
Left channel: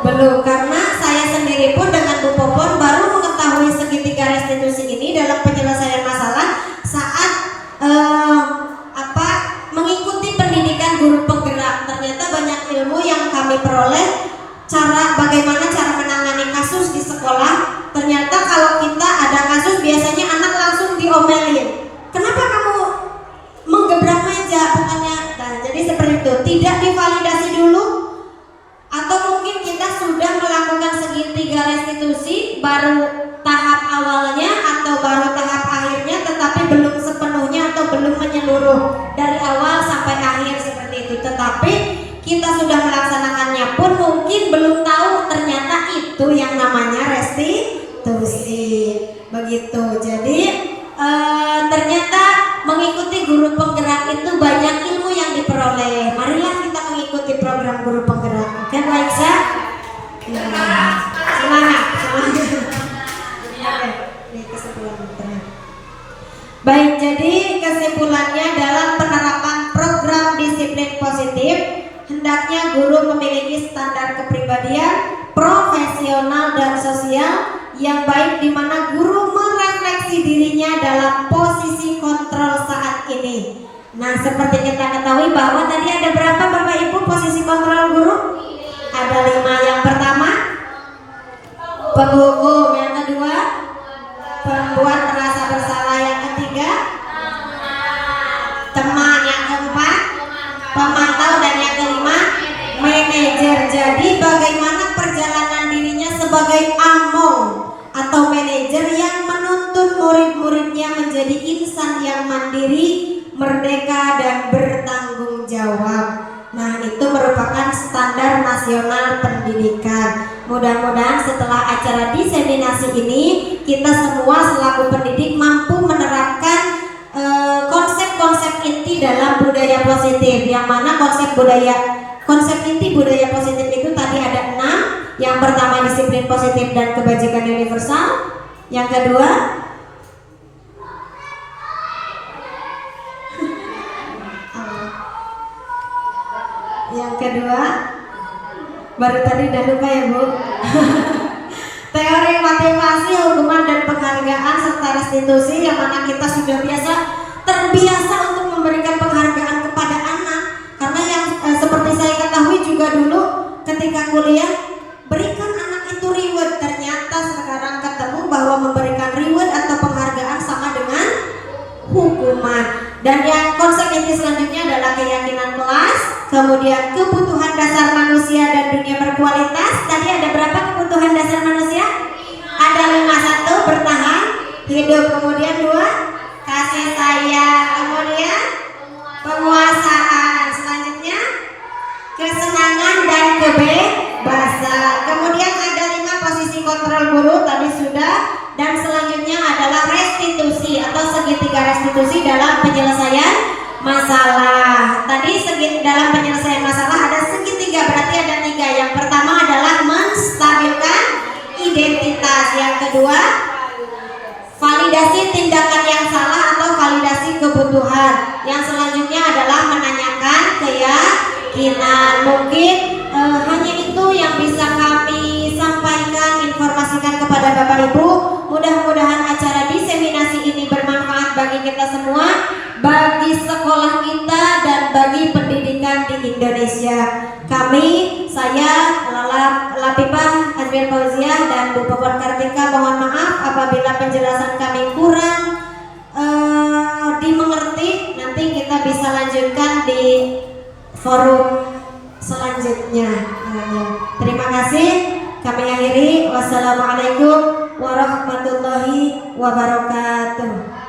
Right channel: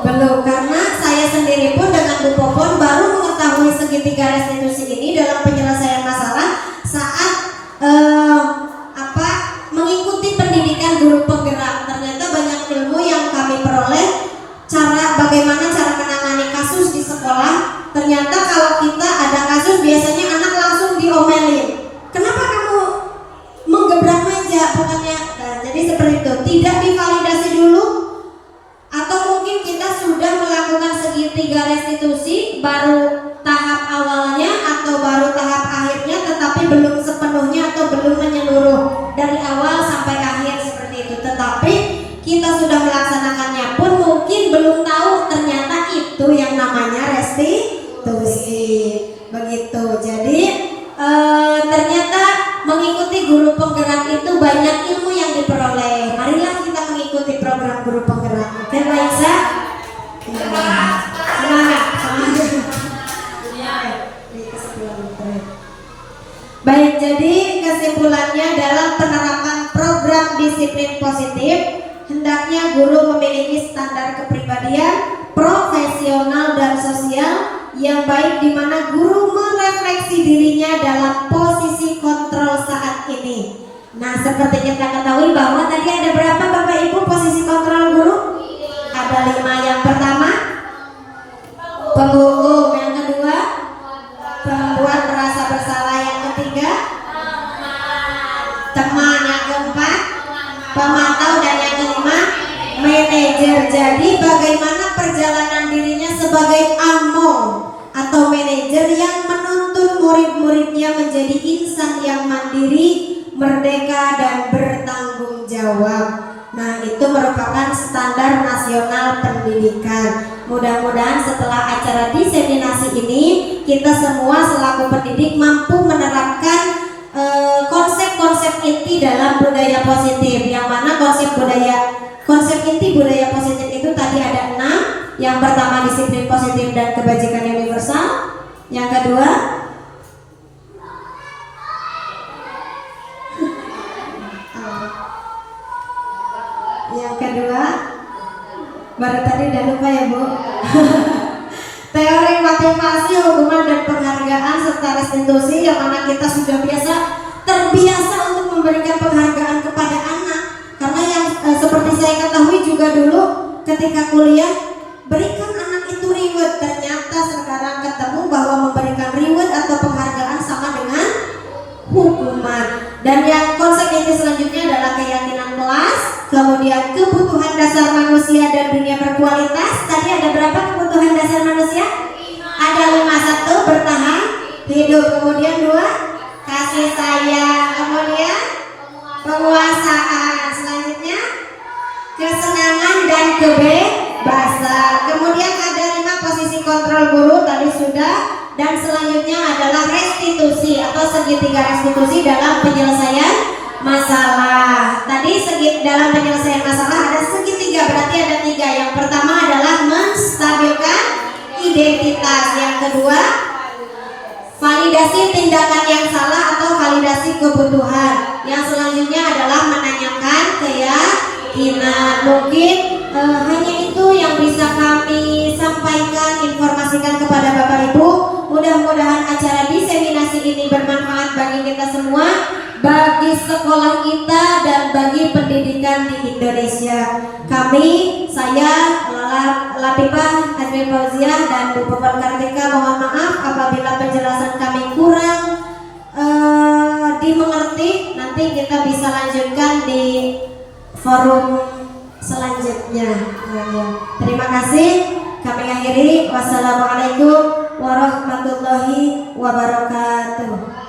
Belum, karena saya sendiri pun dengan Bu Popon baru mengetahui segitiga restitusi ini dalam penyelesaian masalah saat mengikuti pendidikan guru penggerak. Ternyata banyak ilmu yang kami peroleh, bagaimana cara menangani kasus di sekolah. Ternyata kalau kita ada kasus, biasanya anak langsung diomelin. Kenapa kamu menggebrak meja? Bukannya, jadi seperti itu. Tidak divalidasi dulu, atau mungkin kita sudah melakukan segitiga restitusi, baru tahap awalnya atau baru tahap akhirnya, tetapi belum sepenuhnya atau belum menyeluruh dari awal sampai akhir seperti itu. Tetapi kita sudah melaksanakannya pun mungkin belum tahu ternyata itu yang namanya restitusi. Begitu. Jadi ternyata mengikuti guru penggerak itu banyak ilmu yang diperoleh. Marilah kita mengikuti program guru penggerak. Oke, Raisa? Semangat. Baik, jadi kesimpulannya dalam penerapan program disiplin positif, hendaknya guru memiliki standar kepribadian, profesional dan sosial yang baik, di mana guru merefleksi dirinya dalam posisi kontrol saat ini. Nah, seperti kita ketahui bahwa tadi ada berapa Bapak Ibu posisi kontrol guru? Ada 5. Yang pertama, penghukum. Yang kedua, pembuat merasa bersalah. Yang ketiga, teman. Yang keempat, pemantau. Dan yang kelima, manajer. Jadi bagaimana perjalanan dirinya sebagai among atau manajer yang menuntun murid-muridnya menjadi insan yang mandiri, merdeka dan bertanggung jawab. Nah, itu merupakan standar nasional pendidikan. Mudah-mudahan setelah acara diseminasi ini, kita semua selaku pendidik mampu menerapkan konsep-konsep inti dalam budaya positif. Yang mana konsep inti budaya positif itu tadi ada 6. Yang pertama disiplin positif dan kebajikan universal. Yang kedua baru tadi udah lupa ya Bu. Teori motivasi, hukuman dan penghargaan serta restitusi, yang mana kita sudah terbiasa untuk memberikan penghargaan kepada anak. Karena yang seperti saya ketahui juga dulu ketika kuliah, berikan anak itu reward. Ternyata sekarang ketemu bahwa memberikan reward atau penghargaan sama dengan hukuman. Dan yang konsep inti selanjutnya adalah keyakinan kelas, kemudian kebutuhan dasar manusia dan dunia berkualitas. Tadi ada berapa kebutuhan dasar manusia? Ada 5. 1, bertahan hidup. Kemudian 2, kasih sayang. Kemudian penguasaan. Selanjutnya kesenangan dan kebebasan. Kemudian ada 5 posisi kontrol guru, tadi sudah. Dan selanjutnya adalah restitusi atau segitiga restitusi dalam penyelesaian masalah. Tadi dalam penyelesaian masalah ada segitiga, berarti ada 3. Yang pertama adalah menstabilkan identitas. Yang kedua, validasi tindakan yang salah atau validasi kebutuhan. Yang selanjutnya adalah menanyakan keyakinan. Mungkin hanya itu yang bisa kami sampaikan, informasikan kepada Bapak Ibu. Mudah-mudahan acara diseminasi ini bermanfaat bagi kita semua, bagi sekolah kita dan bagi pendidikan di Indonesia. Saya Latifah Azmir Fauziah dan Bu Popon Kartika mohon maaf apabila penjelasan kami kurang dimengerti. Nanti kita bisa lanjutkan di forum selanjutnya. Terima kasih. Kami akhiri. Wassalamualaikum warahmatullahi wabarakatuh.